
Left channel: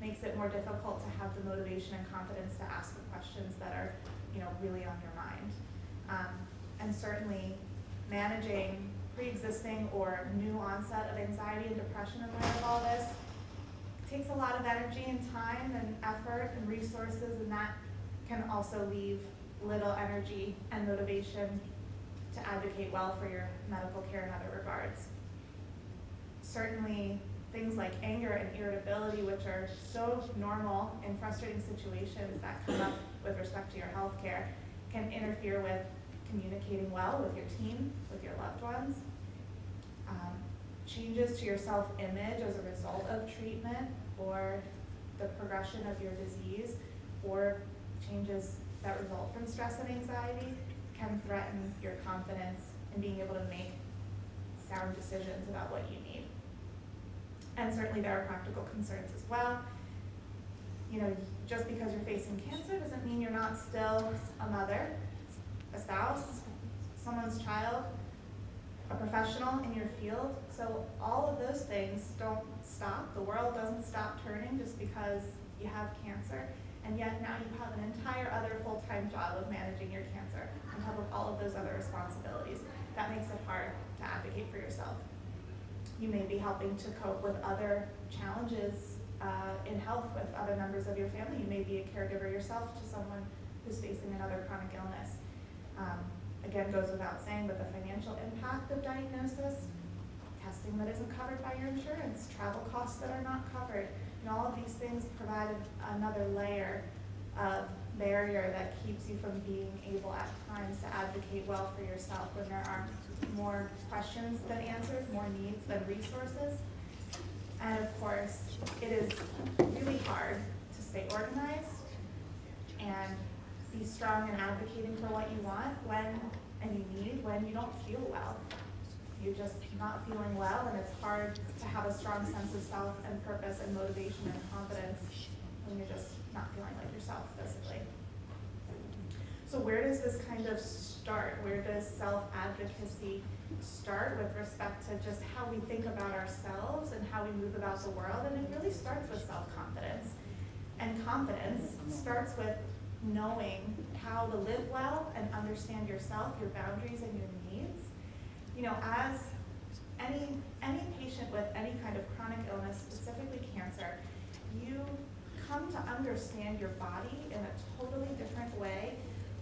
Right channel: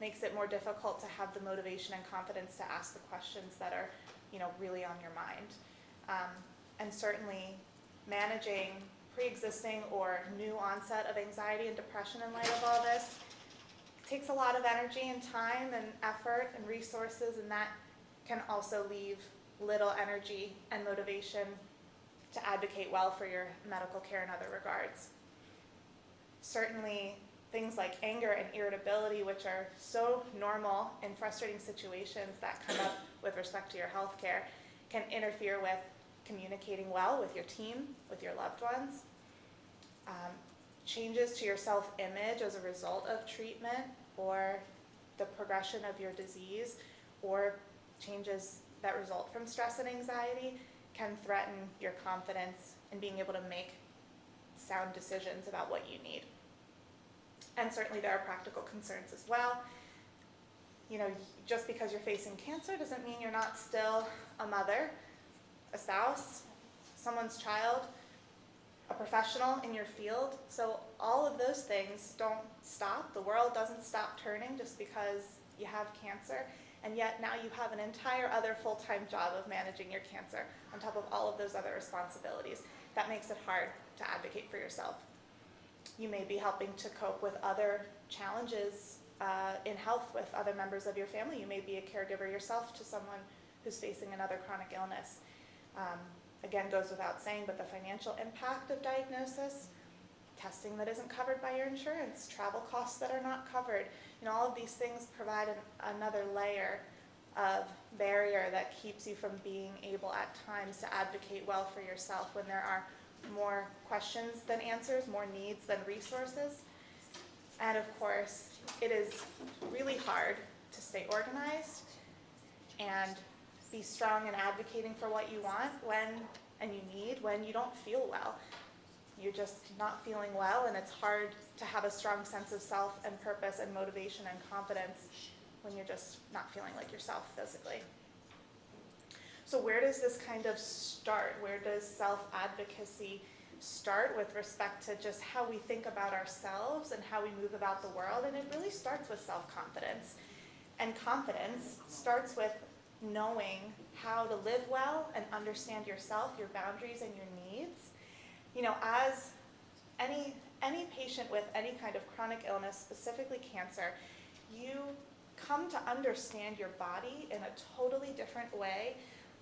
makes it more difficult to have the motivation and confidence to ask the questions that are, really on your mind. And certainly managing pre-existing or new onset of anxiety and depression in light of all this takes a lot of energy and time and effort and resources, and that can also leave little energy and motivation to advocate well for your medical care in other regards. Certainly things like anger and irritability, which are so normal in frustrating situations that come up with respect to your health care, can interfere with communicating well with your team, with your loved ones. Changes to your self-image as a result of treatment or the progression of your disease, or changes that result from stress and anxiety, can threaten your confidence in being able to make sound decisions about what you need. And certainly there are practical concerns as well. Just because you're facing cancer doesn't mean you're not still a mother, a spouse, someone's child, a professional in your field. So all of those things don't stop. The world doesn't stop turning just because you have cancer. And yet now you have an entire other full-time job of managing your cancer on top of all of those other responsibilities. That makes it hard to advocate for yourself. You may be helping to cope with other challenges in health with other members of your family. You may be a caregiver yourself to someone who's facing another chronic illness. Again, goes without saying, but the financial impact of diagnosis, testing that isn't covered by your insurance, travel costs that are not covered, all of these things provide another layer of barrier that keeps you from being able at times to advocate well for yourself when there are more questions than answers, more needs than resources. And of course, it is really hard to stay organized and be strong in advocating for what you want when you don't feel well. You're just not feeling well, and it's hard to have a strong sense of self and purpose and motivation and confidence when you're just not feeling like yourself physically. So where does this kind of start? Where does self-advocacy start with respect to just how we think about ourselves and how we move about the world? And it really starts with self-confidence. And confidence starts with knowing how to live well and understand yourself, your boundaries, and your needs. As any patient with any kind of chronic illness, specifically cancer, you come to understand your body in a totally different way,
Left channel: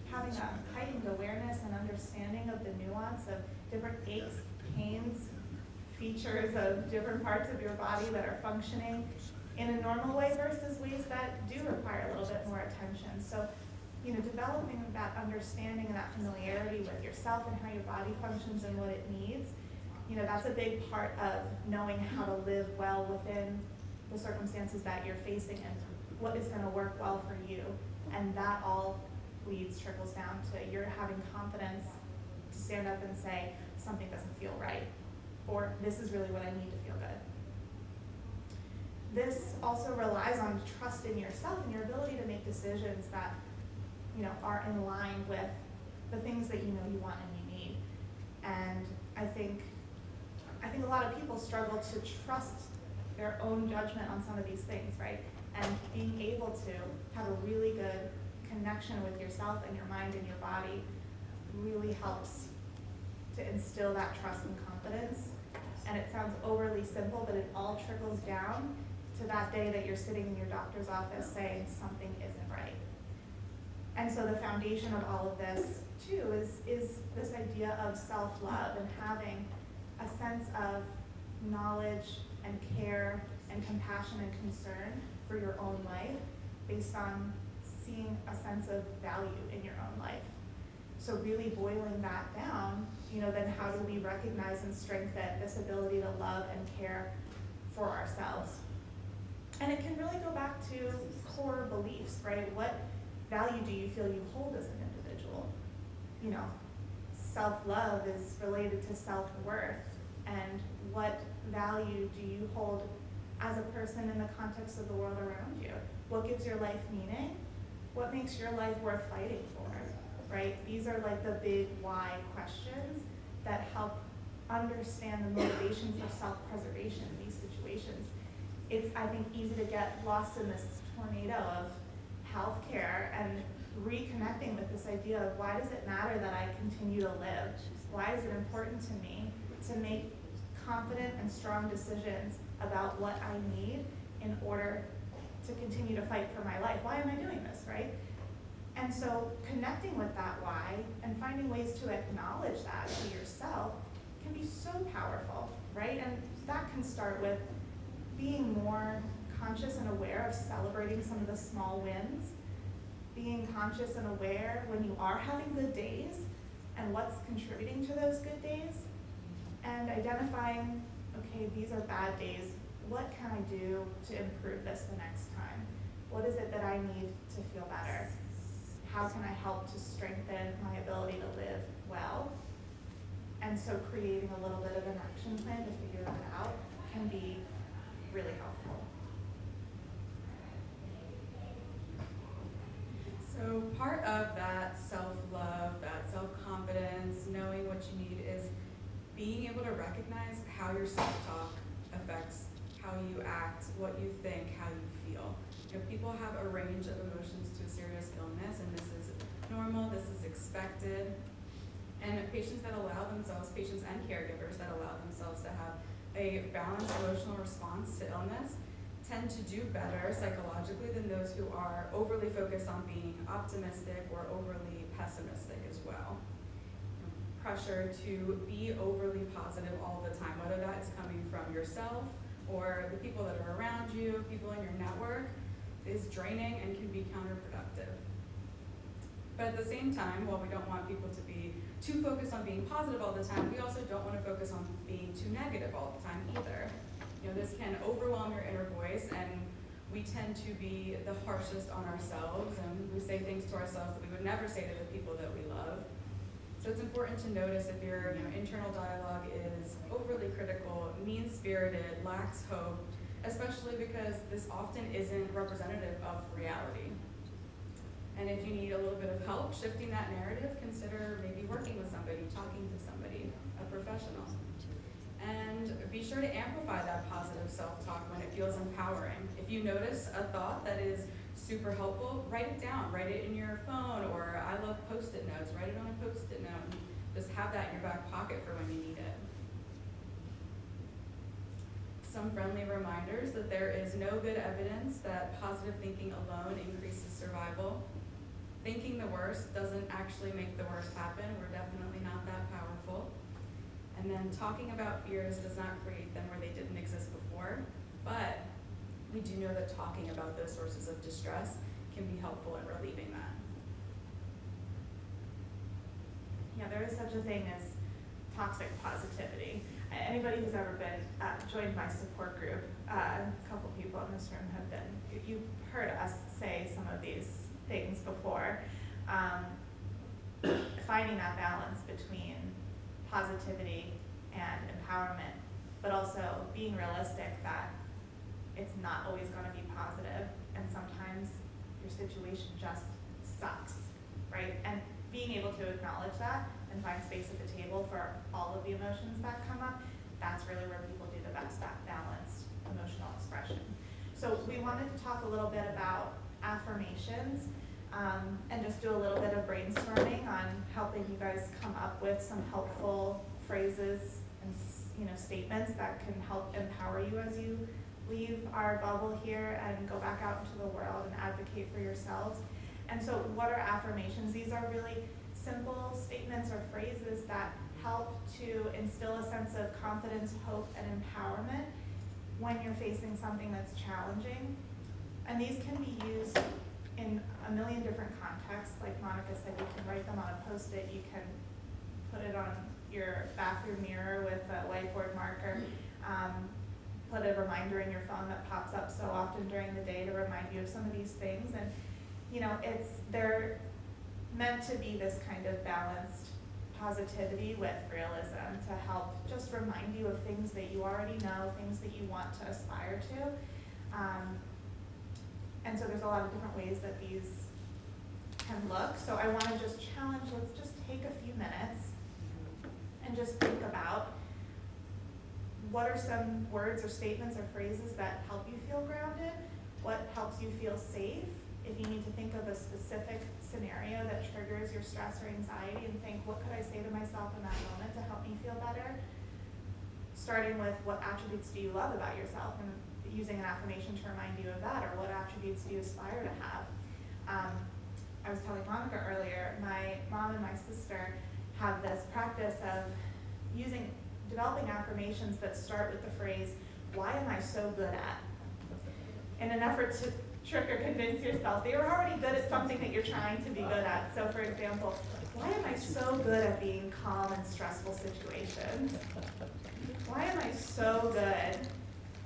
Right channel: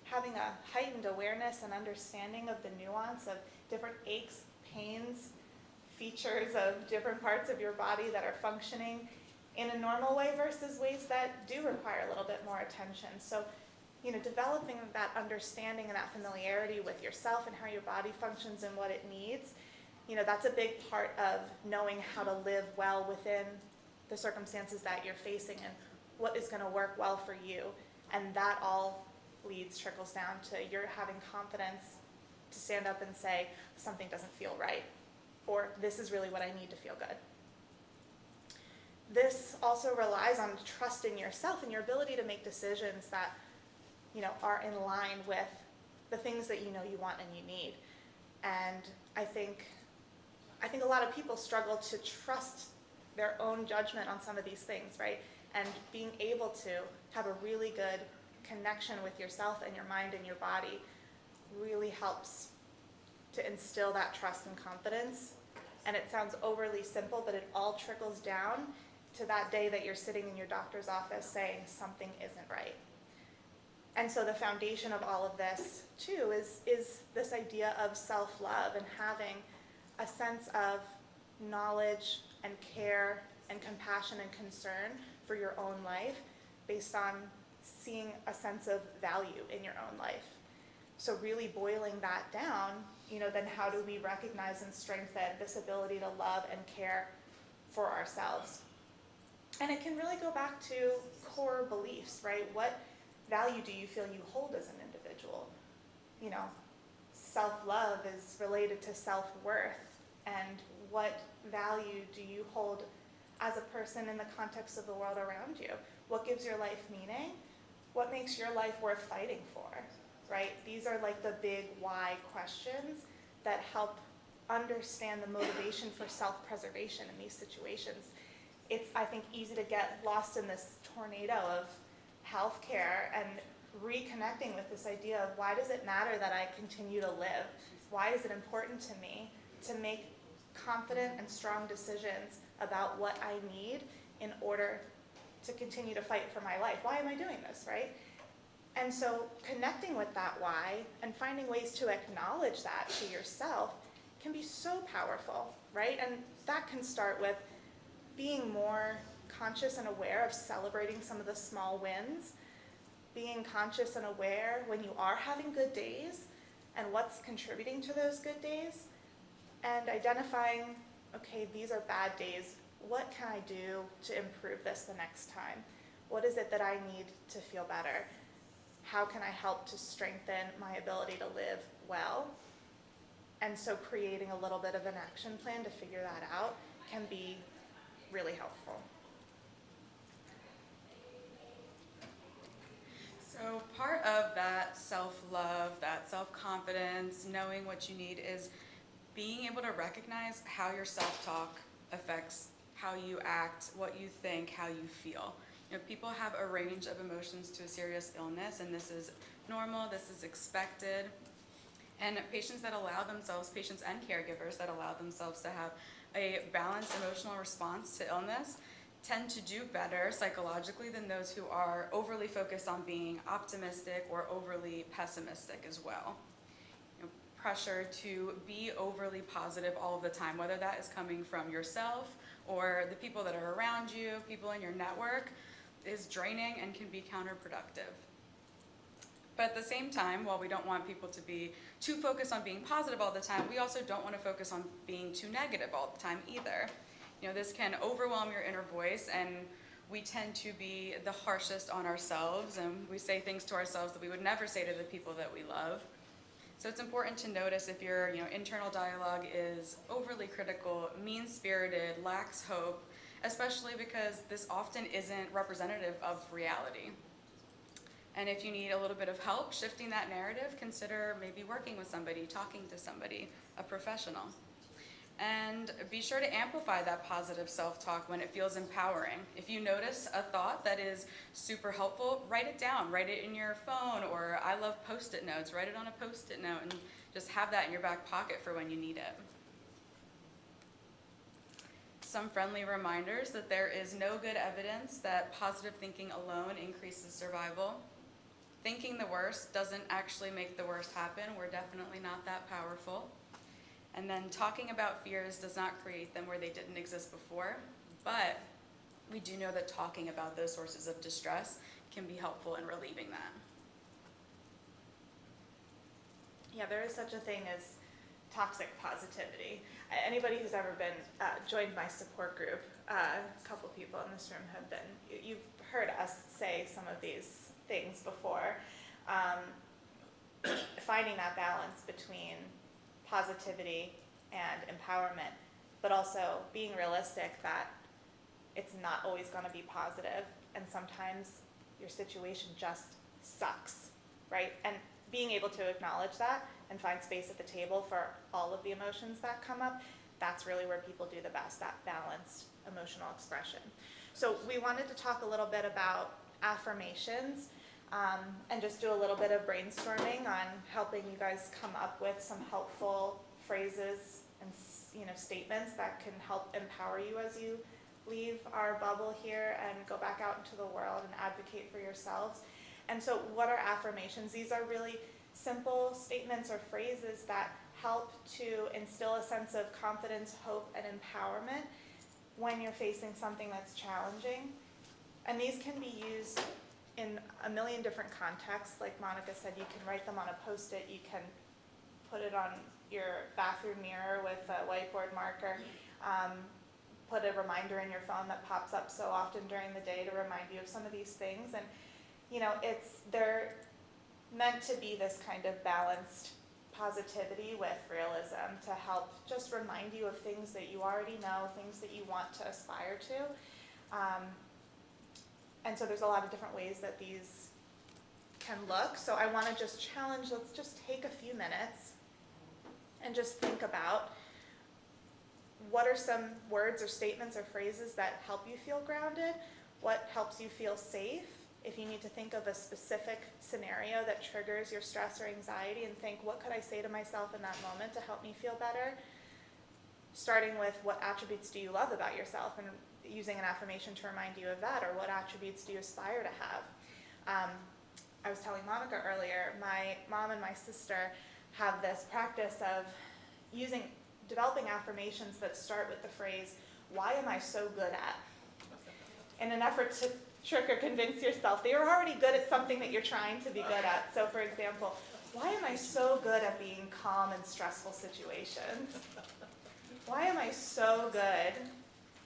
having a heightened awareness and understanding of the nuance of different aches, pains, features of different parts of your body that are functioning in a normal way versus ways that do require a little bit more attention. So, developing that understanding and that familiarity with yourself and how your body functions and what it needs, that's a big part of knowing how to live well within the circumstances that you're facing and what is going to work well for you. And that all trickles down to you're having confidence to stand up and say, something doesn't feel right, or this is really what I need to feel good. This also relies on trusting yourself and your ability to make decisions that are in line with the things that you want and you need. And I think a lot of people struggle to trust their own judgment on some of these things, right? And being able to have a really good connection with yourself and your mind and your body really helps to instill that trust and confidence. And it sounds overly simple, but it all trickles down to that day that you're sitting in your doctor's office saying something isn't right. And so the foundation of all of this too is this idea of self-love and having a sense of knowledge and care and compassion and concern for your own life based on seeing a sense of value in your own life. So really boiling that down, then how do we recognize and strengthen this ability to love and care for ourselves? And it can really go back to core beliefs, right? What value do you feel you hold as an individual? Self-love is related to self-worth, and what value do you hold as a person in the context of the world around you? What gives your life meaning? What makes your life worth fighting for, right? These are like the big why questions that help understand the motivation for self-preservation in these situations. it's, I think, easy to get lost in this tornado of healthcare and reconnecting with this idea of why does it matter that I continue to live? Why is it important to me to make confident and strong decisions about what I need in order to continue to fight for my life? Why am I doing this, right? And so connecting with that why and finding ways to acknowledge that to yourself can be so powerful, right? And that can start with being more conscious and aware of celebrating some of the small wins, being conscious and aware when you are having good days and what's contributing to those good days, and identifying, okay, these are bad days. What can I do to improve this the next time? What is it that I need to feel better? How can I help to strengthen my ability to live well? And so creating a little bit of an action plan to figure that out can be really helpful. So part of that self-love, that self-confidence, knowing what you need is being able to recognize how your self-talk affects how you act, what you think, how you feel. You know, people have a range of emotions to a serious illness, and this is normal, this is expected. And patients that allow themselves, patients and caregivers that allow themselves to have a balanced emotional response to illness tend to do better psychologically than those who are overly focused on being optimistic or overly pessimistic as well. You know, pressure to be overly positive all the time, whether that is coming from yourself or the people that are around you, people in your network, is draining and can be counterproductive. But at the same time, while we don't want people to be too focused on being positive all the time, we also don't want to focus on being too negative all the time either. You know, this can overwhelm your inner voice, and we tend to be the harshest on ourselves, and we say things to ourselves that we would never say to the people that we love. So it's important to notice if your internal dialogue is overly critical, mean-spirited, lacks hope, especially because this often isn't representative of reality. And if you need a little bit of help shifting that narrative, consider maybe working with somebody, talking to somebody, a professional. And be sure to amplify that positive self-talk when it feels empowering. If you notice a thought that is super helpful, write it down. Write it in your phone, or I love Post-it notes. Write it on a Post-it note and just have that in your back pocket for when you need it. Some friendly reminders that there is no good evidence that positive thinking alone increases survival. Thinking the worst doesn't actually make the worst happen. We're definitely not that powerful. And then talking about fears does not create them where they didn't exist before, but we do know that talking about those sources of distress can be helpful in relieving that. Yeah, there is such a thing as toxic positivity. Anybody who's ever been joined my support group, a couple people in this room have been, you've heard us say some of these things before. Finding that balance between positivity and empowerment, but also being realistic that it's not always going to be positive, and sometimes your situation just sucks, right? And being able to acknowledge that and find space at the table for all of the emotions that come up, that's really where people do the best, that balanced emotional expression. So we wanted to talk a little bit about affirmations, and just do a little bit of brainstorming on helping you guys come up with some helpful phrases and statements that can help empower you as you leave our bubble here and go back out into the world and advocate for yourselves. And so what are affirmations? These are really simple statements or phrases that help to instill a sense of confidence, hope, and empowerment when you're facing something that's challenging. And these can be used in a million different contexts. Like Monika said, you can write them on a Post-it, you can put it on your bathroom mirror with a whiteboard marker, put a reminder in your phone that pops up so often during the day to remind you of some of these things. And they're meant to be this kind of balanced positivity with realism to help just remind you of things that you already know, things that you want to aspire to. And so there's a lot of different ways that these can look. So I want to just challenge, let's just take a few minutes and just think about what are some words or statements or phrases that help you feel grounded? What helps you feel safe? If you need to think of a specific scenario that triggers your stress or anxiety and think, what could I say to myself in that moment to help me feel better? Starting with, what attributes do you love about yourself, and using an affirmation to remind you of that, or what attributes do you aspire to have? I was telling Monika earlier, my mom and my sister have this practice of developing affirmations that start with the phrase, why am I so good at? In an effort to trick or convince yourself that you're already good at something that you're trying to be good at. So for example, why am I so good at being calm in stressful situations? Why am I so good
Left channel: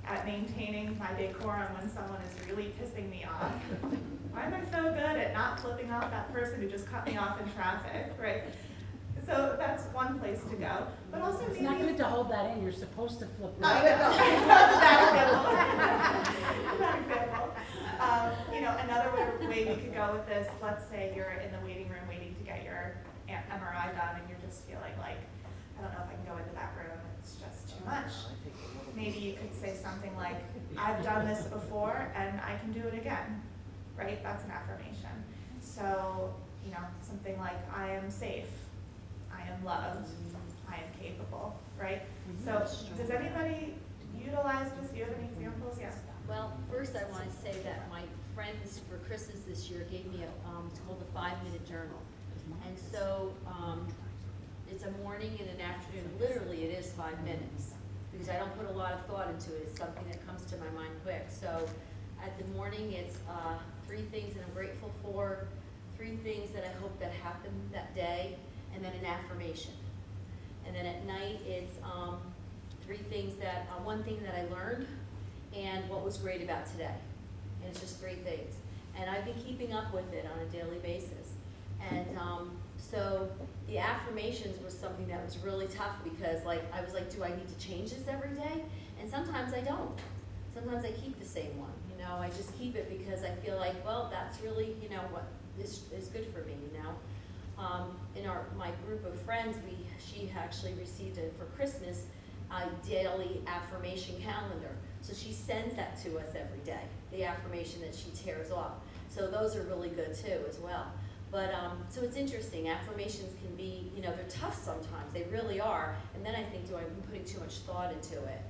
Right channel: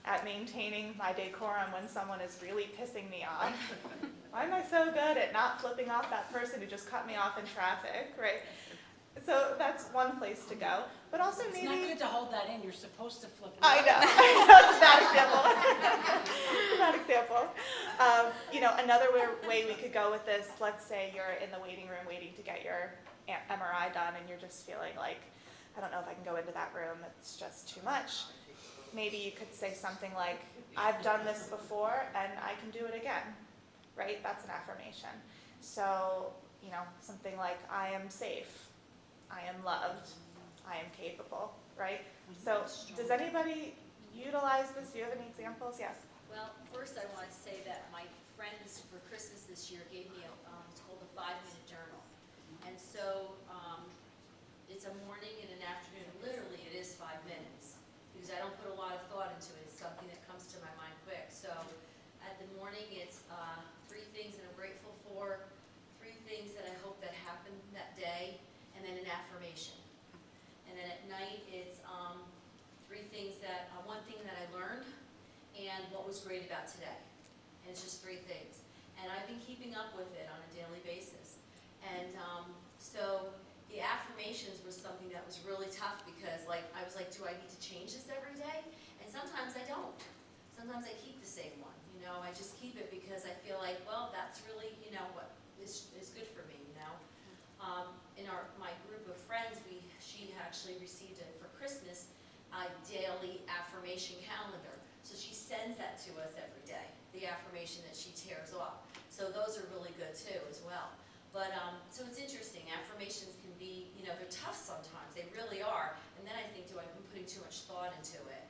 at maintaining my decorum when someone is really pissing me off? Why am I so good at not flipping off that person who just cut me off in traffic, right? So that's one place to go, but also It's maybe... not good to hold that in, you're supposed to flip it. I know, that's a bad example. Bad example. Another way we could go with this, let's say you're in the waiting room waiting to get your MRI done and you're just feeling like, I don't know if I can go into that room, it's just too much. Maybe you could say something like, I've done this before and I can do it again, right? That's an affirmation. So, something like, I am safe, I am loved, I am capable, right? So, does anybody utilize this? Do you have any examples? Yeah. Well, first I want to say that my friend for Christmas this year gave me it's called a 5-minute journal. And so it's a morning and an afternoon. Literally, it is 5 minutes because I don't put a lot of thought into it. It's something that comes to my mind quick. So at the morning, it's 3 things that I'm grateful for, 3 things that I hope that happen that day, and then an affirmation. And then at night, it's 3 things that, 1 thing that I learned and what was great about today. And it's just 3 things. And I've been keeping up with it on a daily basis. And so the affirmations was something that was really tough because I was like, do I need to change this every day? And sometimes I don't. Sometimes I keep the same one. I just keep it because I feel like, well, that's really, what is good for me, In my group of friends, she actually received it for Christmas, a daily affirmation calendar. So she sends that to us every day, the affirmation that she tears off. So those are really good too as well. But so it's interesting, affirmations can be, they're tough sometimes, they really are. And then I think, do I be putting too much thought into it?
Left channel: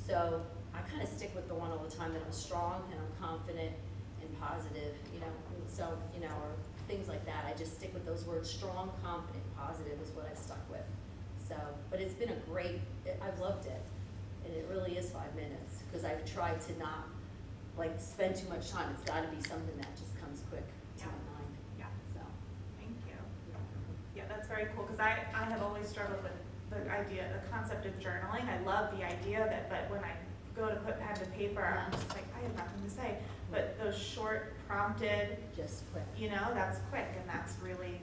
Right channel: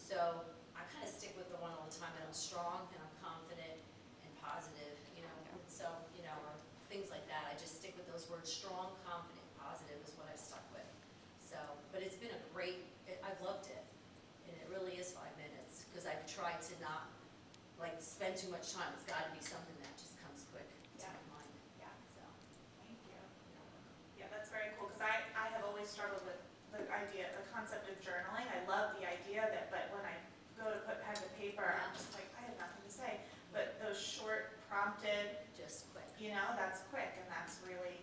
So I kind of stick with the one all the time that I'm strong and I'm confident and positive, and so, or things like that. I just stick with those words, strong, confident, positive is what I stuck with. So, but it's been I've loved it. And it really is 5 minutes because I've tried to not spend too much time. It's got to be something that just comes quick to my mind. Yeah. So, Thank you. Yeah, that's very cool because I have always struggled with the concept of journaling. I love the idea of it, but when I go to put pen to paper, I'm just like, I have nothing to say. But those short, prompted, just quick. That's quick, and that's really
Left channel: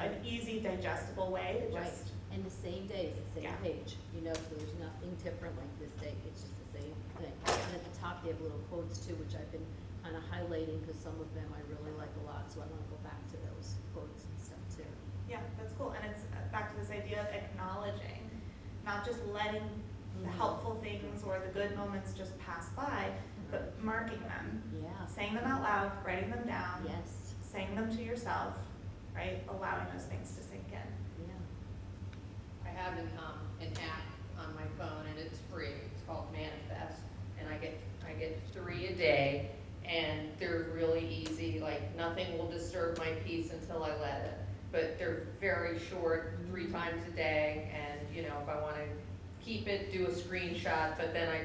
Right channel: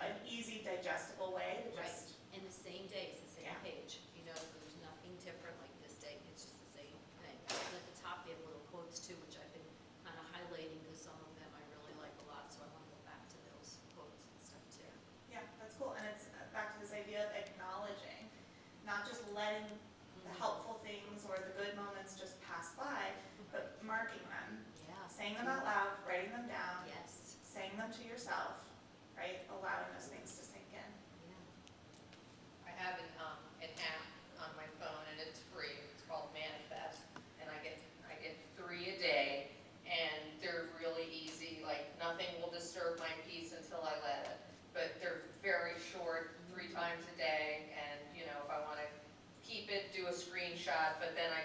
an easy, digestible way to just. And the same day, it's the same page. So there's nothing different like this day. It's just the same thing. And at the top, they have little quotes too, which I've been kind of highlighting because some of them I really like a lot. So I want to go back to those quotes and stuff too. Yeah, that's cool. And it's back to this idea of acknowledging, not just letting the helpful things or the good moments just pass by, but marking them, saying them out loud, writing them down, saying them to yourself, right? Allowing those things to sink in. I have an app on my phone and it's free. It's called Manifest, and I get 3 a day, and they're really easy. Nothing will disturb my peace until I let it. But they're very short, 3 times a day, and if I want to keep it, do a screenshot. But then I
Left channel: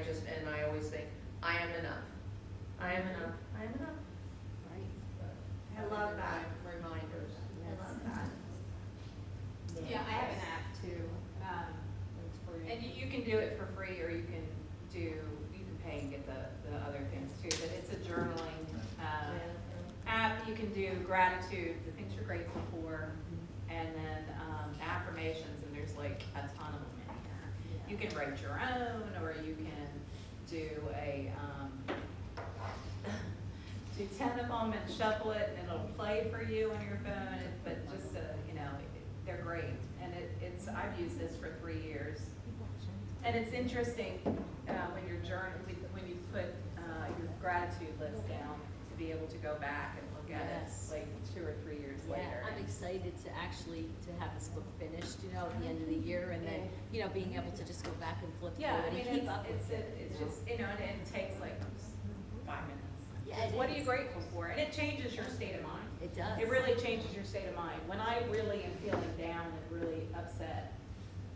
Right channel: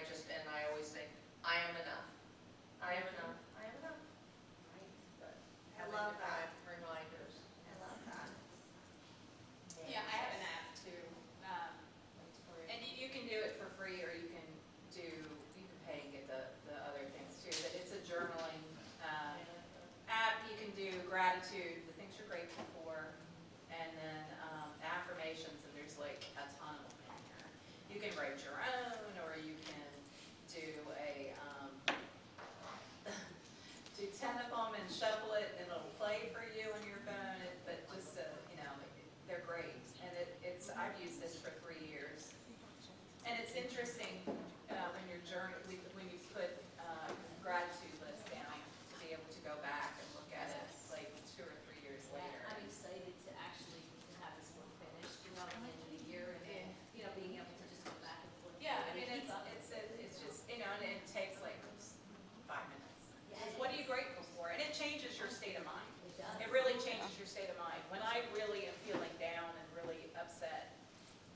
always think, I am enough. I am enough. I am enough. Right. I love that. Reminders. I love that. Yeah, I have an app too. And you can do it for free, or you can pay and get the other things too. But it's a journaling app. You can do gratitude, the things you're grateful for, and then affirmations. And there's a ton of them in here. You can write your own, or you can do 10 of them and shuffle it, and it'll play for you on your phone. But just they're great, and I've used this for 3 years. And it's interesting, when you're when you put your gratitude list down, to be able to go back and look at it like 2 or 3 years Yeah, later. I'm excited to actually to have this book finished, you know, at the end of the year, and then, you know, being able to just go back and flip through Yeah, it I mean, and keep up with it's just, you know, and it takes like 5 minutes. Yeah, it What are is. you grateful for? And it changes your state of mind. It does. It really changes your state of mind. When I really am feeling down and really upset,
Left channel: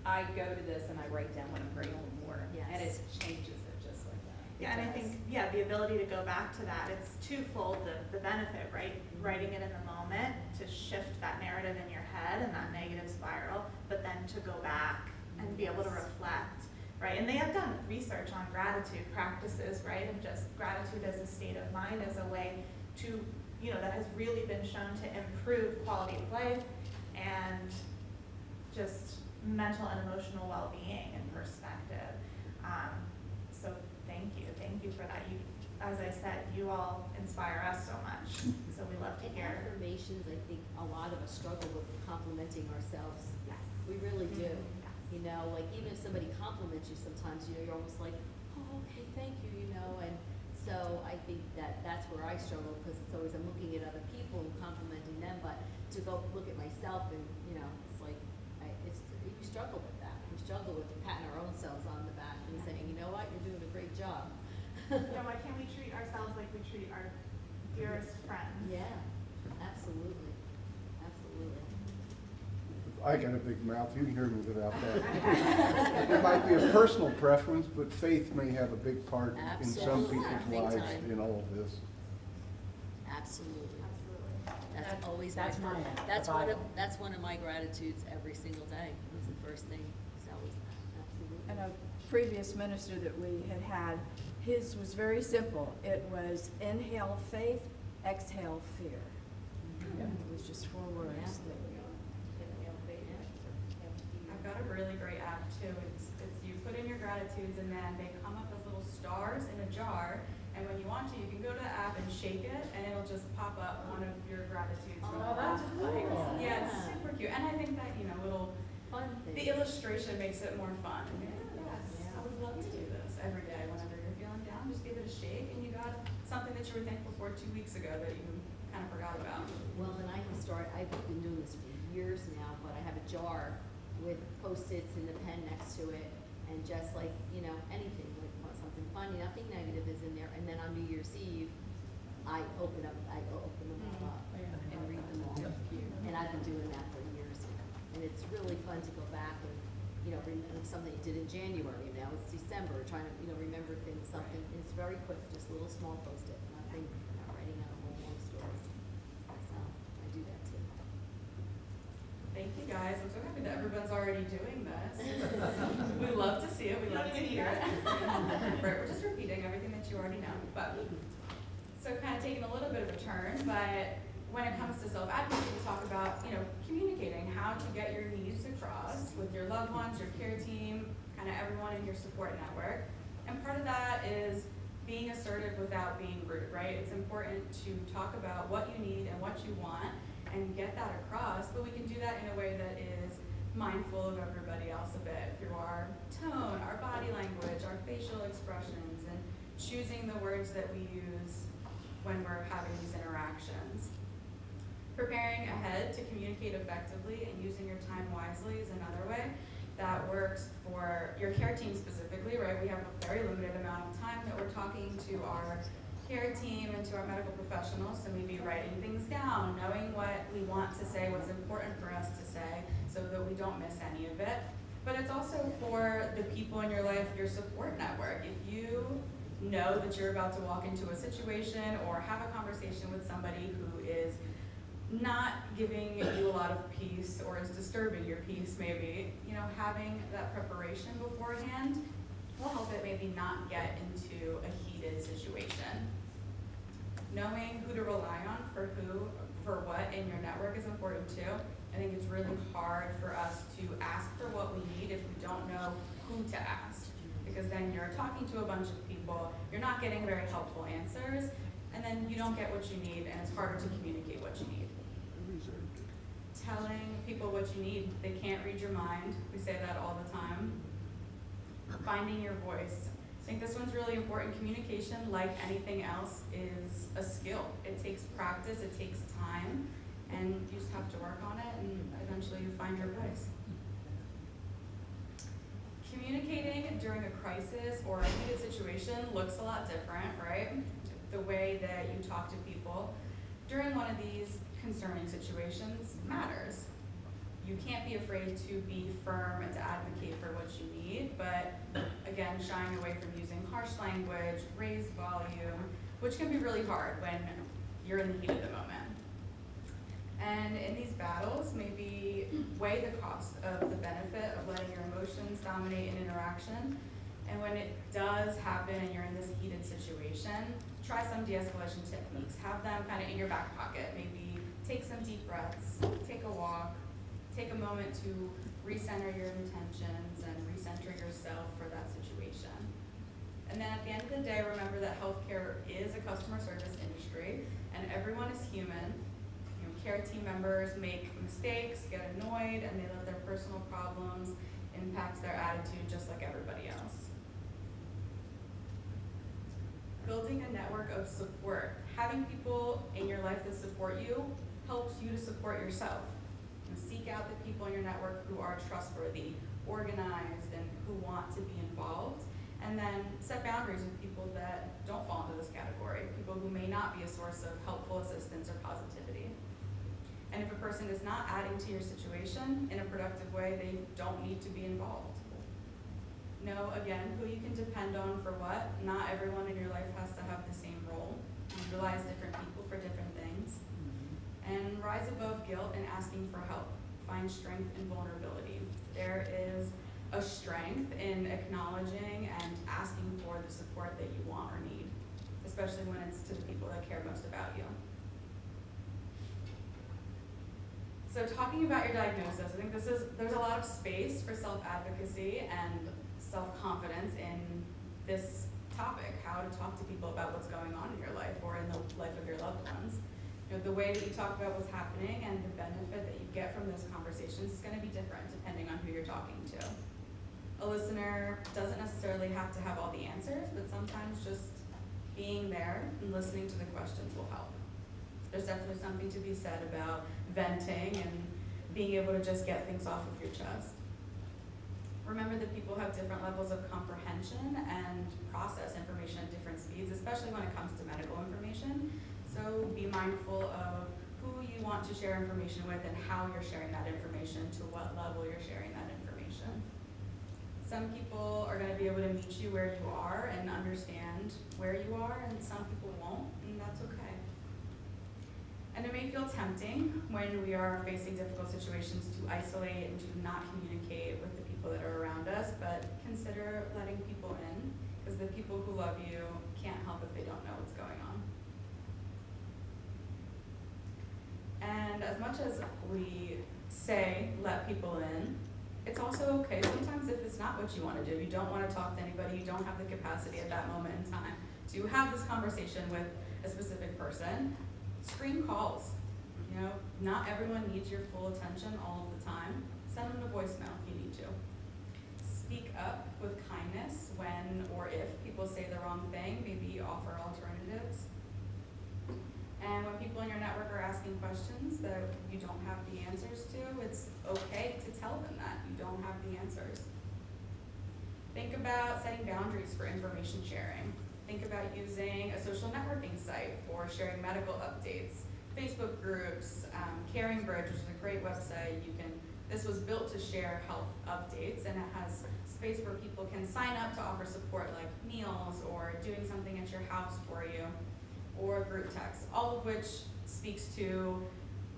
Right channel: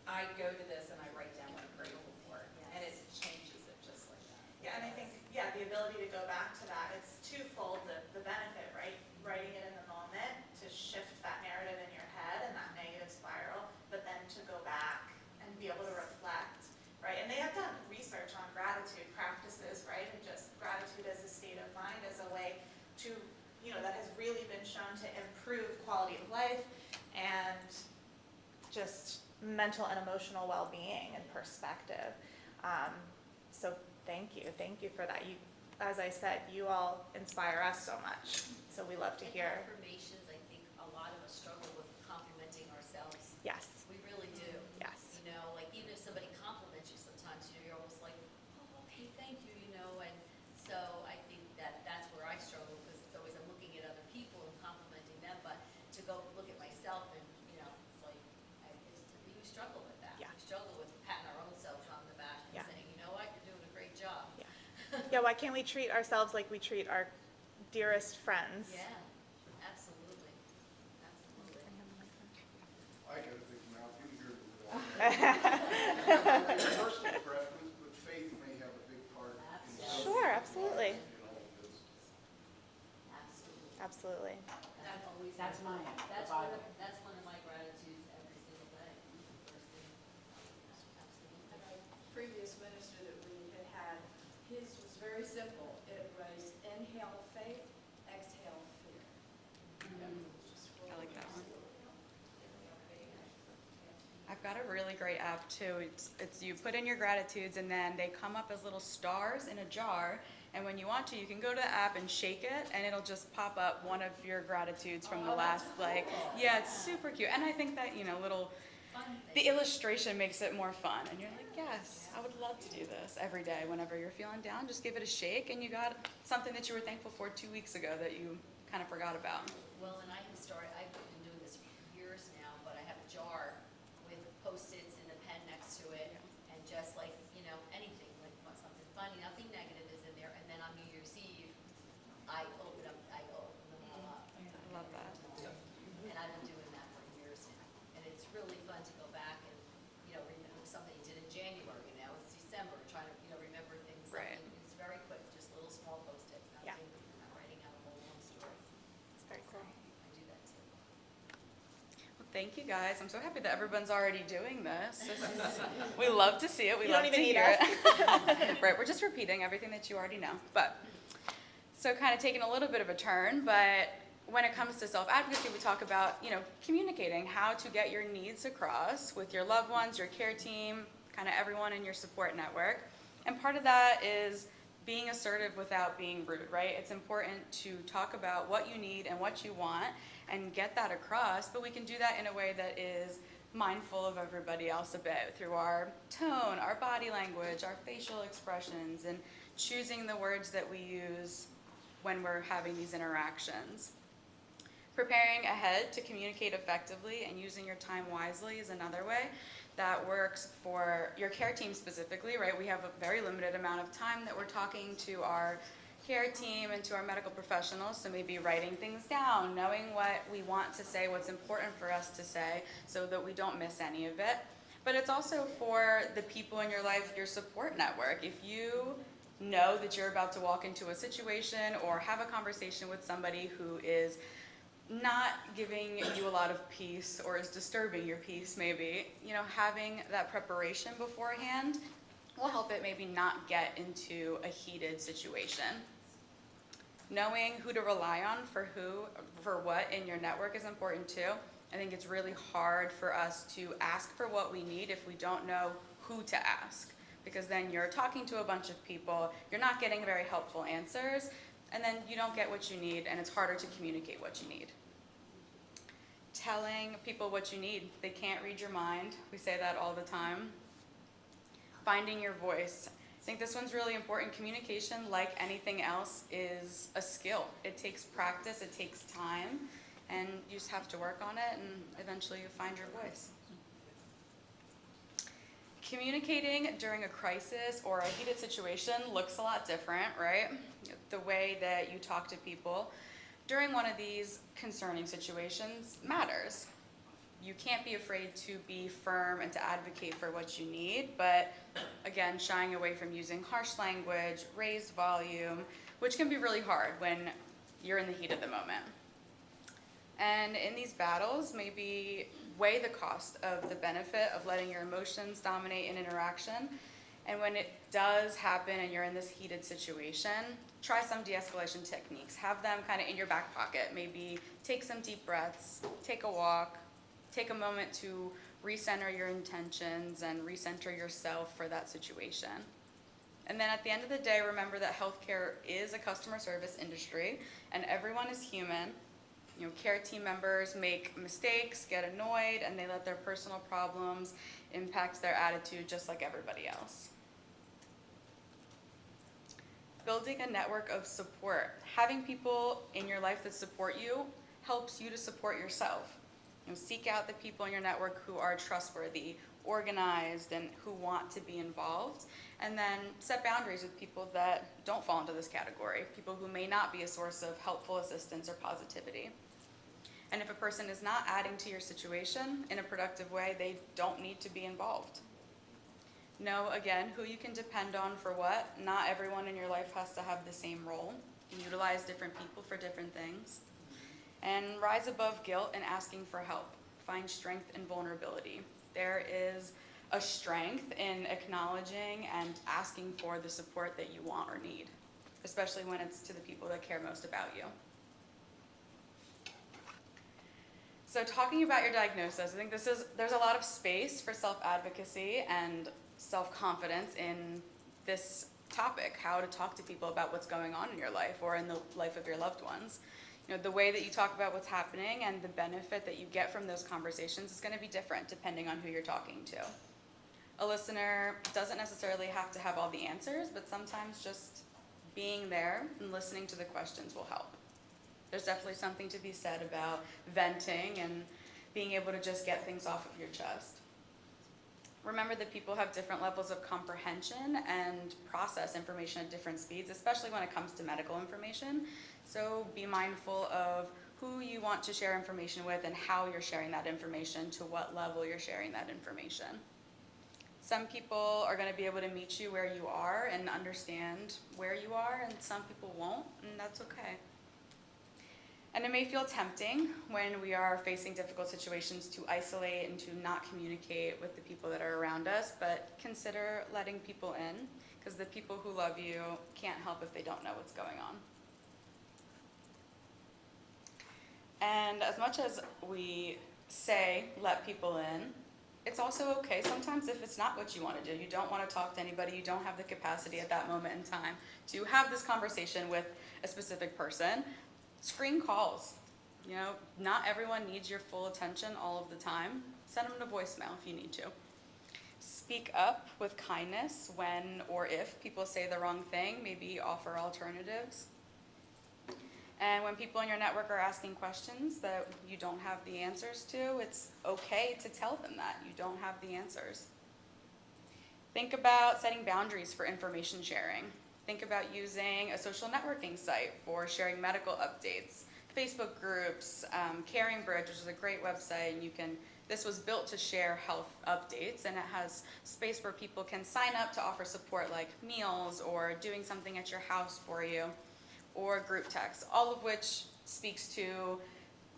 I go to this and I write down what I'm grateful for. Yes. And it changes it just like that. Yeah, and I think, yeah, the ability to go back to that, it's twofold, the benefit, right? Writing it in the moment to shift that narrative in your head and that negative spiral, but then to go back and be able to reflect, right? And they have done research on gratitude practices, right? And just gratitude as a state of mind as a way to, you know, that has really been shown to improve quality of life and just mental and emotional well-being and perspective. So thank you for that. You, as I said, you all inspire us so much, so we love to hear. Affirmations, I think a lot of us struggle with complimenting ourselves. Yes. We really do. Yes. You know, like even if somebody compliments you sometimes, you know, you're almost like, oh, okay, thank you, you know, and so I think that's where I struggle, because it's always, I'm looking at other people and complimenting them, but to go look at myself and, you know, it's like, we struggle with that. Yeah. We struggle with patting our own selves on the back and Yeah. saying, you know what, you're doing a great job. Yeah, why can't we treat ourselves like we treat our dearest friends? Yeah, absolutely, absolutely. I got a big mouth, you can hear me without that. It might be a personal preference, but faith may have a big part in some Sure, people's lives absolutely. in all of this. Absolutely. Absolutely. That's always That's my, mine, that's the one of, Bible. that's one of my gratitudes every single day. It was the first thing, so absolutely. And a previous minister that we had, his was very simple. It was inhale faith, exhale fear. It was just 4 words. I've got a really great app too. It's you put in your gratitudes and then they come up as little stars in a jar. And when you want to, you can go to the app and shake it, and it'll just pop up one of your gratitudes from the last, like, yeah, it's super cute. And I think that, you know, the illustration makes it more fun. And you're like, yes, I would love to do this every day. Whenever you're feeling down, just give it a shake, and you got something that you were thankful for 2 weeks ago that you kind of forgot about. Well, and I've been doing this for years now, but I have a jar with Post-its and a pen next to it, and just like, you know, anything, like something funny, nothing negative is in there, and then on New Year's Eve, I open them all up and read them all. And I've been doing that for years now, and it's really fun to go back and, you know, remember something you did in January, you know, it's December, trying to, you know, remember things, something, it's very quick, just little small Post-its, nothing, not writing on a long story. It's very fun, I do that too. Thank you guys. I'm so happy that everyone's already doing this. We love to see it. We You love don't to even need hear us. it. Right, we're just repeating everything that you already know. But so kind of taking a little bit of a turn, but when it comes to self-advocacy, we talk about, you know, communicating how to get your needs across with your loved ones, your care team, kind of everyone in your support network. And part of that is being assertive without being rude, right? It's important to talk about what you need and what you want and get that across, but we can do that in a way that is mindful of everybody else a bit through our tone, our body language, our facial expressions, and choosing the words that we use when we're having these interactions. Preparing ahead to communicate effectively and using your time wisely is another way that works for your care team specifically, right? We have a very limited amount of time that we're talking to our care team and to our medical professionals, so maybe writing things down, knowing what we want to say, what's important for us to say, so that we don't miss any of it. But it's also for the people in your life, your support network. If you know that you're about to walk into a situation or have a conversation with somebody who is not giving you a lot of peace or is disturbing your peace maybe, you know, having that preparation beforehand will help it maybe not get into a heated situation. Knowing who to rely on for what in your network is important too. I think it's really hard for us to ask for what we need if we don't know who to ask, because then you're talking to a bunch of people, you're not getting very helpful answers, and then you don't get what you need, and it's harder to communicate what you need. Telling people what you need, they can't read your mind. We say that all the time. finding your voice. I think this one's really important. Communication, like anything else, is a skill. It takes practice, it takes time, and you just have to work on it, and eventually you find your voice. Communicating during a crisis or a heated situation looks a lot different, right? The way that you talk to people during one of these concerning situations matters. You can't be afraid to be firm and to advocate for what you need, but again, shying away from using harsh language, raised volume, which can be really hard when you're in the heat of the moment. And in these battles, maybe weigh the cost of the benefit of letting your emotions dominate an interaction. And when it does happen and you're in this heated situation, try some de-escalation techniques. Have them kind of in your back pocket. Maybe take some deep breaths, take a walk, take a moment to recenter your intentions and recenter yourself for that situation. And then at the end of the day, remember that healthcare is a customer service industry and everyone is human. You know, care team members make mistakes, get annoyed, and they let their personal problems impact their attitude just like everybody else. Building a network of support. Having people in your life that support you helps you to support yourself. You know, seek out the people in your network who are trustworthy, organized, and who want to be involved. And then set boundaries with people that don't fall into this category, people who may not be a source of helpful assistance or positivity. And if a person is not adding to your situation in a productive way, they don't need to be involved. Know, again, who you can depend on for what. Not everyone in your life has to have the same role. Utilize different people for different things. And rise above guilt and asking for help. Find strength in vulnerability. There is a strength in acknowledging and asking for the support that you want or need, especially when it's to the people that care most about you. So talking about your diagnosis, I think there's a lot of space for self-advocacy and self-confidence in this topic, how to talk to people about what's going on in your life or in the life of your loved ones. You know, the way that you talk about what's happening and the benefit that you get from those conversations is going to be different depending on who you're talking to. A listener doesn't necessarily have to have all the answers, but sometimes just being there and listening to the questions will help. There's definitely something to be said about venting and being able to just get things off of your chest. Remember that people have different levels of comprehension and process information at different speeds, especially when it comes to medical information. So be mindful of who you want to share information with and how you're sharing that information, to what level you're sharing that information. Some people are going to be able to meet you where you are and understand where you are, and some people won't, and that's okay. And it may feel tempting when we are facing difficult situations to isolate and to not communicate with the people that are around us, but consider letting people in, because the people who love you can't help if they don't know what's going on. And as much as we say let people in, it's also okay sometimes if it's not what you want to do. You don't want to talk to anybody, you don't have the capacity at that moment in time to have this conversation with a specific person. Screen calls. You know, not everyone needs your full attention all of the time. Send them a voicemail if you need to. Speak up with kindness when or if people say the wrong thing, maybe offer alternatives. And when people in your network are asking questions that you don't have the answers to, it's okay to tell them that you don't have the answers. Think about setting boundaries for information sharing. Think about using a social networking site for sharing medical updates, Facebook groups, Caring Bridge, which is a great website. This was built to share health updates, and it has space where people can sign up to offer support like meals or doing something at your house for you, or group text, all of which speaks to,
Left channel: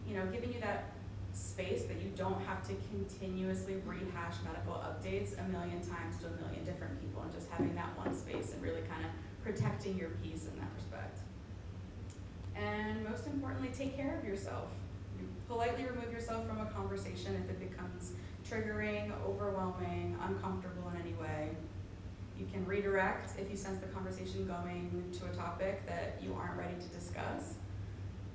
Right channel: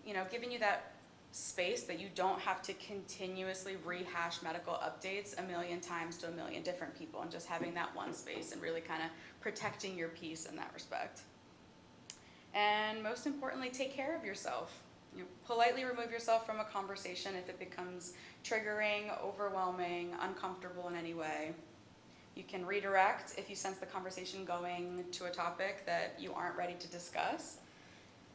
you know, giving you that space that you don't have to continuously rehash medical updates a million times to a million different people, and just having that one space and really kind of protecting your peace in that respect. And most importantly, take care of yourself. You politely remove yourself from a conversation if it becomes triggering, overwhelming, uncomfortable in any way. You can redirect if you sense the conversation going to a topic that you aren't ready to discuss.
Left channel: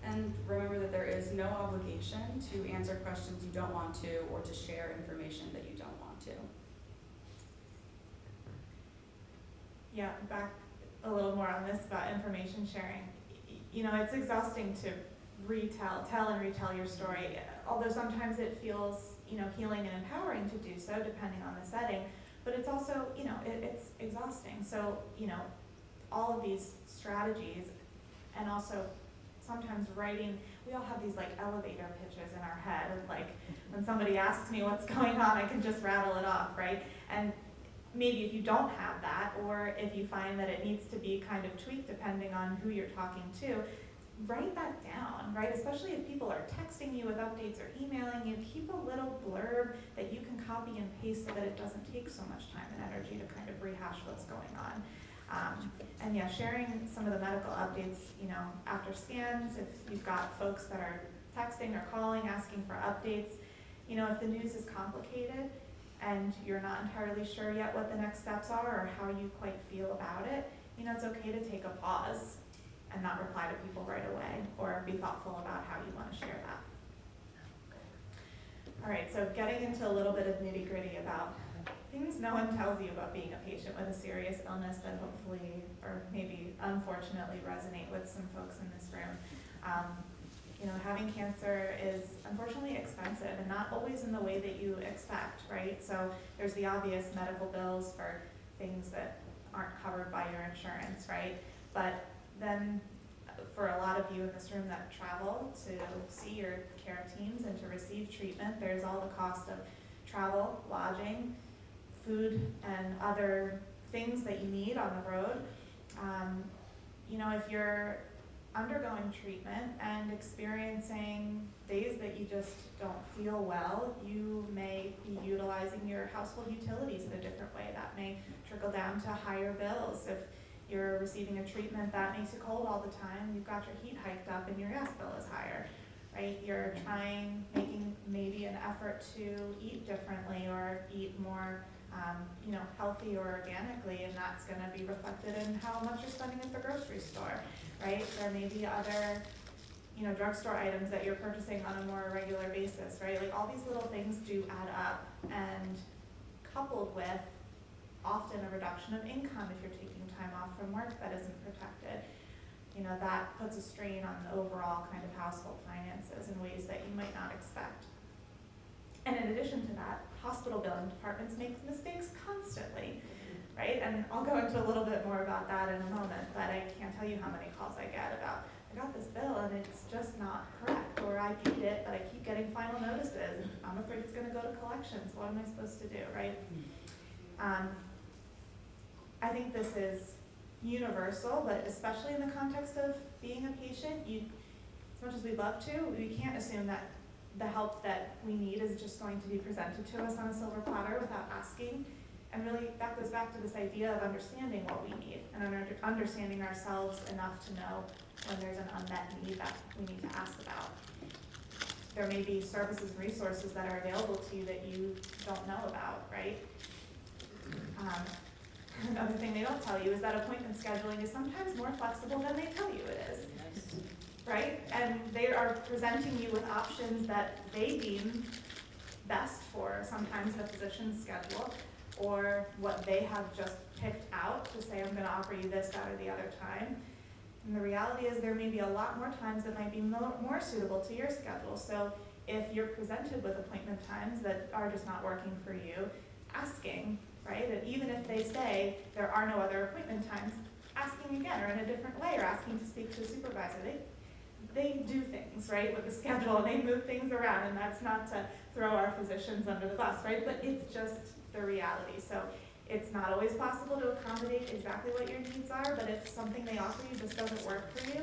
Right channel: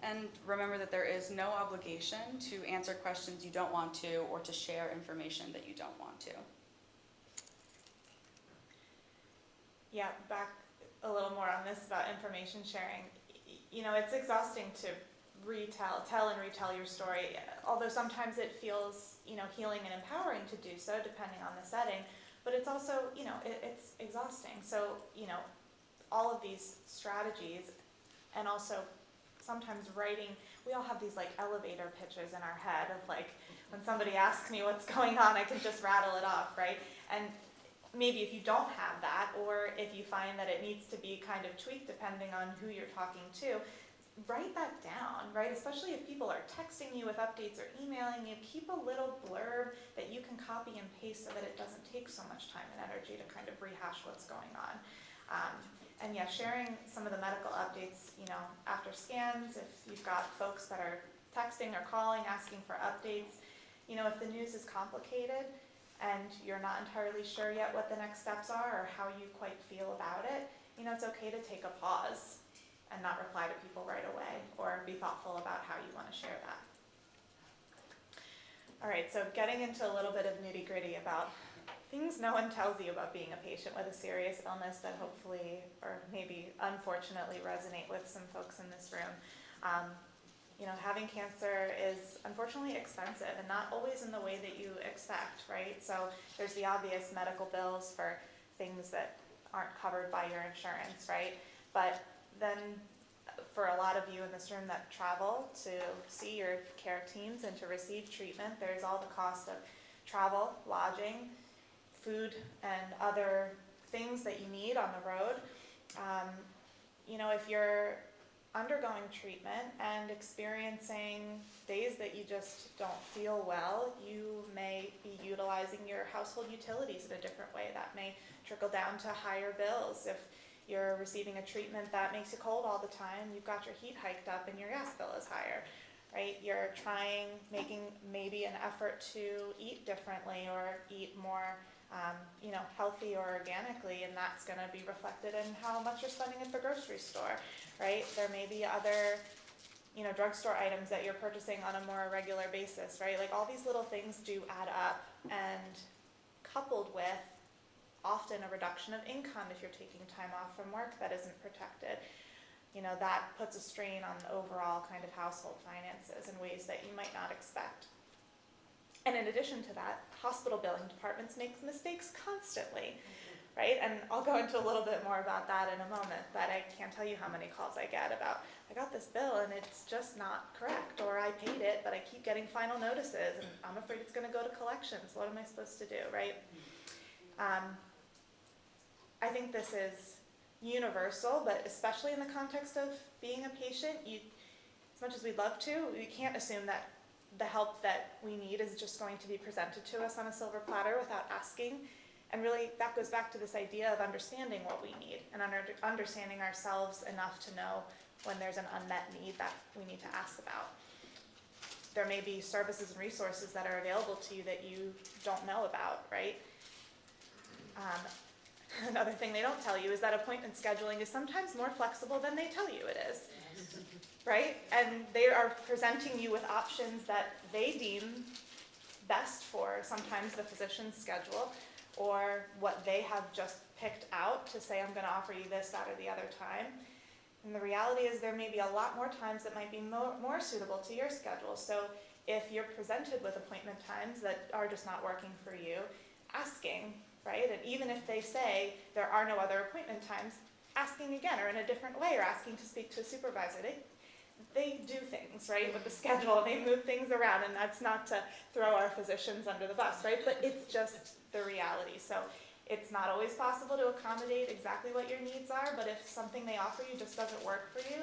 And remember that there is no obligation to answer questions you don't want to or to share information that you don't want to. Yeah, back a little more on this about information sharing. You know, it's exhausting to tell and retell your story, although sometimes it feels, you know, healing and empowering to do so depending on the setting, but it's also, you know, it's exhausting. So, you know, all of these strategies, and also sometimes writing, we all have these like elevator pitches in our head of like, when somebody asks me what's going on, I can just rattle it off, right? And maybe if you don't have that, or if you find that it needs to be kind of tweaked depending on who you're talking to, write that down, right? Especially if people are texting you with updates or emailing you, keep a little blurb that you can copy and paste so that it doesn't take so much time and energy to kind of rehash what's going on. And yeah, sharing some of the medical updates, you know, after scans, if you've got folks that are texting or calling, asking for updates, you know, if the news is complicated and you're not entirely sure yet what the next steps are or how you quite feel about it, you know, it's okay to take a pause and not reply to people right away, or be thoughtful about how you want to share that. All right, so getting into a little bit of nitty-gritty about things no one tells you about being a patient with a serious illness that hopefully, or maybe unfortunately, resonate with some folks in this room. You know, having cancer is unfortunately expensive and not always in the way that you expect, right? So there's the obvious medical bills for things that aren't covered by your insurance, right? But then for a lot of you in this room that travel to see your care teams and to receive treatment, there's all the cost of travel, lodging, food, and other things that you need on the road. You know, if you're undergoing treatment and experiencing days that you just don't feel well, you may be utilizing your household utilities in a different way. That may trickle down to higher bills. If you're receiving a treatment that makes you cold all the time, you've got your heat hiked up and your gas bill is higher, right? You're making maybe an effort to eat differently or eat more, you know, healthy or organically, and that's going to be reflected in how much you're spending at the grocery store, right? There may be other, you know, drugstore items that you're purchasing on a more regular basis, right? Like all these little things do add up, and coupled with often a reduction of income if you're taking time off from work that isn't protected, you know, that puts a strain on the overall kind of household finances in ways that you might not expect. And in addition to that, hospital billing departments make mistakes constantly, right? And I'll go into a little bit more about that in a moment, but I can't tell you how many calls I get about, I got this bill and it's just not correct, or I paid it, but I keep getting final notices and I'm afraid it's gonna go to collections. What am I supposed to do, right? I think this is universal, but especially in the context of being a patient, as much as we'd love to, we can't assume that the help that we need is just going to be presented to us on a silver platter without asking. And really, that goes back to this idea of understanding what we need and understanding ourselves enough to know when there's an unmet need that we need to ask about. There may be services and resources that are available to you that you don't know about, right? Another thing they don't tell you is that appointment scheduling is sometimes more flexible than they tell you it is, right? And they are presenting you with options that they deem best for sometimes the physician's schedule, or what they have just picked out to say, I'm gonna offer you this, that, or the other time. And the reality is there may be a lot more times that might be more suitable to your schedule. So if you're presented with appointment times that are just not working for you, asking, right? And even if they say there are no other appointment times, asking again, or in a different way, or asking to speak to a supervisor. They do things, right, with the schedule, and they move things around, and that's not to throw our physicians under the bus, right? But it's just the reality. So it's not always possible to accommodate exactly what your needs are, but if something they offer you just doesn't work for you,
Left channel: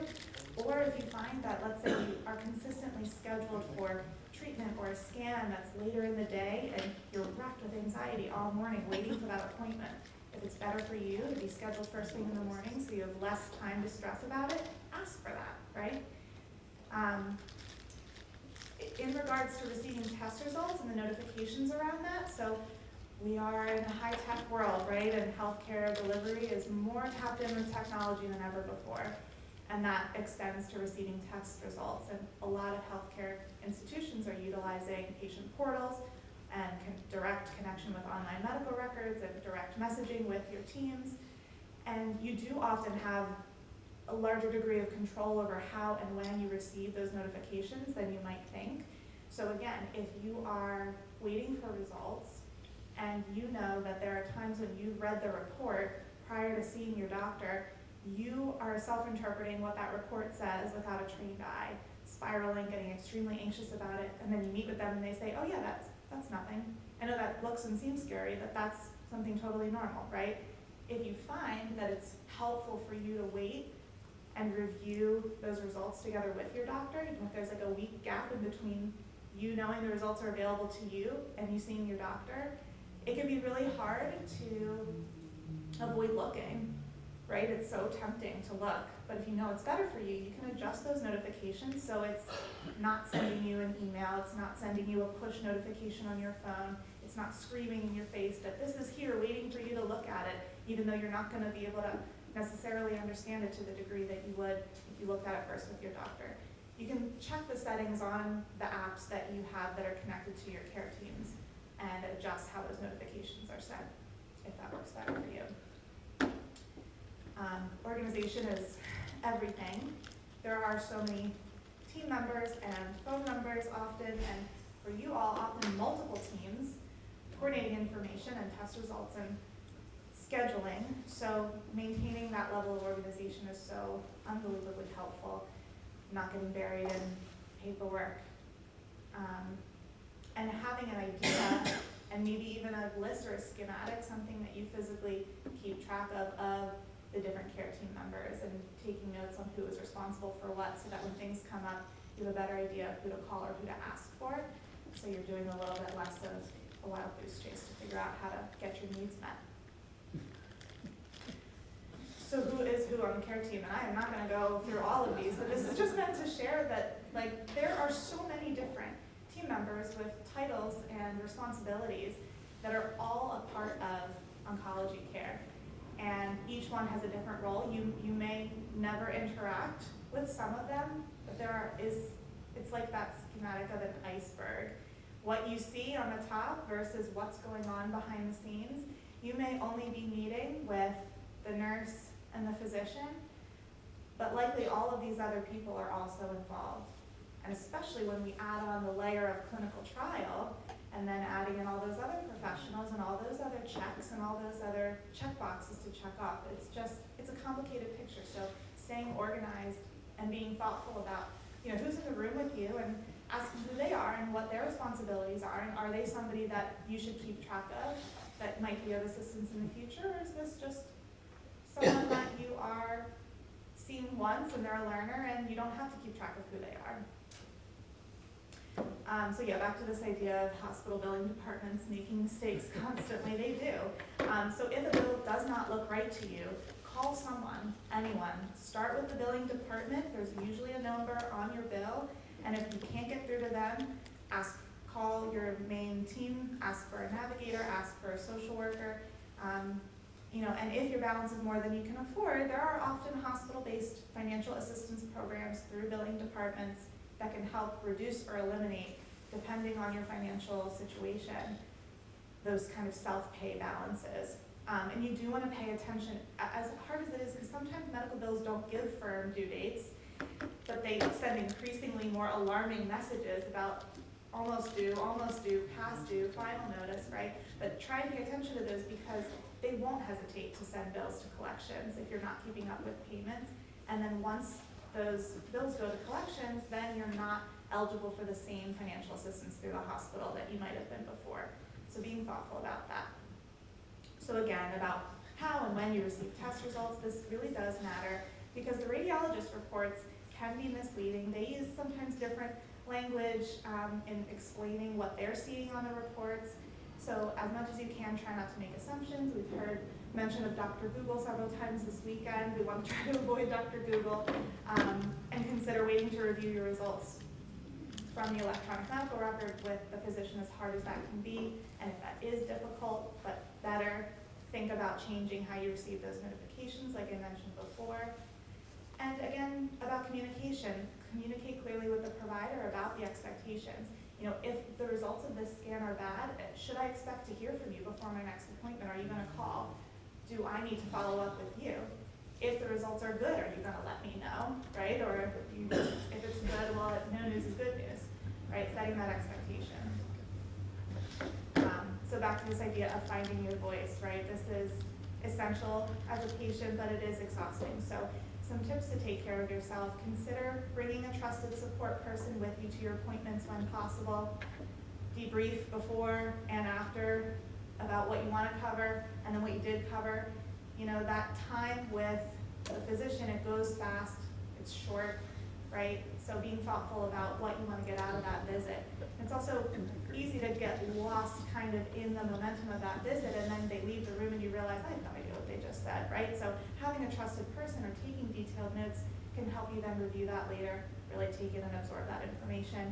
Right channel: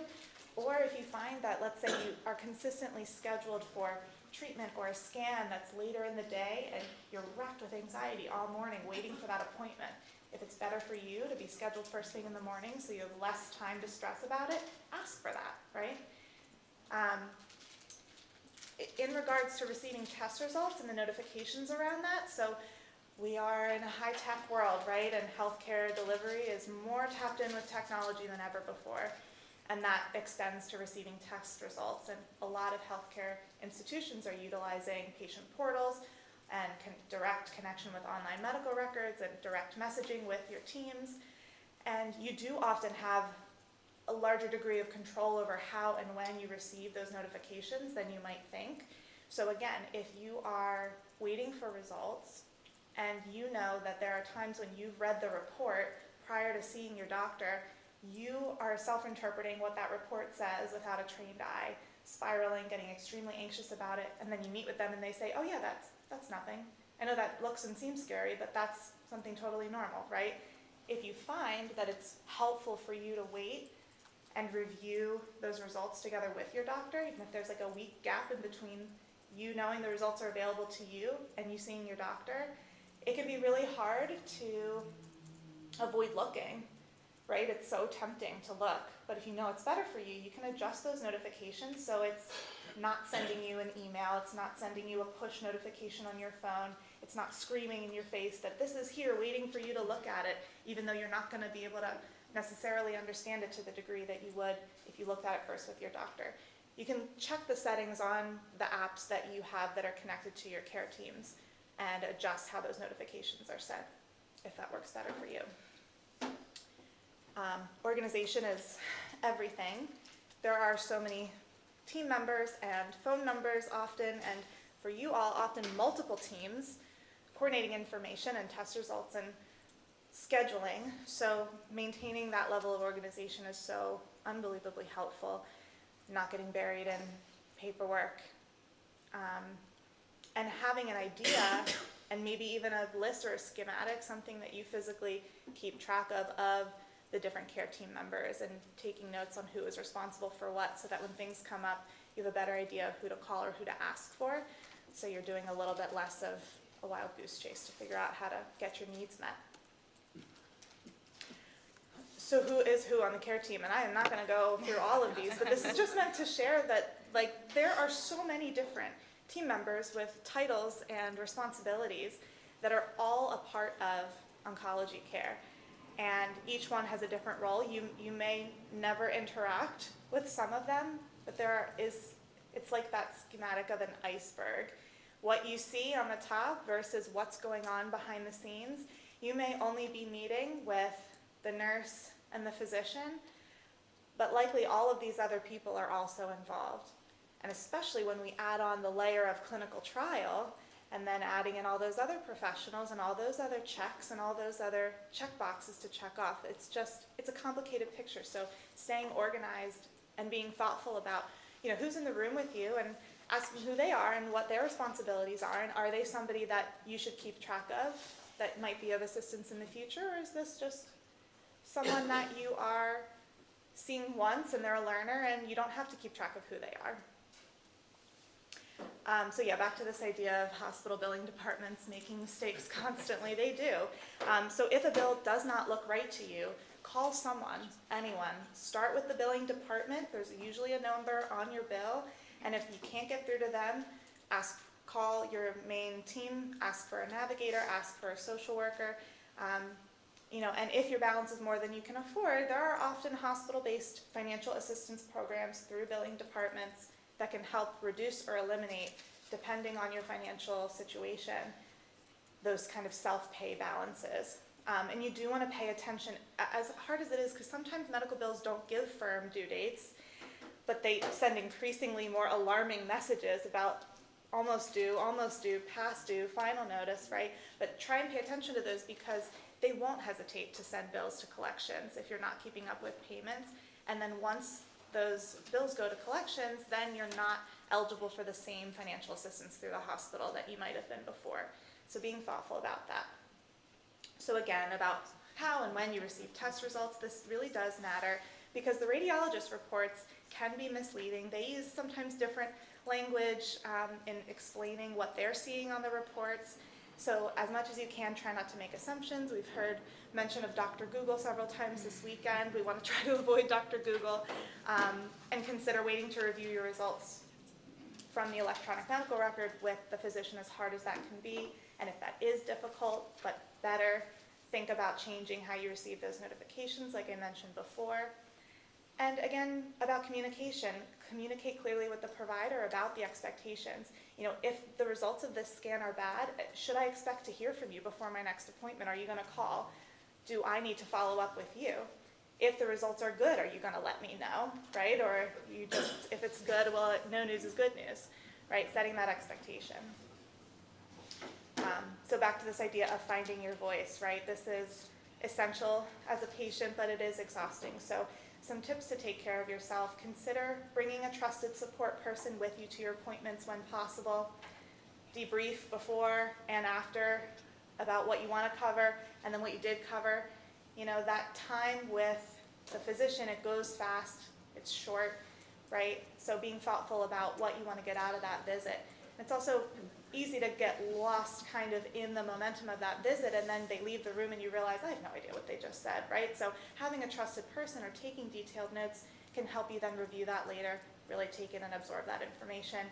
or if you find that, let's say you are consistently scheduled for treatment or a scan that's later in the day and you're racked with anxiety all morning waiting for that appointment. If it's better for you to be scheduled first thing in the morning so you have less time to stress about it, ask for that, right? In regards to receiving test results and the notifications around that, so we are in a high-tech world, right? And healthcare delivery is more tapped in with technology than ever before. And that extends to receiving test results. And a lot of healthcare institutions are utilizing patient portals and direct connection with online medical records and direct messaging with your teams. And you do often have a larger degree of control over how and when you receive those notifications than you might think. So again, if you are waiting for results and you know that there are times when you've read the report prior to seeing your doctor, you are self-interpreting what that report says without a trained eye, spiraling, getting extremely anxious about it, and then you meet with them and they say, oh yeah, that's nothing. I know that looks and seems scary, but that's something totally normal, right? If you find that it's helpful for you to wait and review those results together with your doctor, even if there's like a week gap in between you knowing the results are available to you and you seeing your doctor, it can be really hard to avoid looking, right? It's so tempting to look, but if you know it's better for you, you can adjust those notifications so it's not sending you an email, it's not sending you a push notification on your phone, it's not screaming in your face that this is here waiting for you to look at it, even though you're not going to be able to necessarily understand it to the degree that you would if you looked at it first with your doctor. You can check the settings on the apps that you have that are connected to your care teams and adjust how those notifications are sent, if that works better for you. Organization is everything. There are so many team members and phone numbers often, and for you all, often multiple teams coordinating information and test results and scheduling. So maintaining that level of organization is so unbelievably helpful, not getting buried in paperwork. And having an idea and maybe even a list or a schematic, something that you physically keep track of the different care team members and taking notes on who is responsible for what so that when things come up, you have a better idea of who to call or who to ask for. So you're doing a little bit less of a wild goose chase to figure out how to get your needs met. So who is who on the care team? And I am not gonna go through all of these, but this is just meant to share that there are so many different team members with titles and responsibilities that are all a part of oncology care. And each one has a different role. You may never interact with some of them, but it's like that schematic of an iceberg. What you see on the top versus what's going on behind the scenes. You may only be meeting with the nurse and the physician, but likely all of these other people are also involved. And especially when we add on the layer of clinical trial, and then adding in all those other professionals and all those other checks and all those other check boxes to check off. It's a complicated picture. So staying organized and being thoughtful about, who's in the room with you and asking who they are and what their responsibilities are, and are they somebody that you should keep track of that might be of assistance in the future, or is this just someone that you are seeing once and they're a learner and you don't have to keep track of who they are. So yeah, back to this idea of hospital billing departments making mistakes constantly. They do. So if a bill does not look right to you, call someone, anyone. Start with the billing department. There's usually a number on your bill, and if you can't get through to them, call your main team, ask for a navigator, ask for a social worker. And if your balance is more than you can afford, there are often hospital-based financial assistance programs through billing departments that can help reduce or eliminate, depending on your financial situation, those kind of self-pay balances. And you do want to pay attention, as hard as it is, because sometimes medical bills don't give firm due dates, but they send increasingly more alarming messages about almost due, past due, final notice, right? But try and pay attention to those because they won't hesitate to send bills to collections if you're not keeping up with payments. And then once those bills go to collections, then you're not eligible for the same financial assistance through the hospital that you might have been before. So being thoughtful about that. So again, about how and when you receive test results, this really does matter because the radiologist reports can be misleading. They use sometimes different language in explaining what they're seeing on the reports. So as much as you can, try not to make assumptions. We've heard mention of Dr. Google several times this weekend. We want to try to avoid Dr. Google and consider waiting to review your results from the electronic medical record with the physician, as hard as that can be. And if that is difficult, but better, think about changing how you receive those notifications, like I mentioned before. And again, about communication. Communicate clearly with the provider about the expectations. If the results of this scan are bad, should I expect to hear from you before my next appointment? Are you going to call? do I need to follow up with you? If the results are good, are you gonna let me know, right? Or you just, if it's good, well, no news is good news, right? Setting that expectation. So back to this idea of finding your voice, right? This is essential as a patient, but it is exhausting. So some tips to take care of yourself. Consider bringing a trusted support person with you to your appointments when possible. Debrief before and after about what you want to cover and then what you did cover. You know, that time with the physician, it goes fast, it's short, right? So being thoughtful about what you want to get out of that visit. It's also easy to get lost kind of in the momentum of that visit, and then they leave the room and you realize, I have no idea what they just said, right? So having a trusted person or taking detailed notes can help you then review that later, really take in and absorb that information.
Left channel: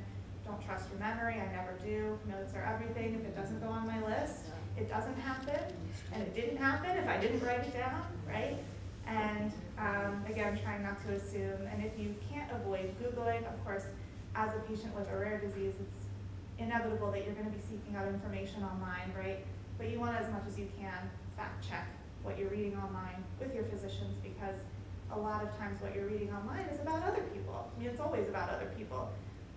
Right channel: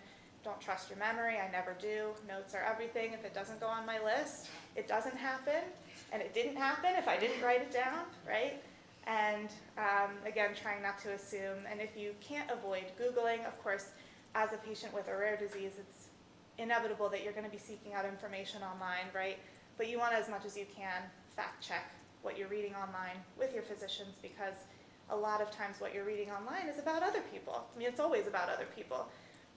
Don't trust your memory, I never do. Notes are everything. If it doesn't go on my list, it doesn't happen, and it didn't happen if I didn't write it down, right? And again, trying not to assume, and if you can't avoid Googling, of course, as a patient with a rare disease, it's inevitable that you're going to be seeking out information online, right? But you want to, as much as you can, fact check what you're reading online with your physicians, because a lot of times what you're reading online is about other people. I mean, it's always about other people,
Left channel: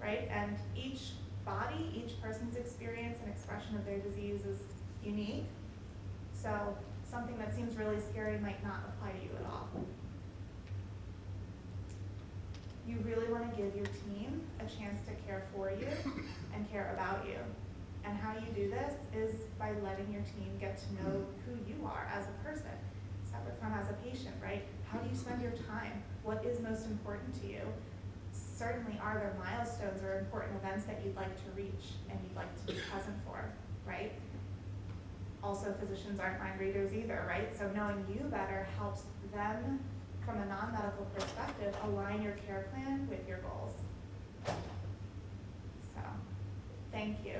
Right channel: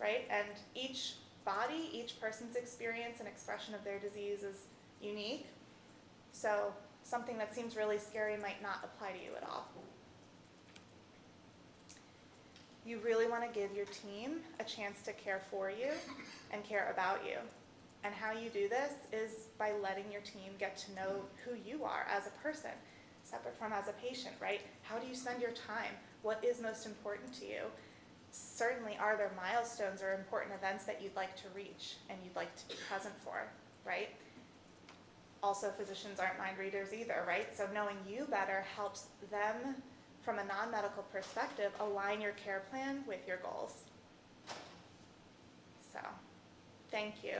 right? And each body, each person's experience and expression of their disease is unique. So something that seems really scary might not apply to you at all. You really want to give your team a chance to care for you and care about you. And how you do this is by letting your team get to know who you are as a person, separate from as a patient, right? How do you spend your time? What is most important to you? Certainly, are there milestones or important events that you'd like to reach and you'd like to be present for, right? Also, physicians aren't mind readers either, right? So knowing you better helps them, from a non-medical perspective, align your care plan with your goals. So, thank you.